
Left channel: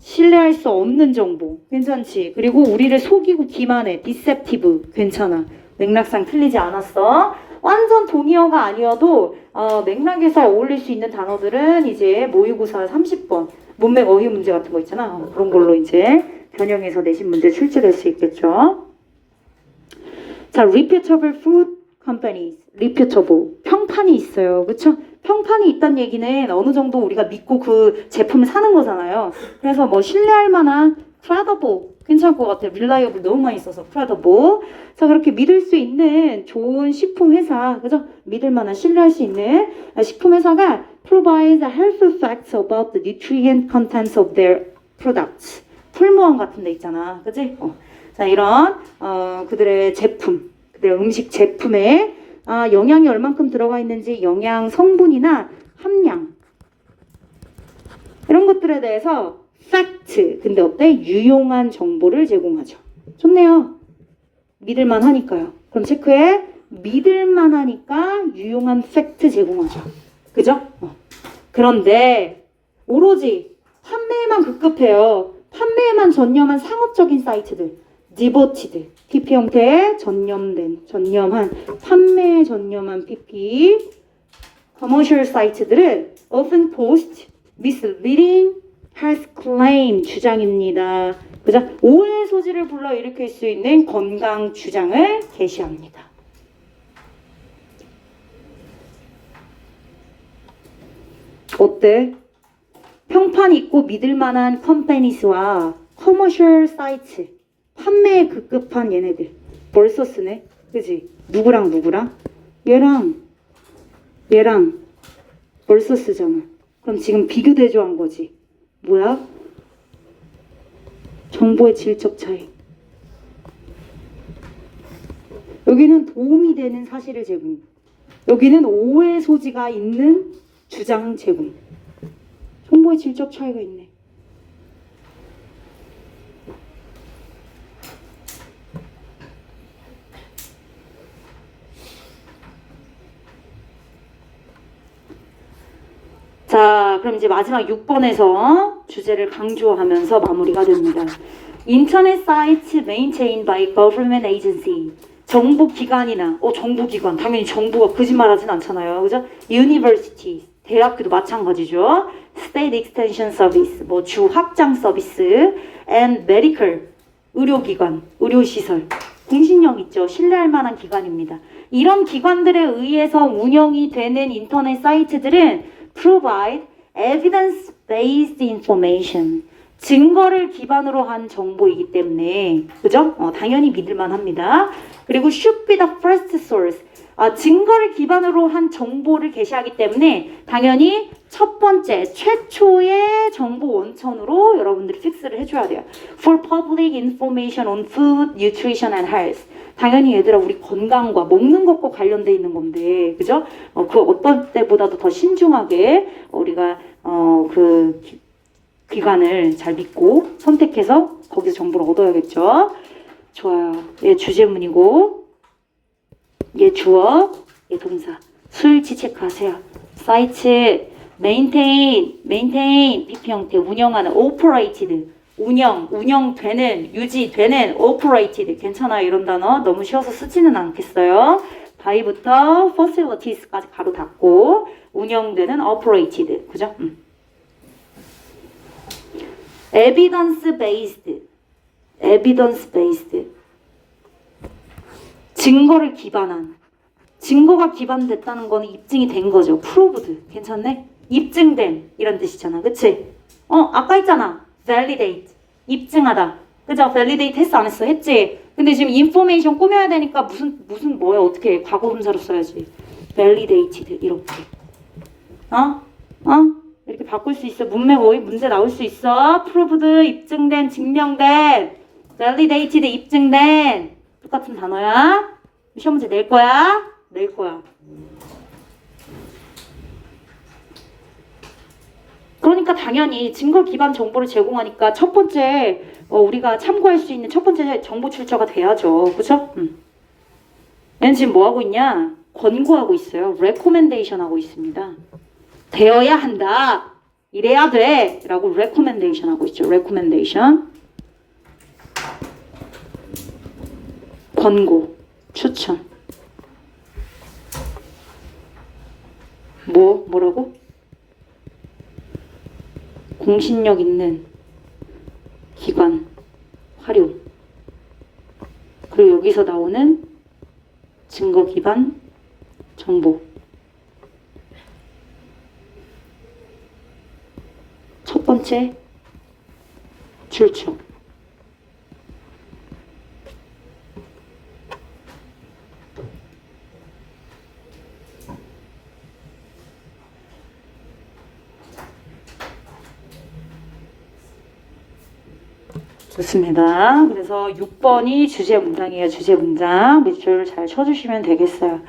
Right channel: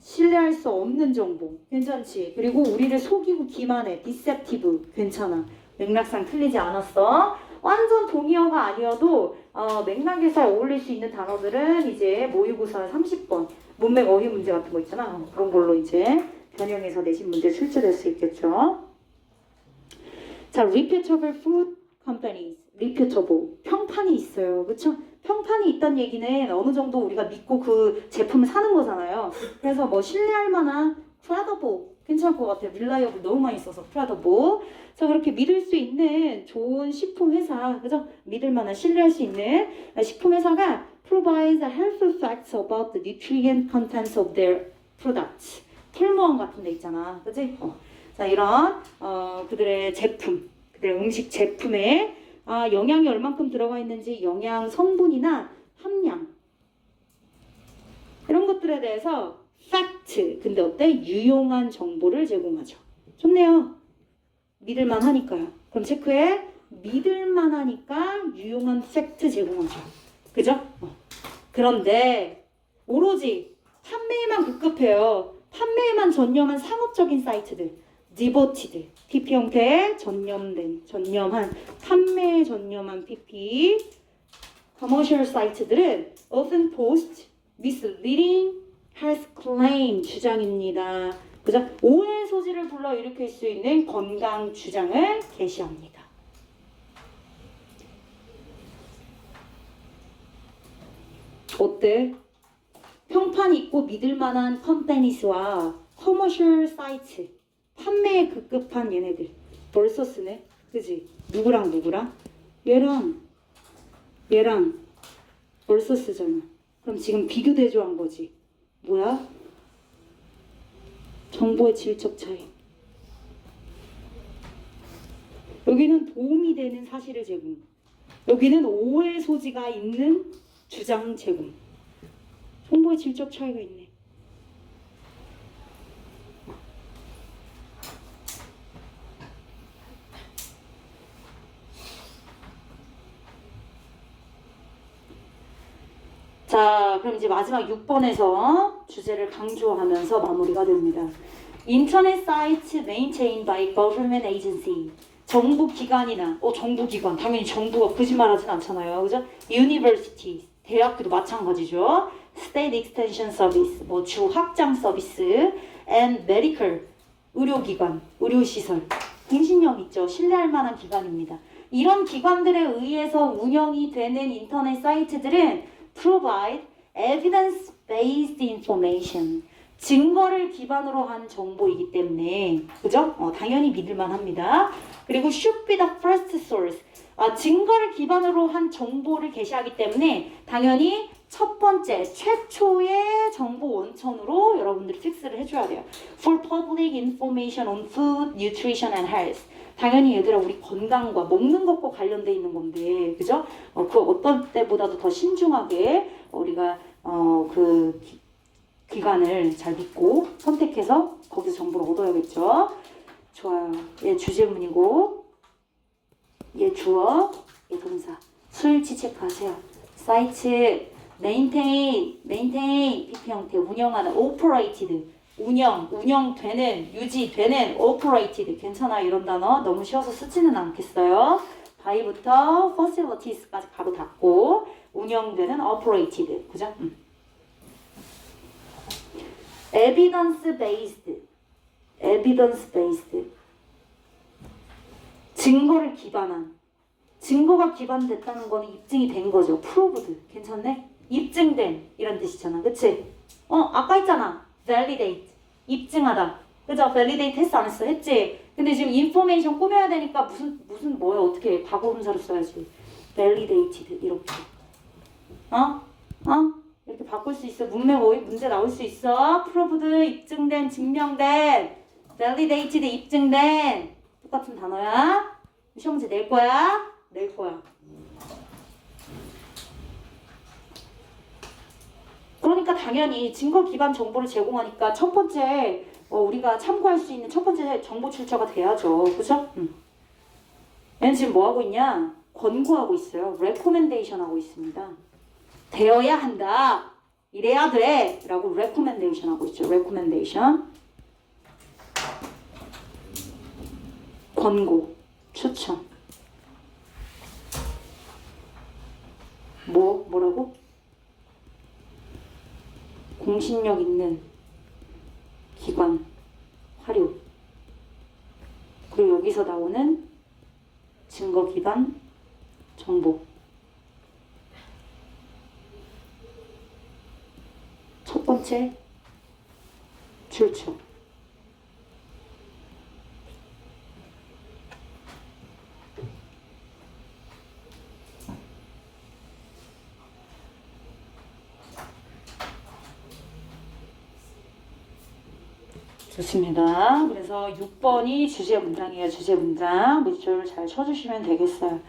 신뢰할 수 없는 정보. 괜찮지? 그리고 우리를 속이고 기만해. deceptive, 괜찮아. 맥락상 틀리지 않았어. 완전 동의어가 아니어도 맥락에서 어울릴 수 있는 단어들은 이제 모의고사 30번 문맥 어휘 문제 같은 거 있잖아. 그런 걸로 이제 변형해서 내신 문제 출제될 수 있겠죠. 자, reputable food companies, reputable, 평판이 있어요. 그렇죠? 평판이 있다는 얘기는 어느 정도 우리가 믿고 그 제품을 사는 거잖아요. 그래서 뭐 신뢰할 만한 credible, 괜찮을 것 같아요. reliable 너무 많이 써서 credible. 자, 그렇게 믿을 수 있는 좋은 식품 회사, 그죠? 믿을 만한 신뢰할 수 있는 식품 회사가 provides helpful facts about the nutrient contents of their products. 풀무원 같은 데 있잖아. 그지? 자, 이런 그들의 제품, 그들의 음식 제품에 영양이 얼만큼 들어가 있는지 영양 성분이나 함량 이런 것들에 대해서 팩트, 근데 어때? 유용한 정보를 제공하죠. 좋네요. 믿을만 하니까요. 그럼 체크해. 믿을만 하니까 유용한 팩트 제공하죠. 그죠? 그런데 오로지 판매에만 급급해요. 판매에만 전념한 상업적인 사이트들, 디보티드, PP 형태의 전념한, 판매에 전념한 PP, 커머셜 사이트들은 often post misleading, false claim 주장입니다. 그죠? 오해 소지를 불러일으킬 수 있는 건강 주장을 게시합니다. 어때? 평판 있고 믿을만한 컴퍼니스와 커머셜 사이트, 판매에 급급한 얘네들 벌써 쓰네, 그지? 누구랑 얘랑 벌써 쓰잖아. 그럼 지금 비교 대조한 거지. 뭐야? 정보의 질적 차이. 여기는 도움이 되는 사실을 제공, 여기는 오해 소지가 있는 주장 제공. 정보의 질적 차이가 있네. 자, 그럼 이제 마지막 6번에서 주제를 강조하면서 마무리가 됩니다. 인터넷 사이트 maintained by government agency. 정부기관이나, 정부기관. 당연히 정부가 거짓말하진 않잖아요. 그죠? University. 대학교도 마찬가지죠. State Extension Service. 뭐 주 확장 서비스. And medical. 의료기관. 의료시설. 공신력 있죠. 신뢰할 만한 기관입니다. 이런 기관들에 의해서 운영이 되는 인터넷 사이트들은 provide evidence-based information. 증거를 기반으로 한 정보이기 때문에, 그죠? 당연히 믿을만 합니다. 그리고 should be the first source. 증거를 기반으로 한 정보를 게시하기 때문에 당연히 첫 번째, 최초의 정보 원천으로 여러분들이 픽스를 해줘야 돼요. For public information on food, nutrition and health. 당연히 얘들아, 우리 건강과 먹는 것과 관련돼 있는 건데, 그죠? 그 어떤 때보다도 더 신중하게 우리가 그 기관을 잘 믿고 선택해서 거기서 정보를 얻어야겠죠. 좋아요. 얘 주제문이고, 얘 주어, 얘 동사. 수일치 체크하세요. 사이트, maintain, PP 형태, 운영하는, operated. 운영되는, 유지되는, operated. 괜찮아요, 이런 단어. 너무 쉬워서 쓰지는 않겠어요. by부터 facilities까지 가로 닫고, 운영되는, operated. 그죠? evidence-based. 증거를 기반한. 증거가 기반됐다는 거는 입증이 된 거죠. proved. 괜찮네? 입증된. 이런 뜻이잖아. 그치? 아까 했잖아. validate. 입증하다. 그죠? validate 했어 안 했어? 했지? 근데 지금 information 꾸며야 되니까 무슨 뭐야 어떻게 해? 과거분사로 써야지. validated 이렇게. 이렇게 바꿀 수 있어. 문맥 어휘 문제 나올 수 있어. proved 입증된 증명된. validated 입증된 똑같은 단어야. 시험 문제 낼 거야? 낼 거야. 그러니까 당연히 증거 기반 정보를 제공하니까 첫 번째 우리가 참고할 수 있는 첫 번째 정보 출처가 돼야죠. 그죠? 얘는 지금 뭐 하고 있냐? 권고하고 있어요. recommendation 하고 있습니다. 되어야 한다. 이래야 돼. 라고 recommendation 하고 있죠. recommendation. 권고, 추천. 뭐라고? 공신력 있는 기관, 활용. 그리고 여기서 나오는 증거 기반 정보. 첫 번째 출처. 좋습니다. 그래서 6번이 주제 문장이에요. 주제 문장. 밑줄 잘 쳐주시면 되겠어요.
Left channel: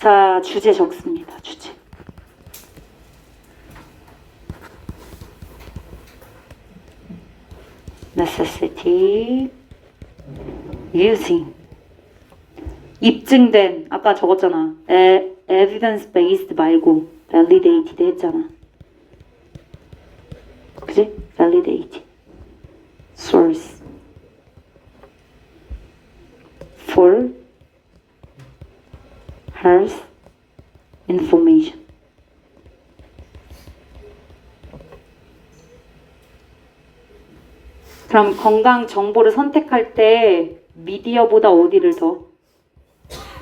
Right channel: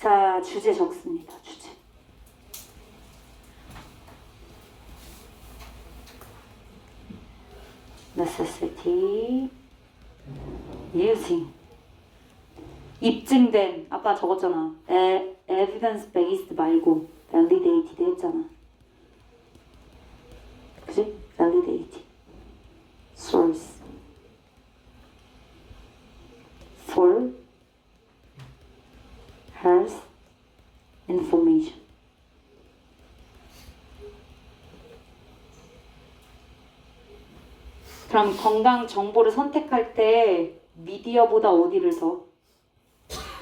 자, 주제 적습니다. 주제. necessity using 입증된 아까 적었잖아. evidence based 말고 validated 했잖아. 그지? validated source for health information. 그럼 건강 정보를 선택할 때 미디어보다 어디를 더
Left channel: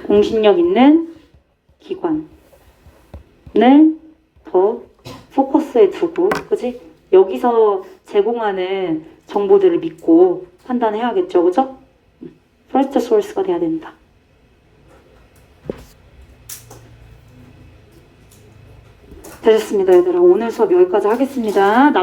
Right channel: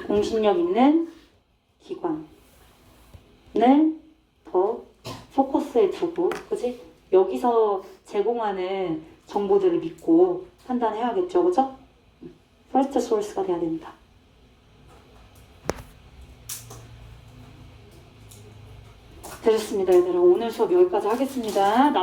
공신력 있는 기관을 더 포커스에 두고, 그지? 여기서 제공하는 정보들을 믿고 판단해야겠죠, 그죠? first source가 돼야 된다. 되셨습니다, 얘들아. 오늘 수업 여기까지 하겠습니다.